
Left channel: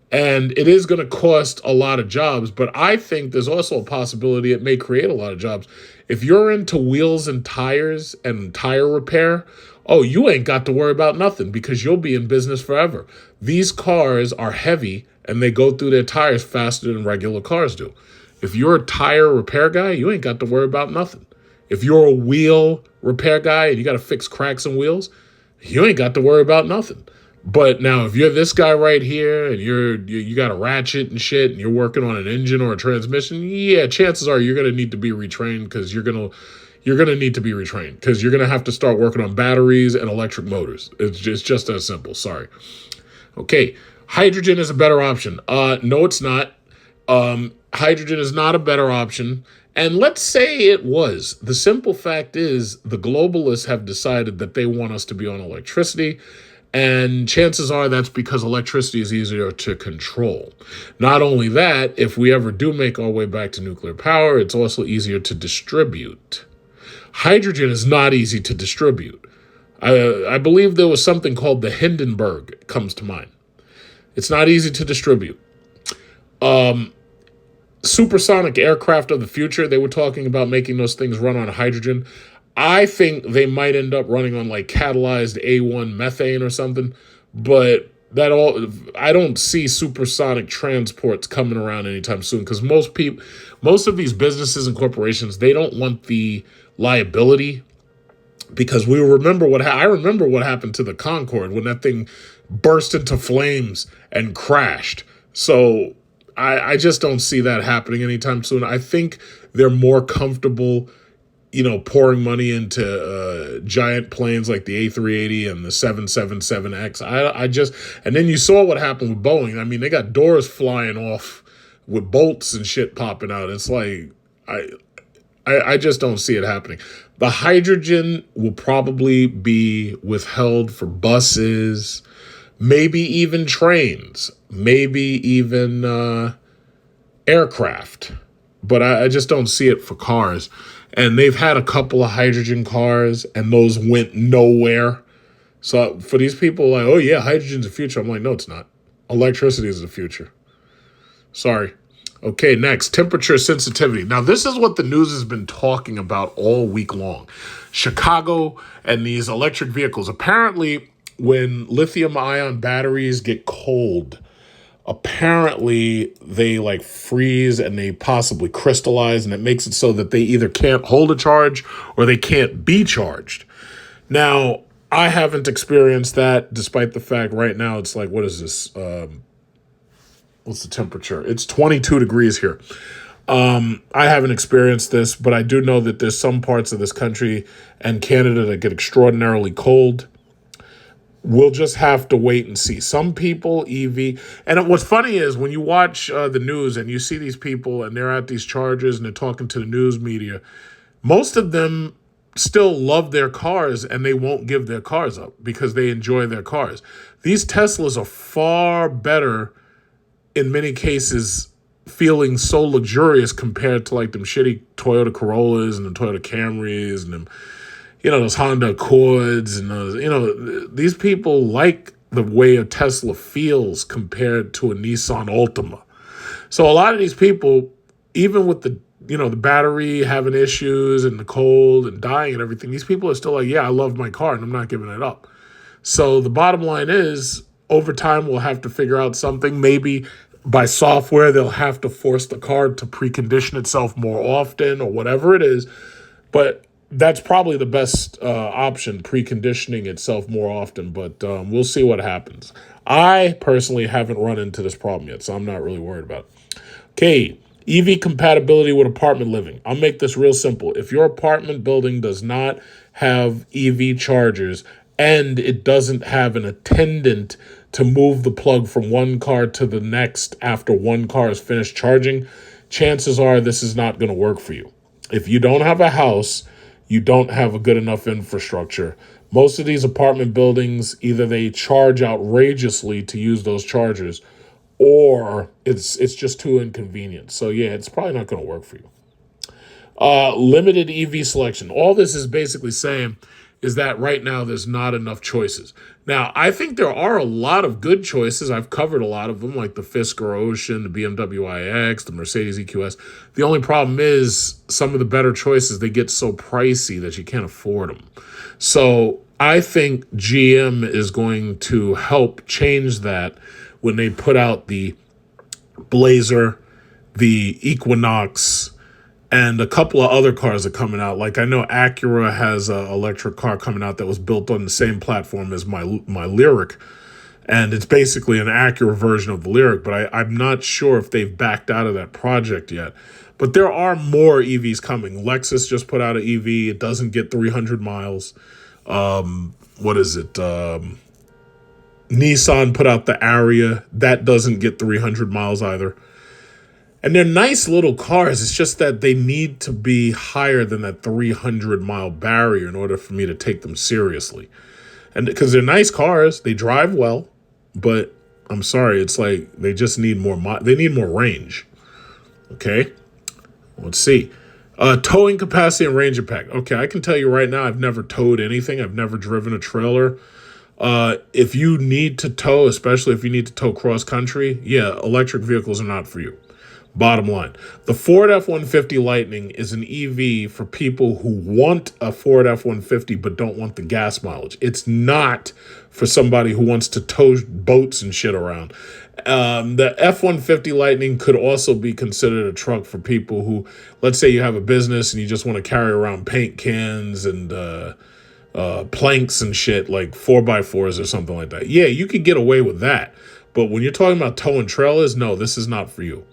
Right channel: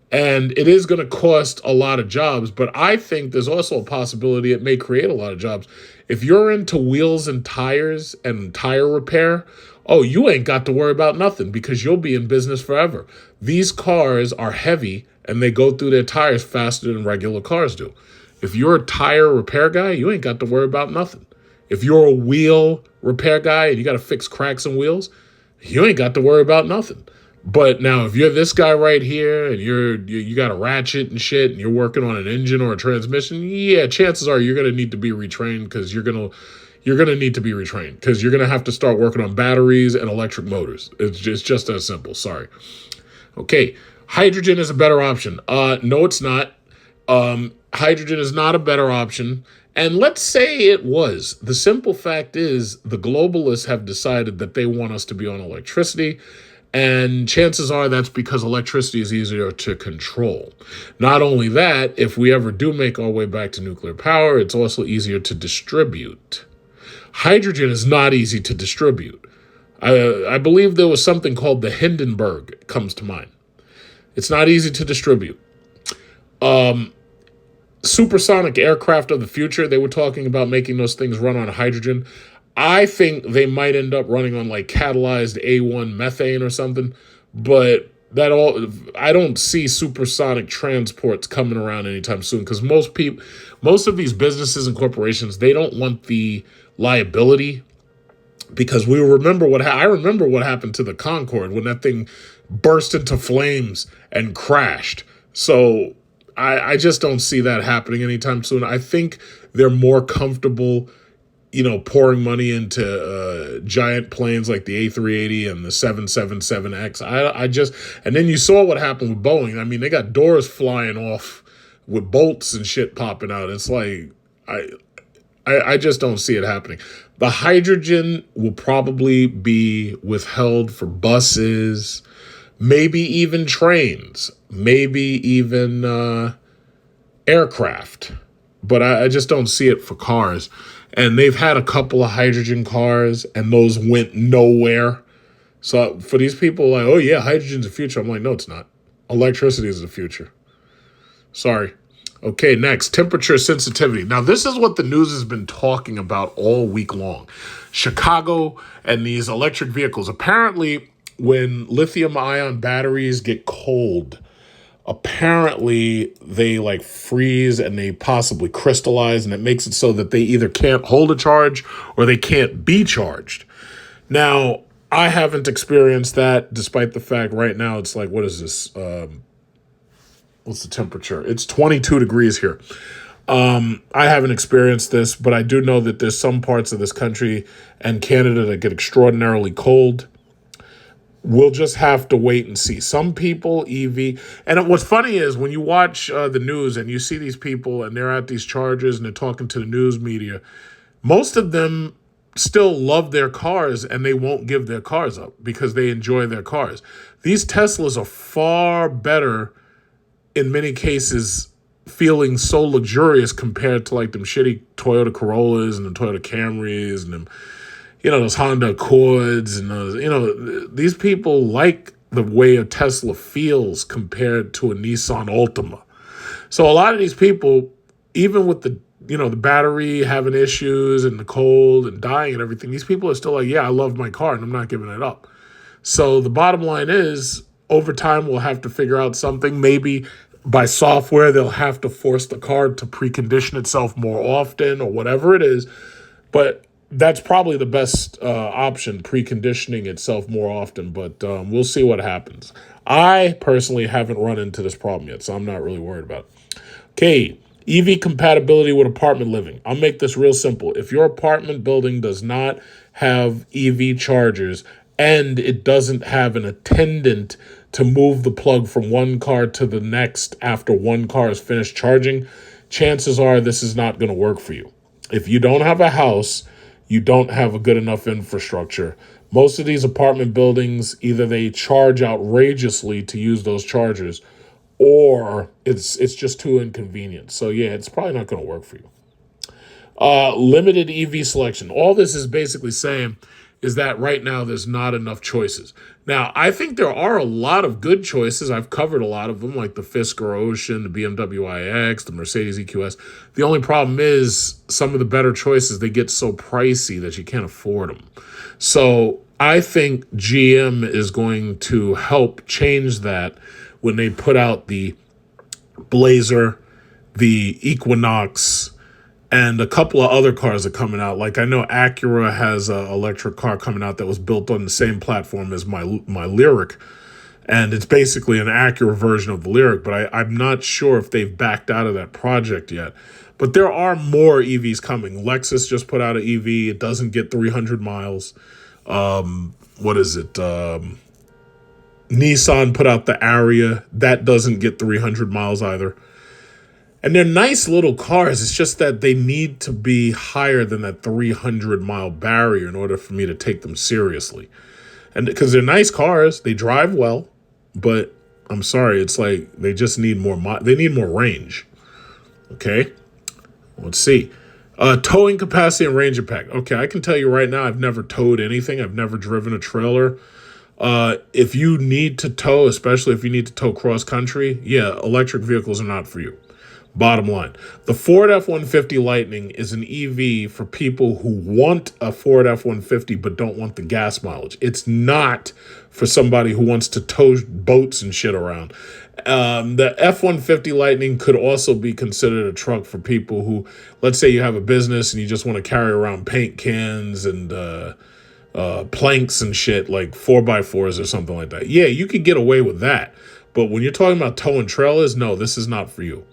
And it is going to cost a lot of jobs, but I think there's also a possibility it may create a lot of jobs. If you're into wheels and tires and tire repair, you ain't got to worry about nothing, because you'll be in business forever. These cars are heavy and they go through their tires faster than regular cars do. If you're a tire repair guy, you ain't got to worry about nothing. If you're a wheel repair guy and you got to fix cracks in wheels, you ain't got to worry about nothing. But now, if you're this guy right here and you got a ratchet and shit and you're working on an engine or a transmission, yeah, chances are you're going to need to be retrained, because you're going to need to be retrained because you're going to have to start working on batteries and electric motors. It's just that simple. Sorry. Okay. Hydrogen is a better option. No, it's not. Hydrogen is not a better option. And let's say it was. The simple fact is, the globalists have decided that they want us to be on electricity. And chances are that's because electricity is easier to control. Not only that, if we ever do make our way back to nuclear power, it's also easier to distribute. Hydrogen is not easy to distribute. I believe there was something called the Hindenburg comes to mind. It's not easy to distribute. Supersonic aircraft of the future, they were talking about making those things run on hydrogen. I think they might end up running on like catalyzed A1 methane or something, but I don't see supersonic transports coming around anytime soon, because most of these businesses and corporations, they don't want the liability, because I remember what happened to the Concorde when that thing burst into flames and crashed. So I just don't see that happening anytime soon. I think they're more comfortable, pouring money into giant planes like the A380 and the 777X. And then you saw what happened with Boeing. I mean, they got doors flying off with bolts and shit popping out. It's like, I just don't see it happening. The hydrogen will probably be withheld for buses, maybe even trains, maybe even aircraft. But I just don't see it for cars. And they've had a couple of hydrogen cars, and those went nowhere. So for these people, like, oh yeah, hydrogen's the future. I'm like, no, it's not. Electricity is the future. Sorry. Okay, next, temperature sensitivity. Now, this is what the news has been talking about all week long. Chicago and these electric vehicles. Apparently, when lithium-ion batteries get cold, apparently they like freeze and they possibly crystallize, and it makes it so that they either can't hold a charge or they can't be charged. Now, I haven't experienced that, despite the fact right now it's like, what is this? What's the temperature? It's 22 degrees here. I haven't experienced this, but I do know that there's some parts of this country and Canada that get extraordinarily cold. We'll just have to wait and see. Some people, EV, and what's funny is when you watch the news and you see these people and they're at these chargers and they're talking to the news media, most of them still love their cars and they won't give their cars up because they enjoy their cars. These Teslas are far better in many cases, feeling so luxurious compared to like them shitty Toyota Corollas and the Toyota Camrys and them, those Honda Accords and those, these people like the way a Tesla feels compared to a Nissan Altima. So a lot of these people, even with the battery having issues and the cold and dying and everything, these people are still like, yeah, I love my car and I'm not giving it up. So the bottom line is, over time, we'll have to figure out something. Maybe by software, they'll have to force the car to precondition itself more often or whatever it is. But that's probably the best option, preconditioning itself more often. But we'll see what happens. I personally haven't run into this problem yet, so I'm not really worried about it. Okay, EV compatibility with apartment living. I'll make this real simple. If your apartment building does not have EV chargers and it doesn't have an attendant to move the plug from one car to the next after one car is finished charging, chances are this is not going to work for you. If you don't have a house, you don't have a good enough infrastructure. Most of these apartment buildings, either they charge outrageously to use those chargers, or it's just too inconvenient. So yeah, it's probably not going to work for you. Limited EV selection. All this is basically saying is that right now there's not enough choices. Now, I think there are a lot of good choices. I've covered a lot of them, like the Fisker Ocean, the BMW iX, the Mercedes EQS. The only problem is some of the better choices, they get so pricey that you can't afford them. So I think GM is going to help change that when they put out the Blazer, the Equinox, and a couple of other cars are coming out. Like I know Acura has an electric car coming out that was built on the same platform as my Lyriq. And it's basically an Acura version of the Lyriq, but I'm not sure if they've backed out of that project yet. But there are more EVs coming. Lexus just put out an EV. It doesn't get 300 miles. What is it? Nissan put out the Aria. That doesn't get 300 miles either. And they're nice little cars. It's just that they need to be higher than that 300-mile barrier in order for me to take them seriously. And because they're nice cars, they drive well, but I'm sorry, it's like they just need more. They need more range. Okay, let's see. Towing capacity and range impact. Okay, I can tell you right now, I've never towed anything. I've never driven a trailer. If you need to tow, especially if you need to tow cross country, yeah, electric vehicles are not for you. Bottom line, the Ford F-150 Lightning is an EV for people who want a Ford F-150 but don't want the gas mileage. It's not for somebody who wants to tow boats and shit around. The F-150 Lightning could also be considered a truck for people who, let's say you have a business and you just want to carry around paint cans and planks and shit, like 4x4s or something like that. Yeah, you could get away with that. But when you're talking about towing trailers, no, this is not for you.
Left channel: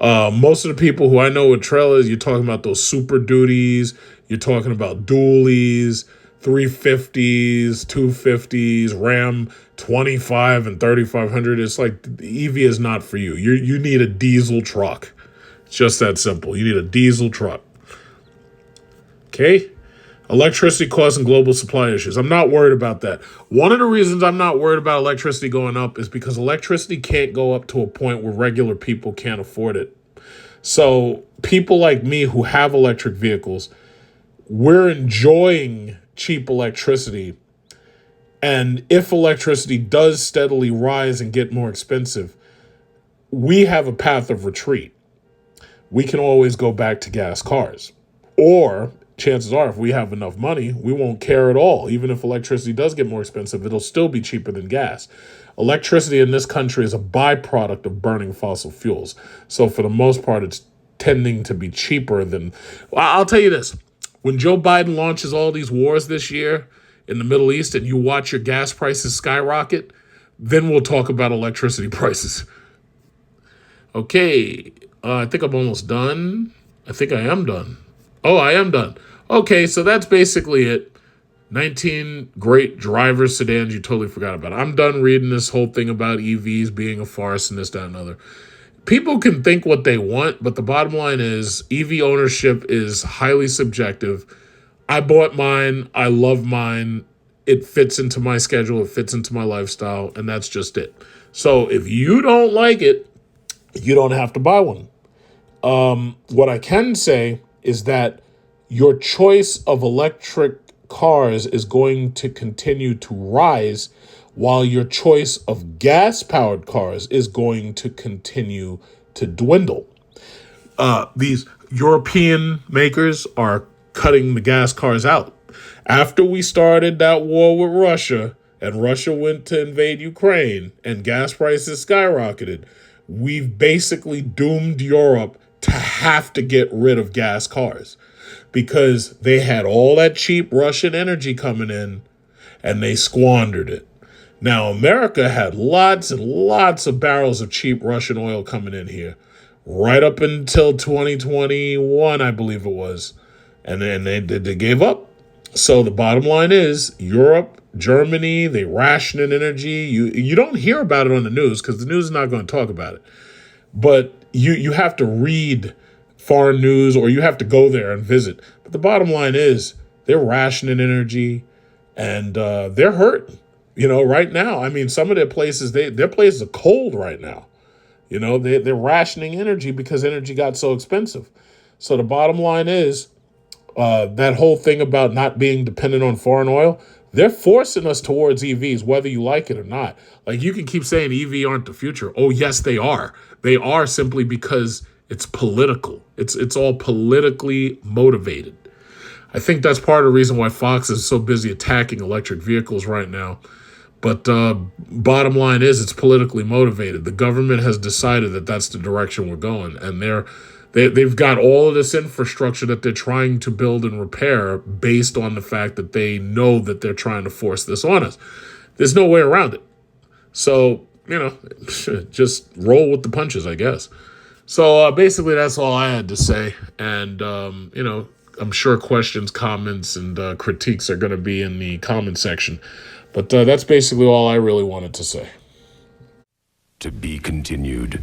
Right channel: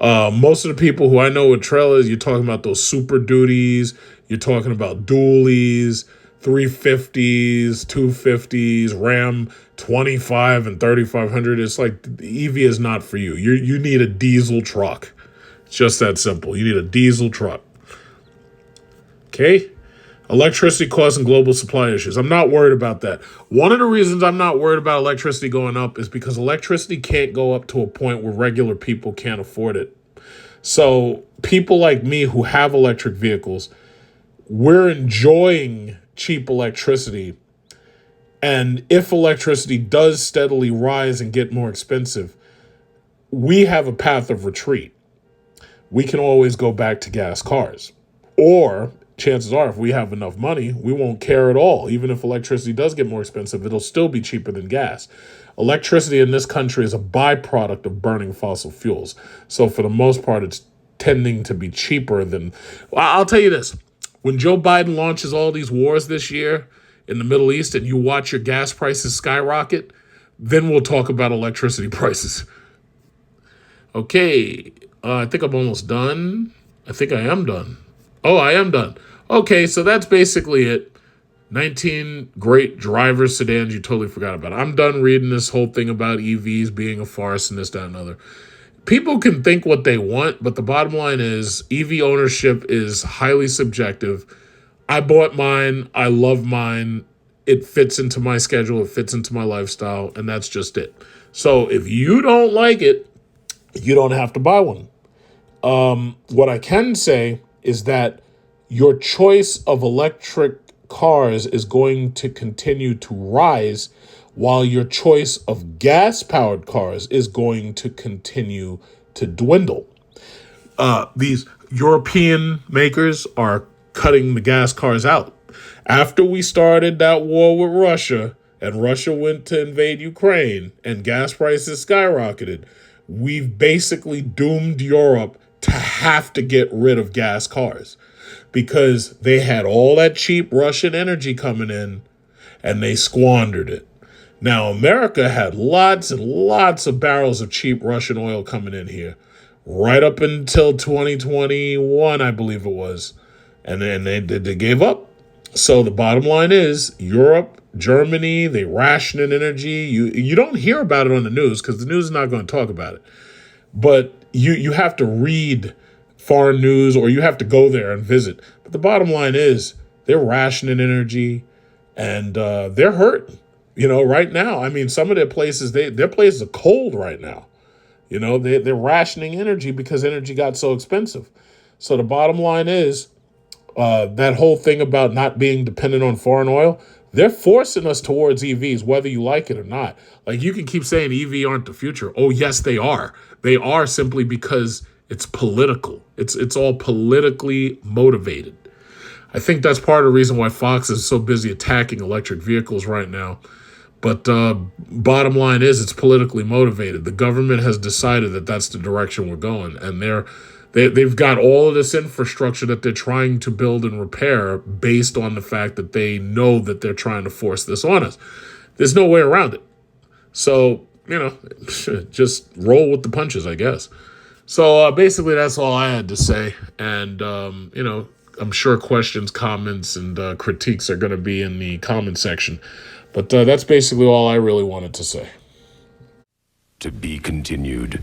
Most of the people who I know with trailers, you're talking about those Super Duties, you're talking about dualies, 350s, 250s, Ram 25 and 3500. It's like the EV is not for you. You need a diesel truck. It's just that simple. You need a diesel truck. Okay? Electricity costs and global supply issues. I'm not worried about that. One of the reasons I'm not worried about electricity going up is because electricity can't go up to a point where regular people can't afford it. So people like me who have electric vehicles, we're enjoying cheap electricity. And if electricity does steadily rise and get more expensive, we have a path of retreat. We can always go back to gas cars. Or chances are if we have enough money, we won't care at all. Even if electricity does get more expensive, it'll still be cheaper than gas. Electricity in this country is a byproduct of burning fossil fuels. So for the most part, it's tending to be cheaper than... Well, I'll tell you this. When Joe Biden launches all these wars this year in the Middle East and you watch your gas prices skyrocket, then we'll talk about electricity prices. Okay, I think I'm almost done. I think I am done. Oh, I am done. Okay, so that's basically it. 19 great driver sedans you totally forgot about. I'm done reading this whole thing about EVs being a farce and this, that, and other. People can think what they want, but the bottom line is EV ownership is highly subjective. I bought mine. I love mine. It fits into my schedule. It fits into my lifestyle, and that's just it. So if you don't like it, you don't have to buy one. What I can say is that your choice of electric cars is going to continue to rise while your choice of gas-powered cars is going to continue to dwindle. These European makers are cutting the gas cars out. After we started that war with Russia and Russia went to invade Ukraine and gas prices skyrocketed, we've basically doomed Europe to have to get rid of gas cars because they had all that cheap Russian energy coming in and they squandered it. Now, America had lots and lots of barrels of cheap Russian oil coming in here right up until 2021, I believe it was. And then they gave up. So the bottom line is Europe, Germany, they rationing energy. You don't hear about it on the news because the news is not going to talk about it. But you have to read foreign news or you have to go there and visit. But the bottom line is they're rationing energy and they're hurting. Right now, I mean, some of their places, their places are cold right now. They're rationing energy because energy got so expensive. So the bottom line is that whole thing about not being dependent on foreign oil, they're forcing us towards EVs, whether you like it or not. Like, you can keep saying EV aren't the future. Oh, yes, they are. They are simply because it's political. It's all politically motivated. I think that's part of the reason why Fox is so busy attacking electric vehicles right now. But bottom line is it's politically motivated. The government has decided that that's the direction we're going. And they've got all of this infrastructure that they're trying to build and repair based on the fact that they know that they're trying to force this on us. There's no way around it. So, just roll with the punches, I guess. So basically that's all I had to say. And, I'm sure questions, comments, and critiques are going to be in the comment section. But that's basically all I really wanted to say. To be continued.